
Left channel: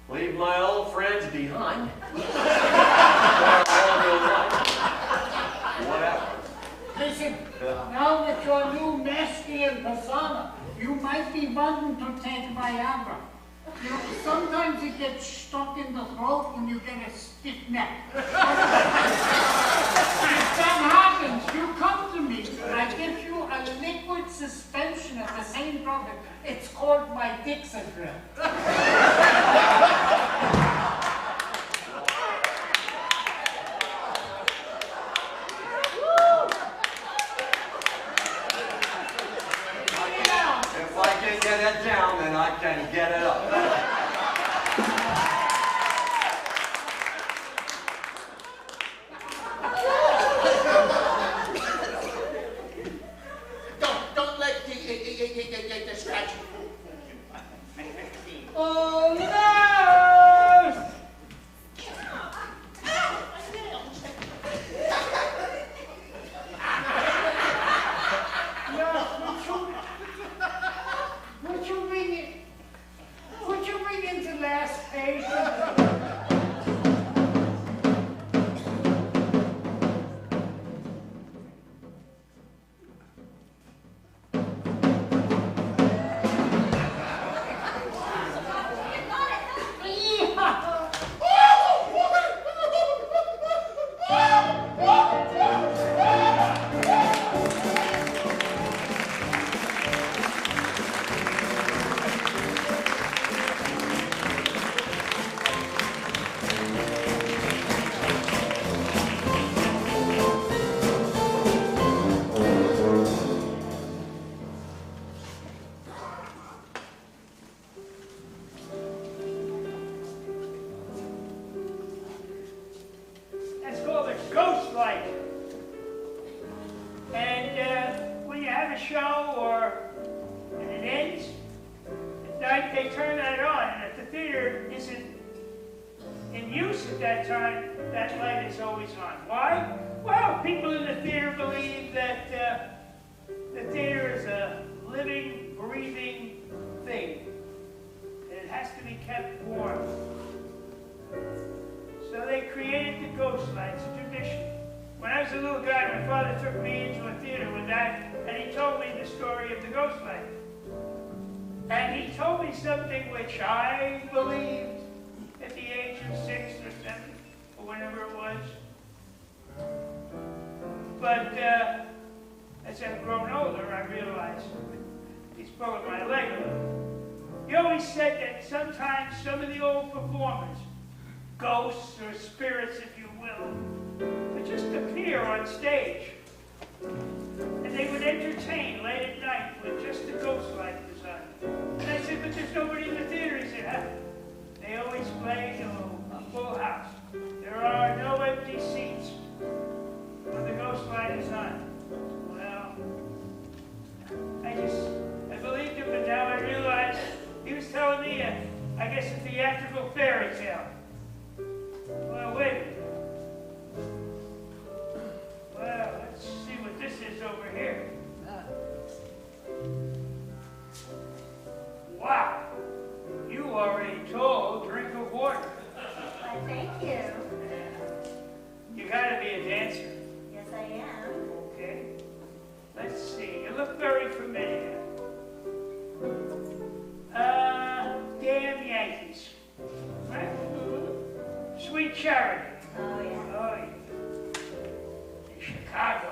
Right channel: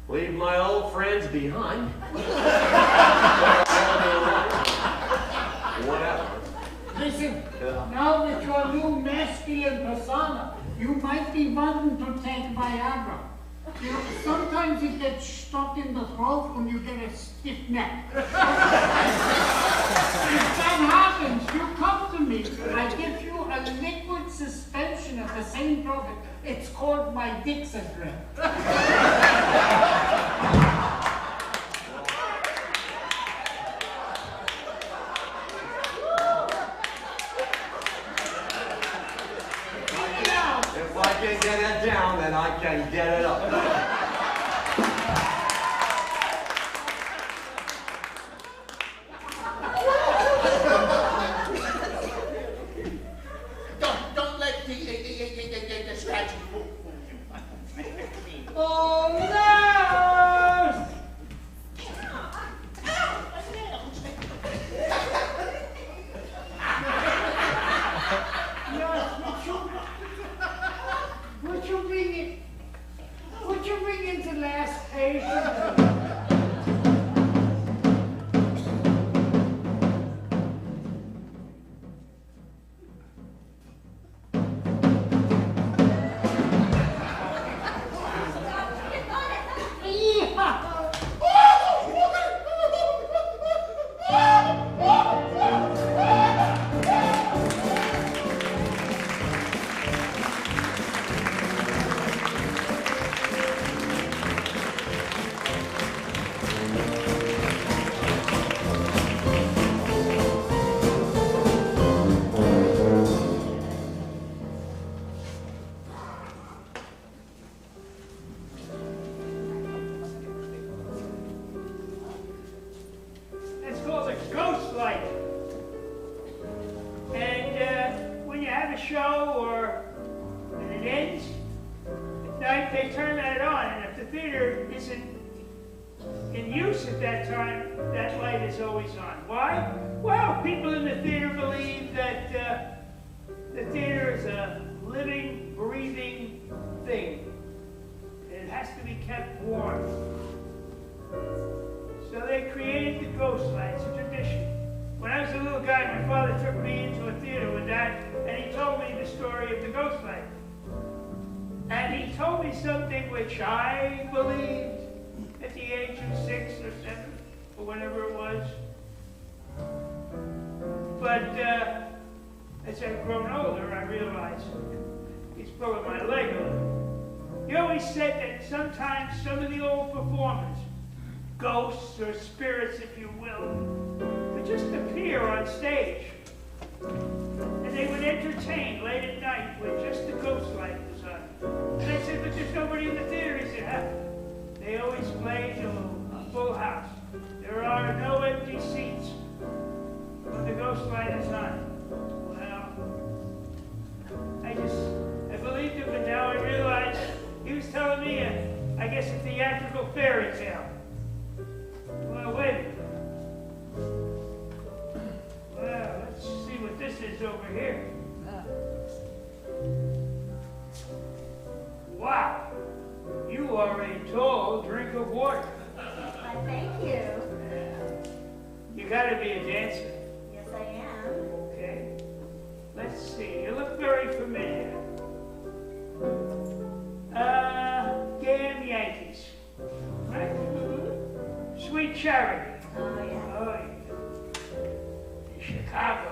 leave my old friends behind. Whatever. Listen, now with your new masculine persona, you might be wanting to take Viagra. You know, sometimes it gets stuck in the throat when you get a stiff neck. If that happens, you come to me. I give you a liquid suspension extension of the same building. It's called my Dixon Grill. If I can get it down, then I can get it up. Don't let the scratching fool you. Oh no! Would you read into last page? That's called a Ghostlight. And when you have a show and it ends, at night they turn that on. And if the theater isn't in use at that time, that light is always on. Why? Well, people in the theater believe that the theater is a living, breathing thing. And it has to be kept warm. So they created the Ghostlight. It's a tradition. When I was a little guy, my father took me into a theater with that, and he told me the story of the Ghostlight. And he told me something which I believed at the age of 6 or 7, or whenever it was. But as I've grown older, I realized he's pulling my leg a little. He always said that sometimes some of the old performers, ghosts or spirits, if you will, would just appear on stage. And they would entertain late at night with just the Ghostlight was on. And I said, but there's nobody in the theater. He said, huh? They always play to a full house. There are no empty seats when the Ghostlight is on. Well, I believed him, but now I realize he was telling me, I guess, a theatrical fairy tale. Well, wait a minute. Well, let's see what this is over here. Wow, you are a tall drink of water. Why, thank you. You gotta be a dancer. Yes, I am. Okay. Let's see, you look very familiar. Damn Yankees. Right? Sweet Charity. Oh, yeah. Oh, yeah. In Chicago.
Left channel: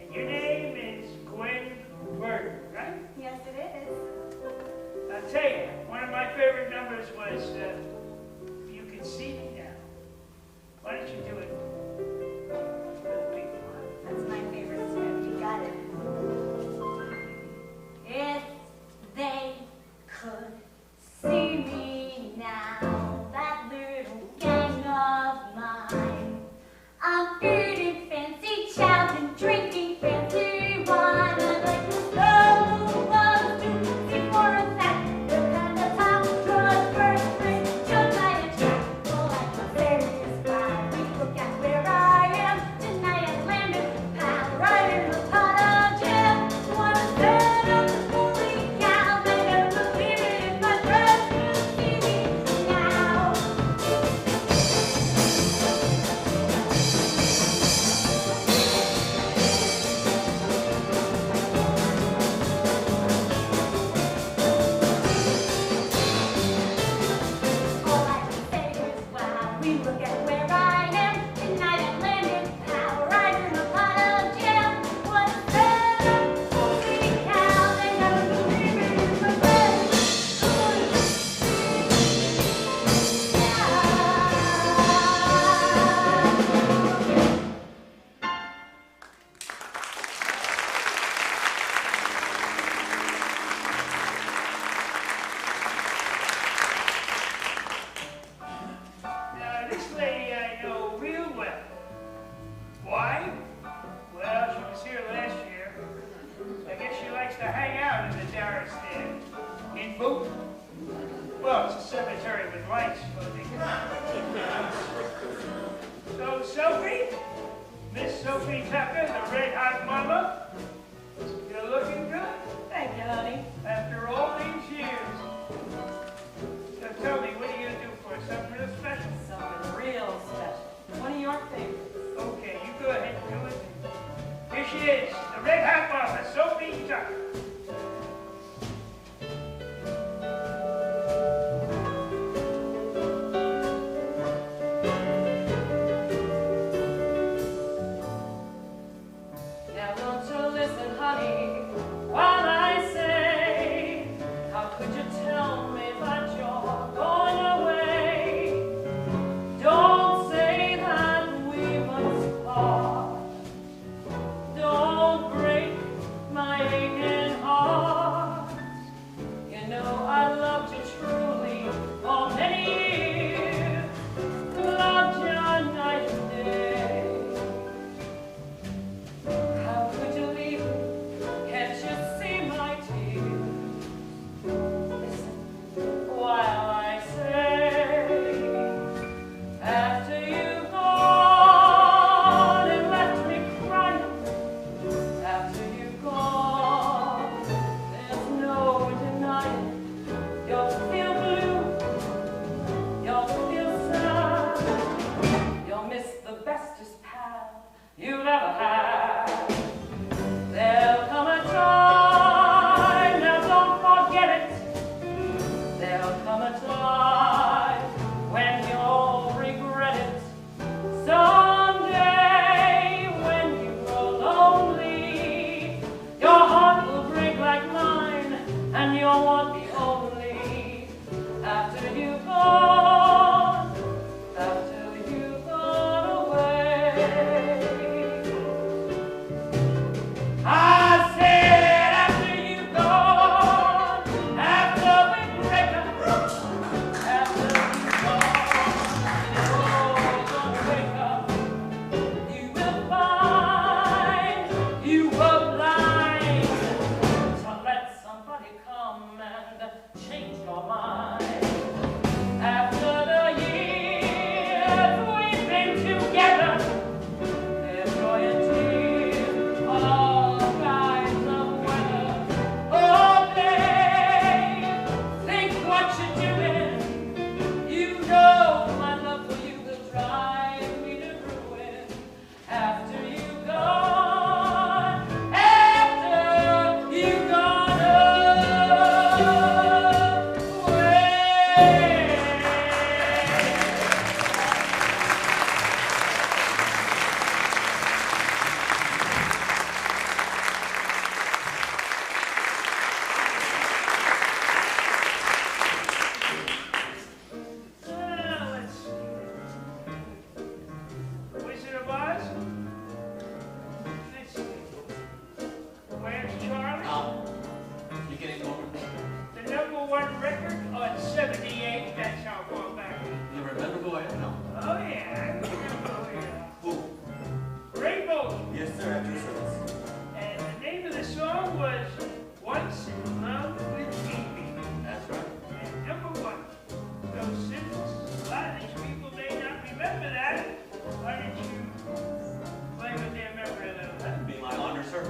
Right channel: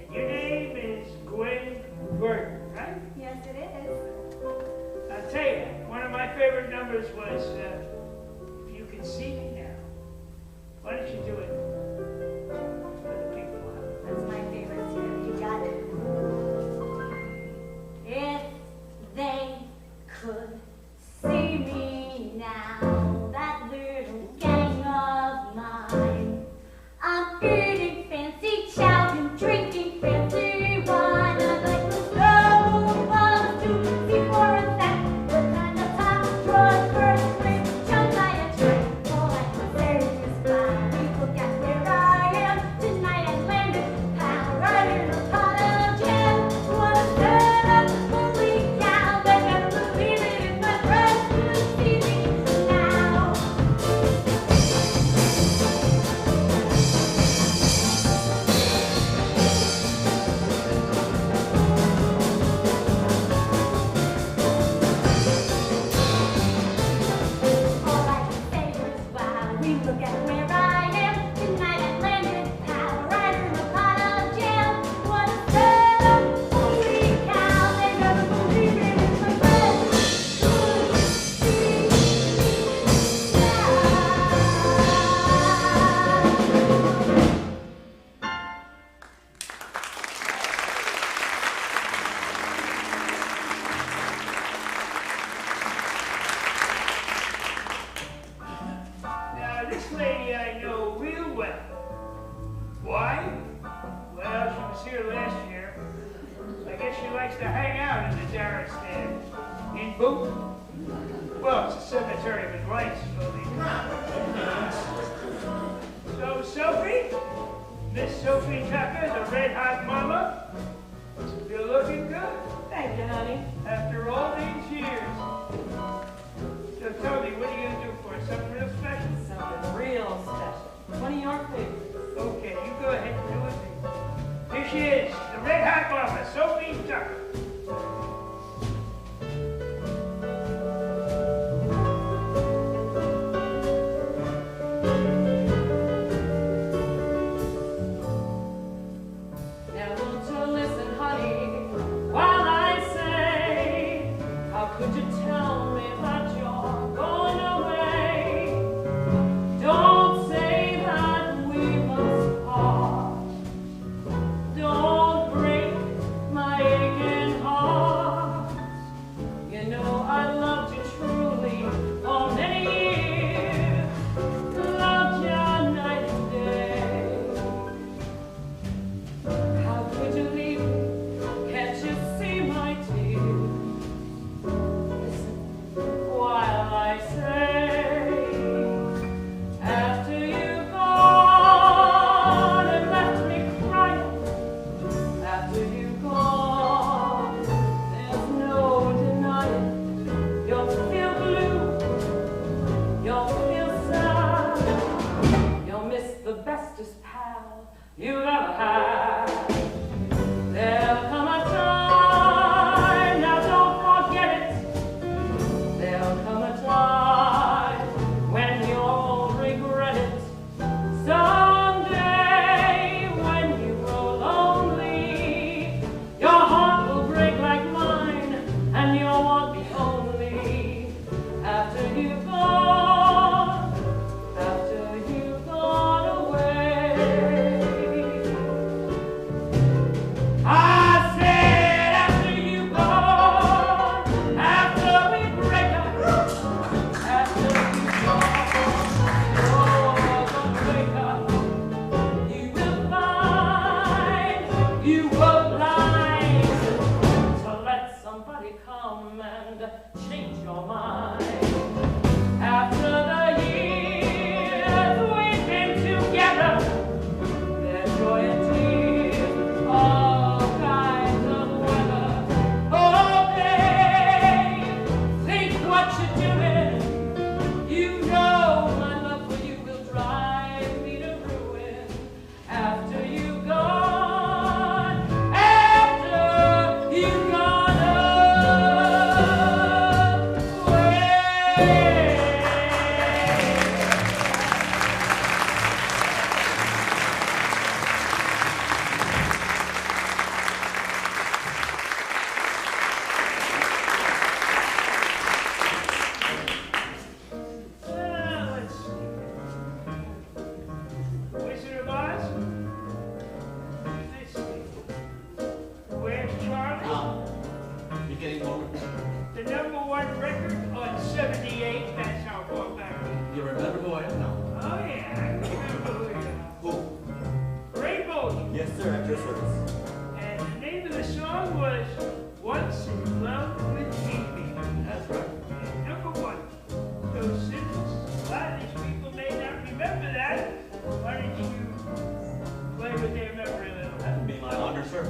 And your name is Gwen Verdon, right? to hang out in the Darress there. In Boonton? Well, it's a cemetery with lights for the... So, Sophie? Miss Sophie Tucker, the red-hot mama? You're looking good. Thank you, honey. After all these years. So tell me, what are you going to do for us? Something real special? Something real special. One of your favorites. Okay, you go ahead and do it. Here she is, the red-hot mama, Sophie Tucker. Now won't you listen, honey, while I say, how could you tell me that you're going away? Don't say that we must part. Don't break my aching heart. You know I loved you truly for many years. Loved you night and day. How could you leave me? Can't you see my tears? Listen while I say, after you've gone and left me crying, after you've gone, there's no denying you'll feel blue, you'll feel sad, you'll miss the bestest pal you've ever had. There'll come a time, now don't forget it. There'll come a time when you'll regret it. Someday when you grow lonely, your heart will break like mine, and you'll want me only. After you've gone away. I said after you've gone, after we break up, after you've gone, you're gonna wake up. You will find you were blind to let somebody come and change your mind. After the years we've been together, there's joy and tears, all kinds of weather. Oh, babe, think what you're doing. You know my love for you will drive me to ruin. After you've gone, after you've gone away. Let's see. Wizard of Oz? Let's see. Where's Charlie? You're getting lower. The #1 record on 78, that's how far back. You remember who I am now? Oh yeah, I remember who you are. Who? Ray Bolger. Yes, sir, at your service. And the name of the song was Once in Love with Amy. That's right. And #1. So since a lot of these people may not remember that, why don't you play with their memory a little? That'd be my honor, sir.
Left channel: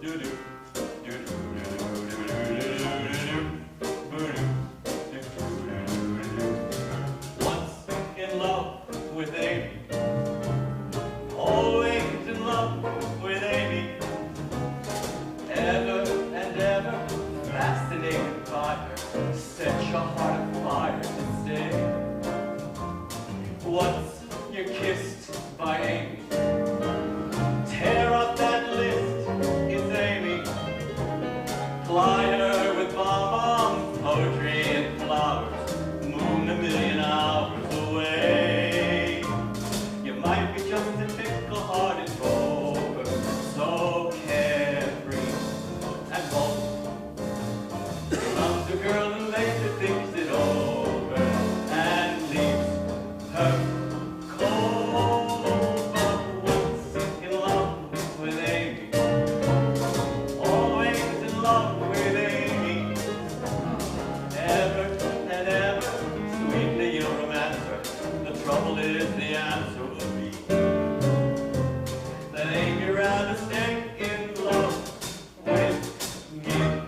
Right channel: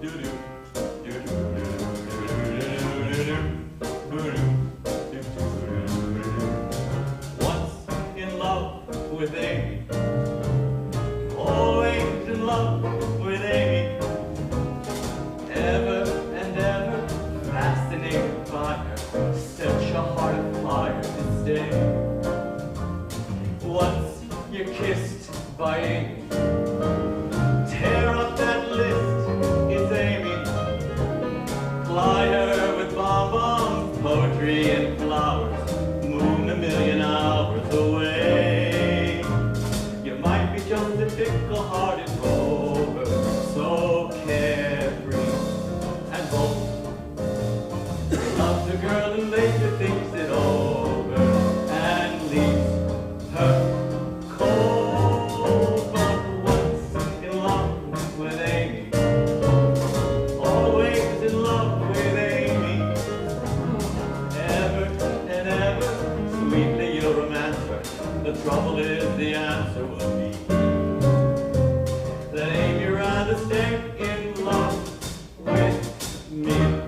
Do-do. Once in love with Amy. Always in love with Amy. Ever and ever fascinated by her. Set your heart afire to stay. Once you're kissed by Amy. Tear up that list, it's Amy. Ply her with bonbons, poetry and flowers. Moon a million hours away. You might be just a fickle-hearted rover, so carefree and bold. Love the girl and later thinks it over and leaves her trouble is the answer will be that Amy rather stay in love with me.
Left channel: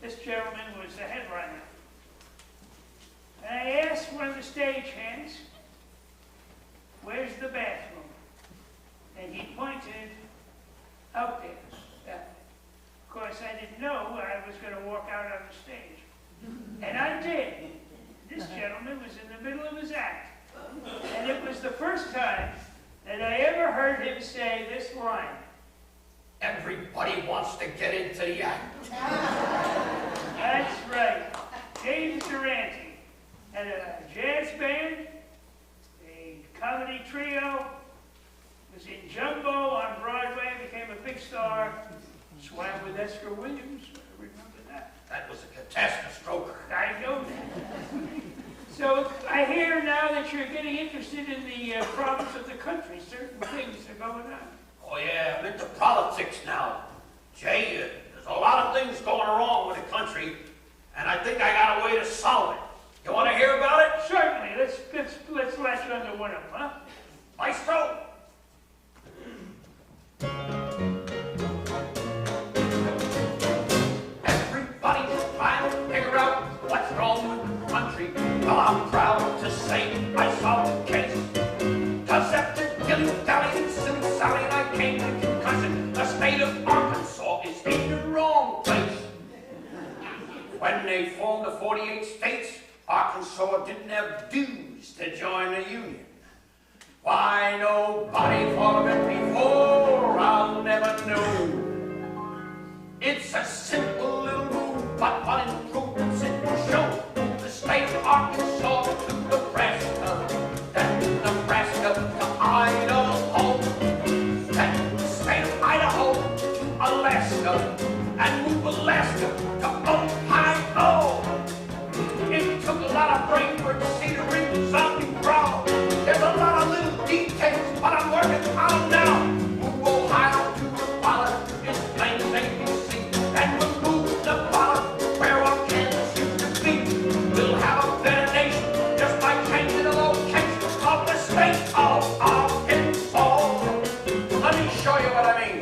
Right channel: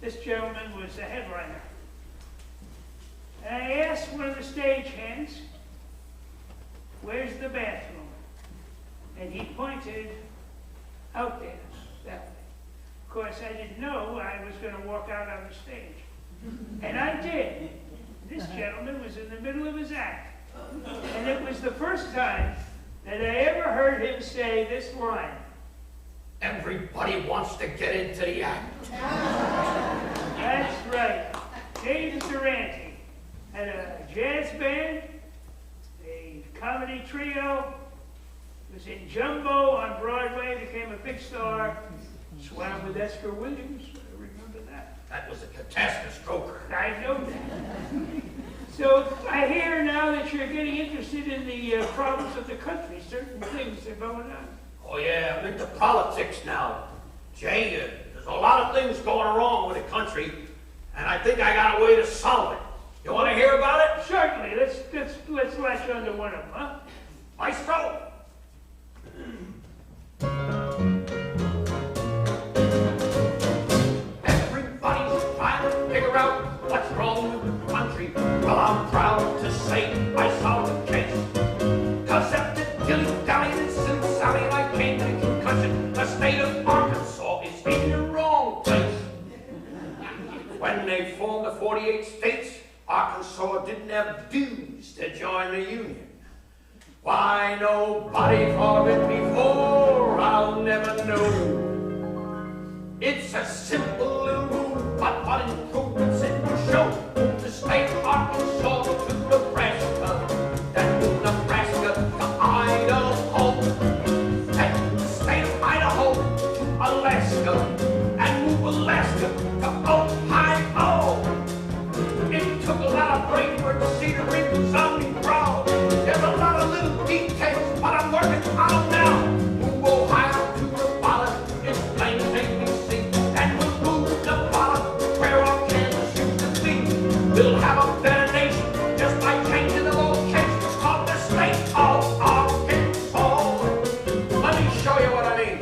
This gentleman was the headliner. And I asked one of the stagehands, "Where's the bathroom?" And he pointed out there, that way. Of course, I didn't know I was going to walk out on the stage. And I did. This gentleman was in the middle of his act. And it was the first time that I ever heard him say this line. Everybody wants to get into the act. That's right. James Durante had a jazz band, a comedy trio, was in Jumbo on Broadway, became a big star, swam with Esther Williams. I remember that. That was a catastrophe. I know that. So I hear now that you're getting interested in the problems of the country. Certain things are going on. Oh yeah, I'm into politics now. Jay, there's a lot of things going wrong with the country, and I think I got a way to solve it. You want to hear about it? Certainly. Let's latch onto one of them, huh? Maestro! Everybody's trying to figure out what's wrong with the country. Well, I'm proud to say I solved the case. 'Cause after dilly-dally and silly-sally, I came to the conclusion the state of Arkansas is in the wrong place. When they formed the 48 states, Arkansas didn't have dues to join the Union. Why nobody thought of it before, I'll never know. It's a simple little rule, but what improvements it will show. The state of Arkansas to Nebraska, then to Nebraska to Idaho, then the state of Idaho to Alaska, and move Alaska to Ohio. It took a lot of brainwork to see the ring resounding proud. There's a lot of little details, but I'm working on now. Move Ohio to the ballot, it's plain as ABC, and we'll move the ballot where our Kansas used to be. We'll have a better nation just by changing the location of the state of Arkansas. Let me show you what I mean.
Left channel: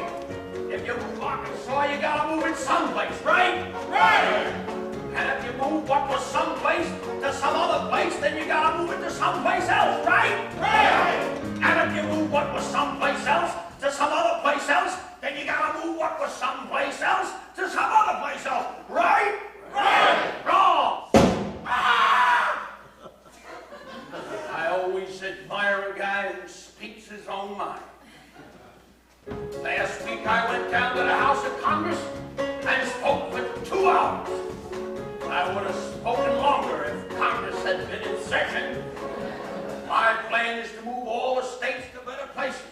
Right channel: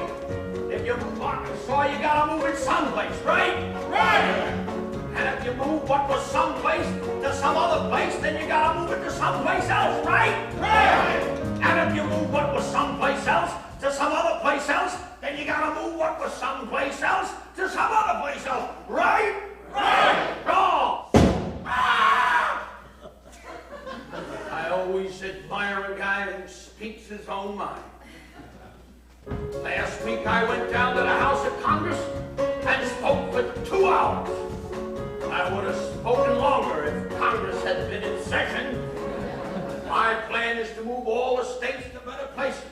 If you move Arkansas, you gotta move it someplace, right? Right! And if you move what was someplace to some other place, then you gotta move it to someplace else, right? Right! And if you move what was someplace else to some other place else, then you gotta move what was someplace else to some other place else, right? Right! Wrong! Ah! I always admire a guy who speaks his own mind. Last week I went down to the House of Congress and spoke for 2 hours. I would have spoken longer if Congress had been in session. My plan is to move all the states to better places.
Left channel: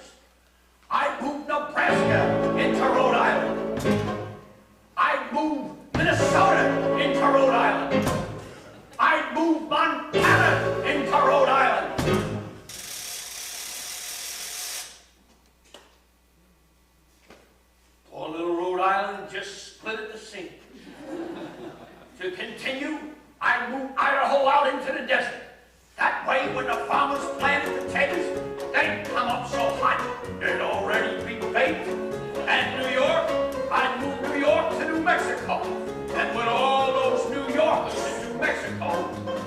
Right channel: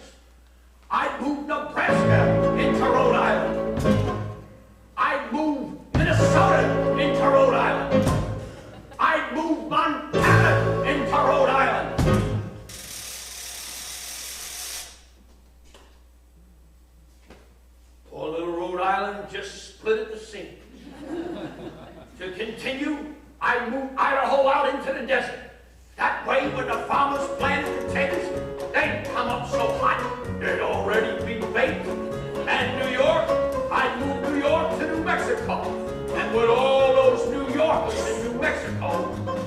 I'd move Nebraska into Rhode Island. I'd move Minnesota into Rhode Island. I'd move Montana into Rhode Island. Poor little Rhode Island just split at the seams. To continue, I'd move Idaho out into the desert. That way, when the farmers planted potatoes, they'd come up so hot, they'd already be baked. And New York, I'd move New York to New Mexico. And with all those New Yorkers in New Mexico,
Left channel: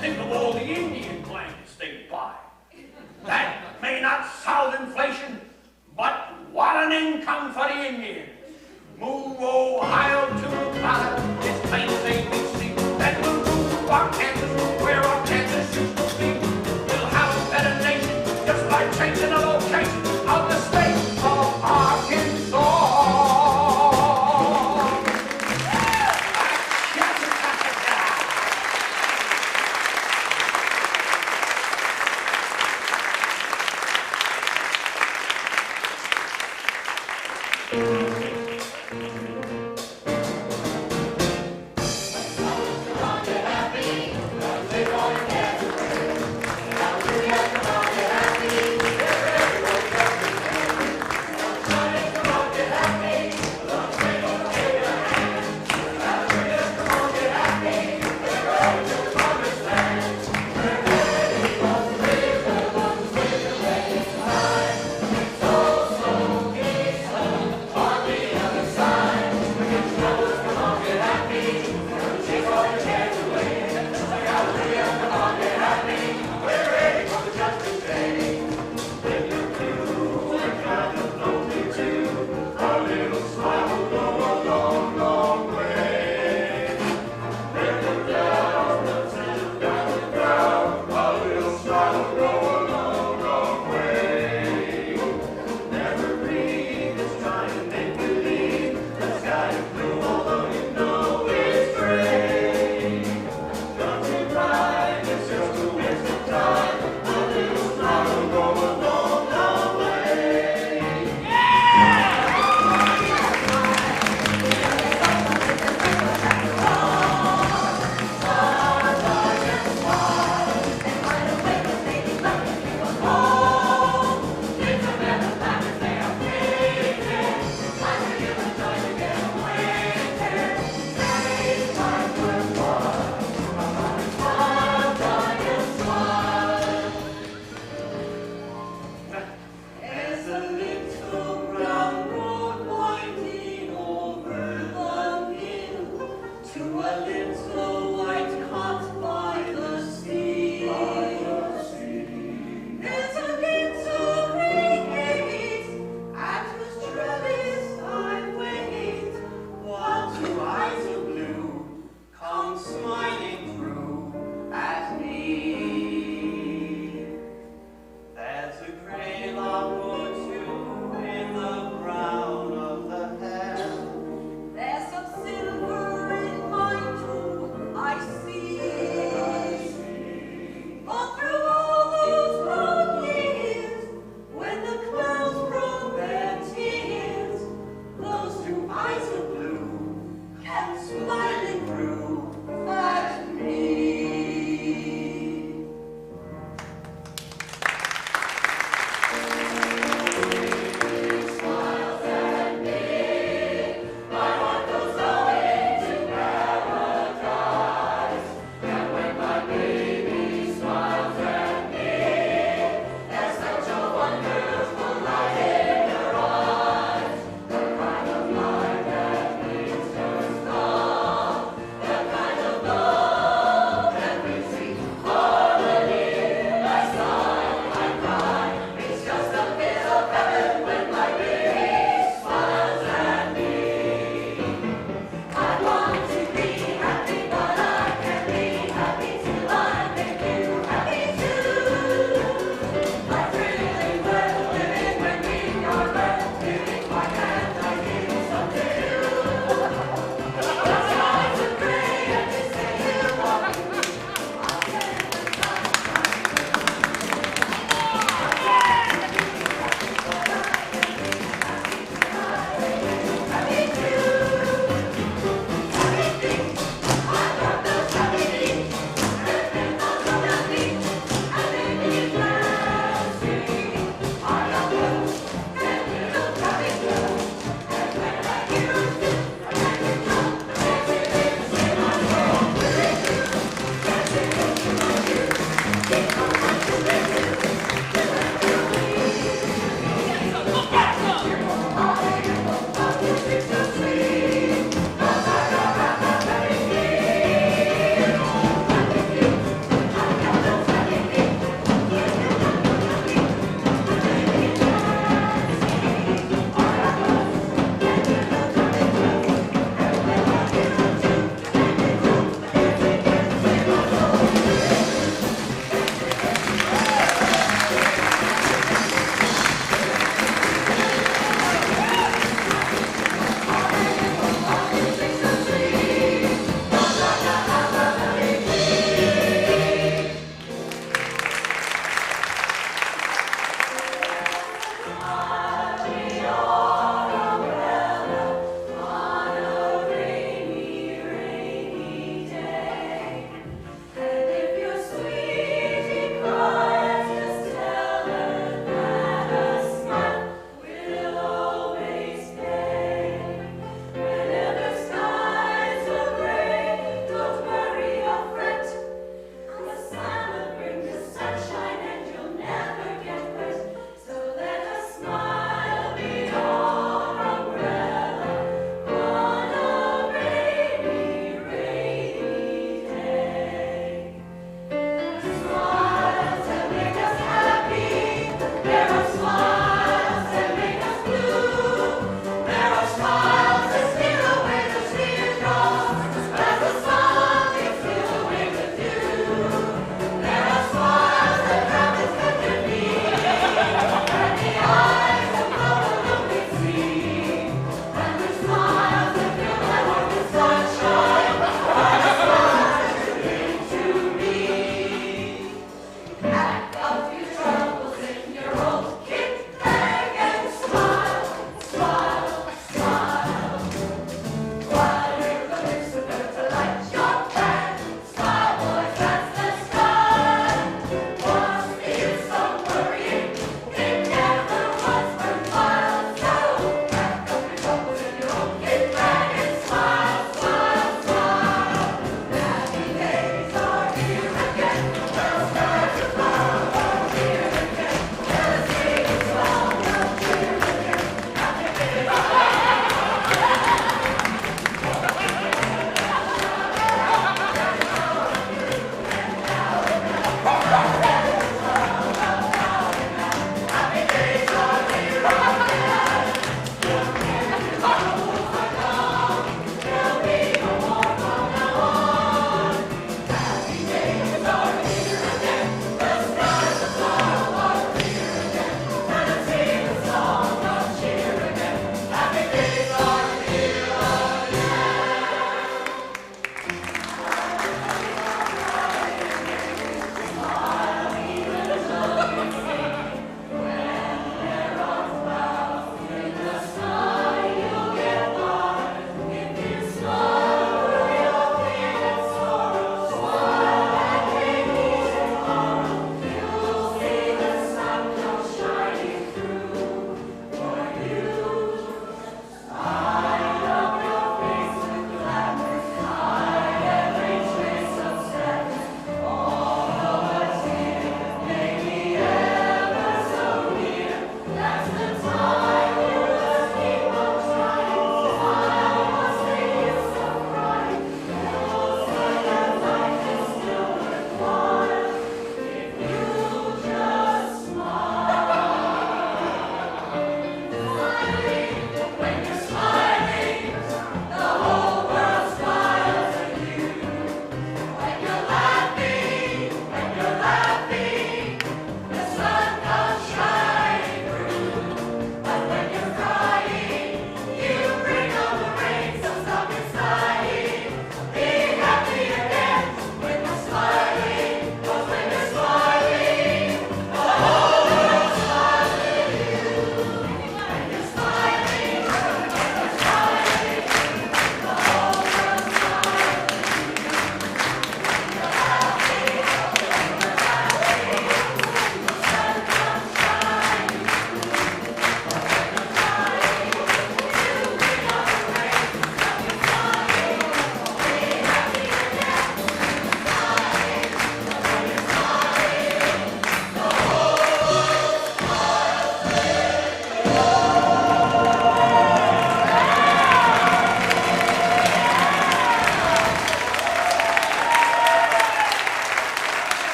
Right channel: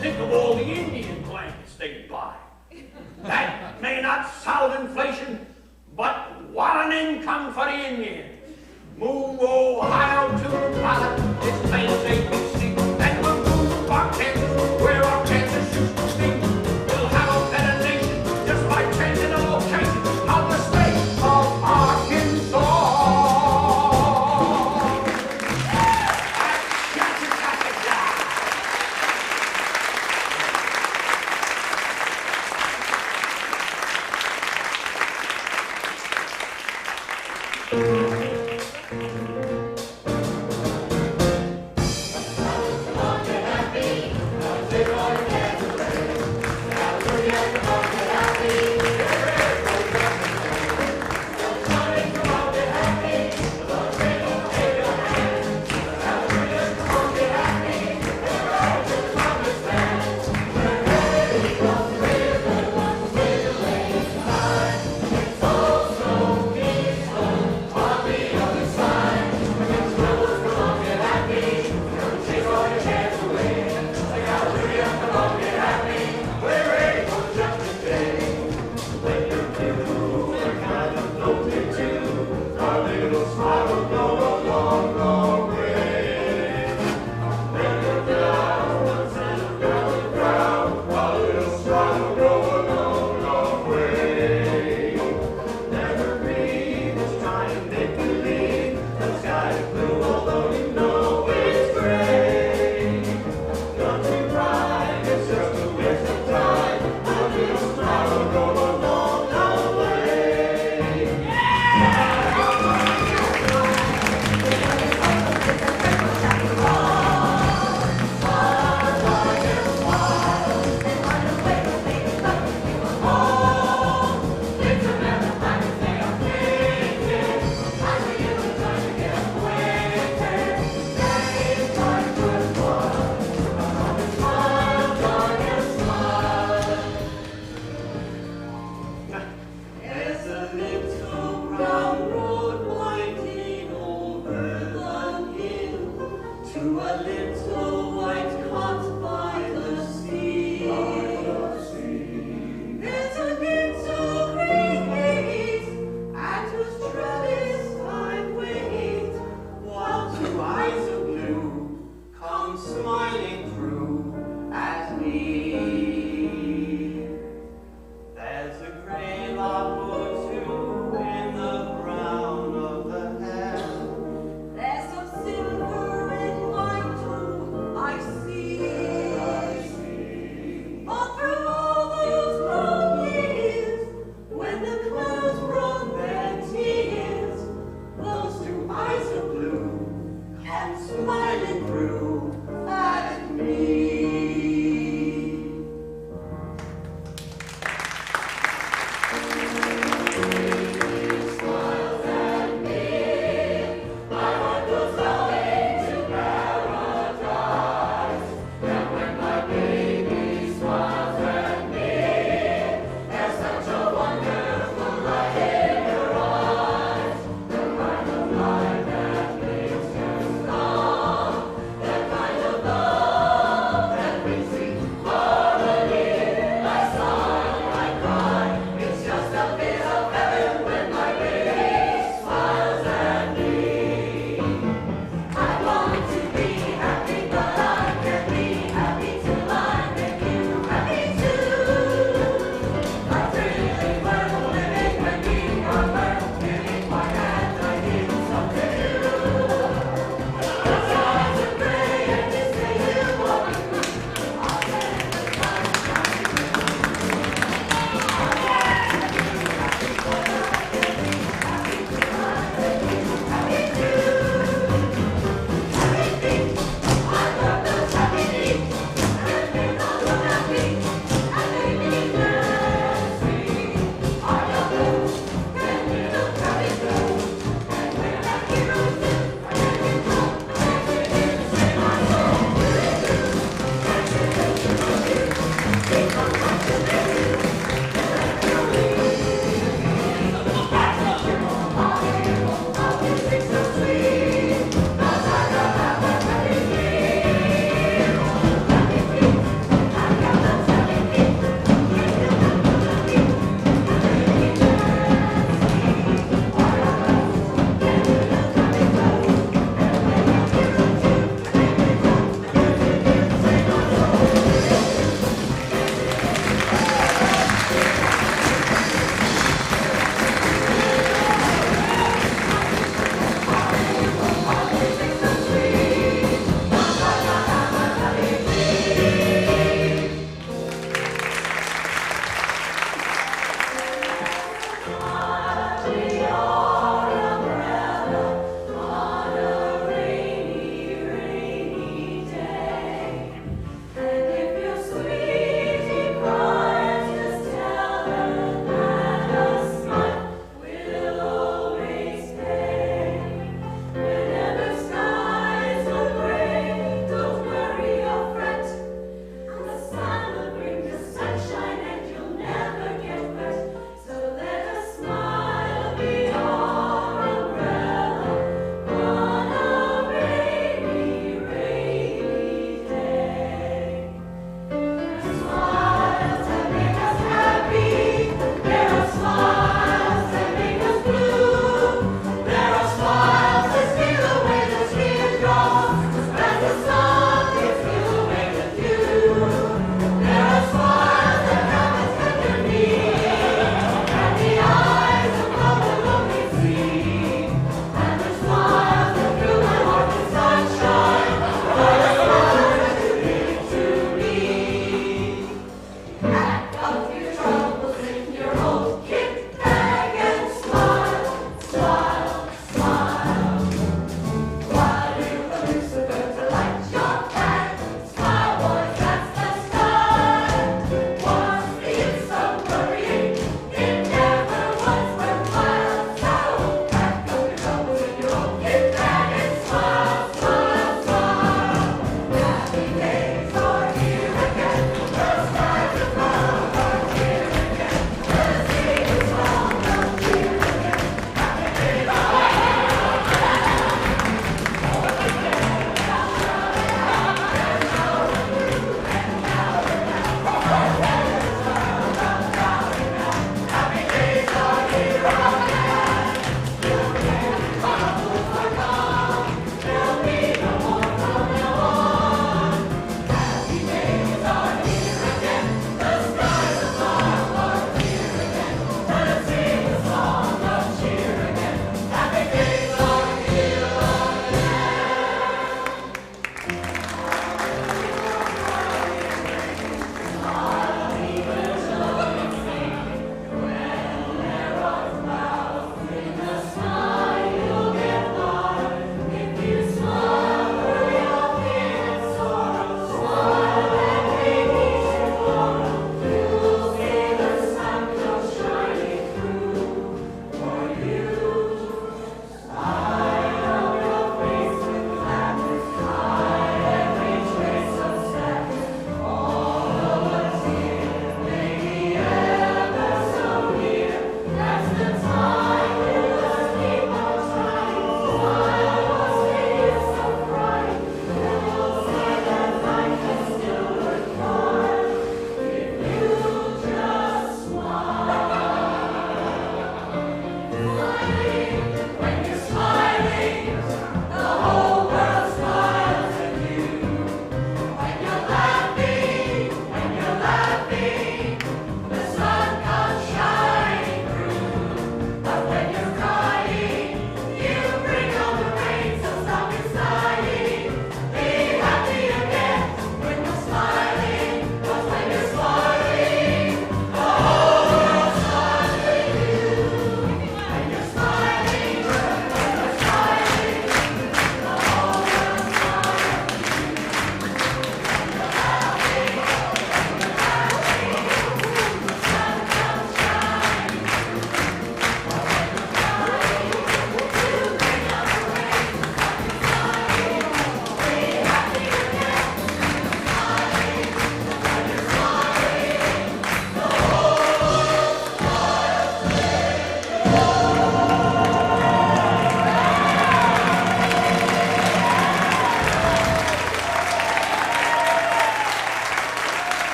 think of all the Indian blankets they'd buy. That may not solve inflation, but what an income for the Indians. Move Ohio to Nevada, it's plain as ABC. Then we'll move Arkansas, where Arkansas used to be. We'll have a better nation just by changing the location of the state of Arkansas.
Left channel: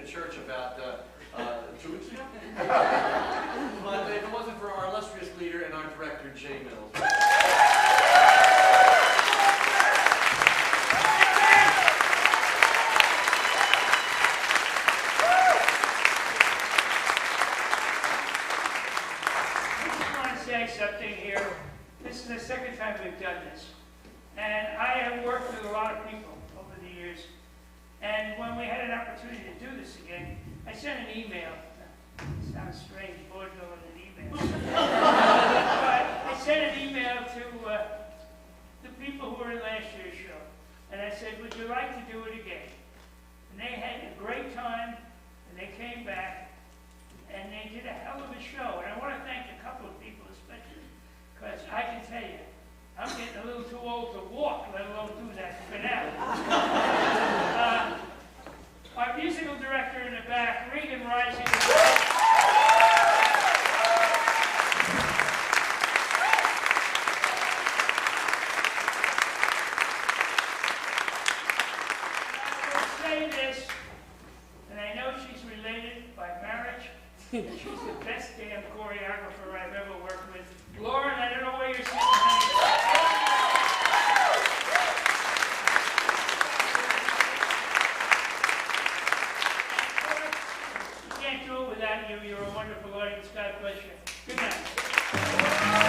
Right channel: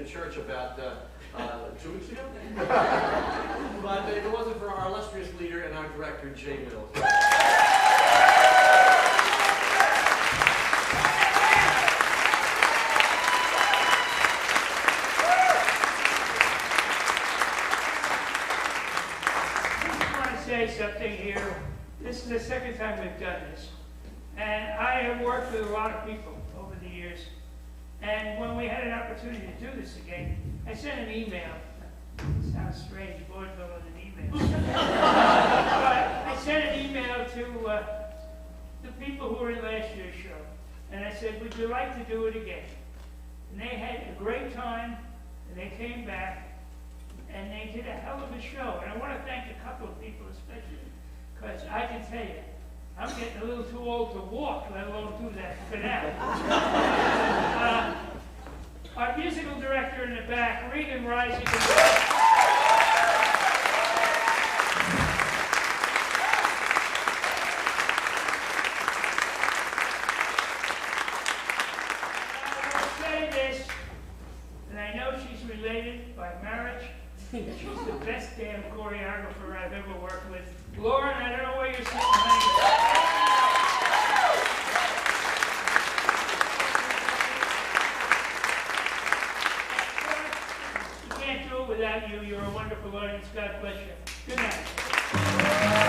a church about 2 weeks ago. But if it wasn't for our illustrious leader and our director, Jay Mills. Something here. This is the second time we've done this. And I have worked with a lot of people over the years. And when we had an opportunity to do this again, I sent an email. It sounds strange, Vaudeville in an email. But I sent an email to the people who were in last year's show. And I said, would you like to do it again? And they had a great time, and they came back. And they did a hell of a show. And I want to thank a couple of people especially, because I can tell you, I'm getting a little too old to walk, let alone do that for now. Our musical director in the back, Regan Rising. I will say this, and I know she's related by marriage. She's the best damn choreographer I've ever worked with. Lauren, I don't know where you're sitting, honey. We can't do it without you. You're a wonderful audience. God bless you. Good night.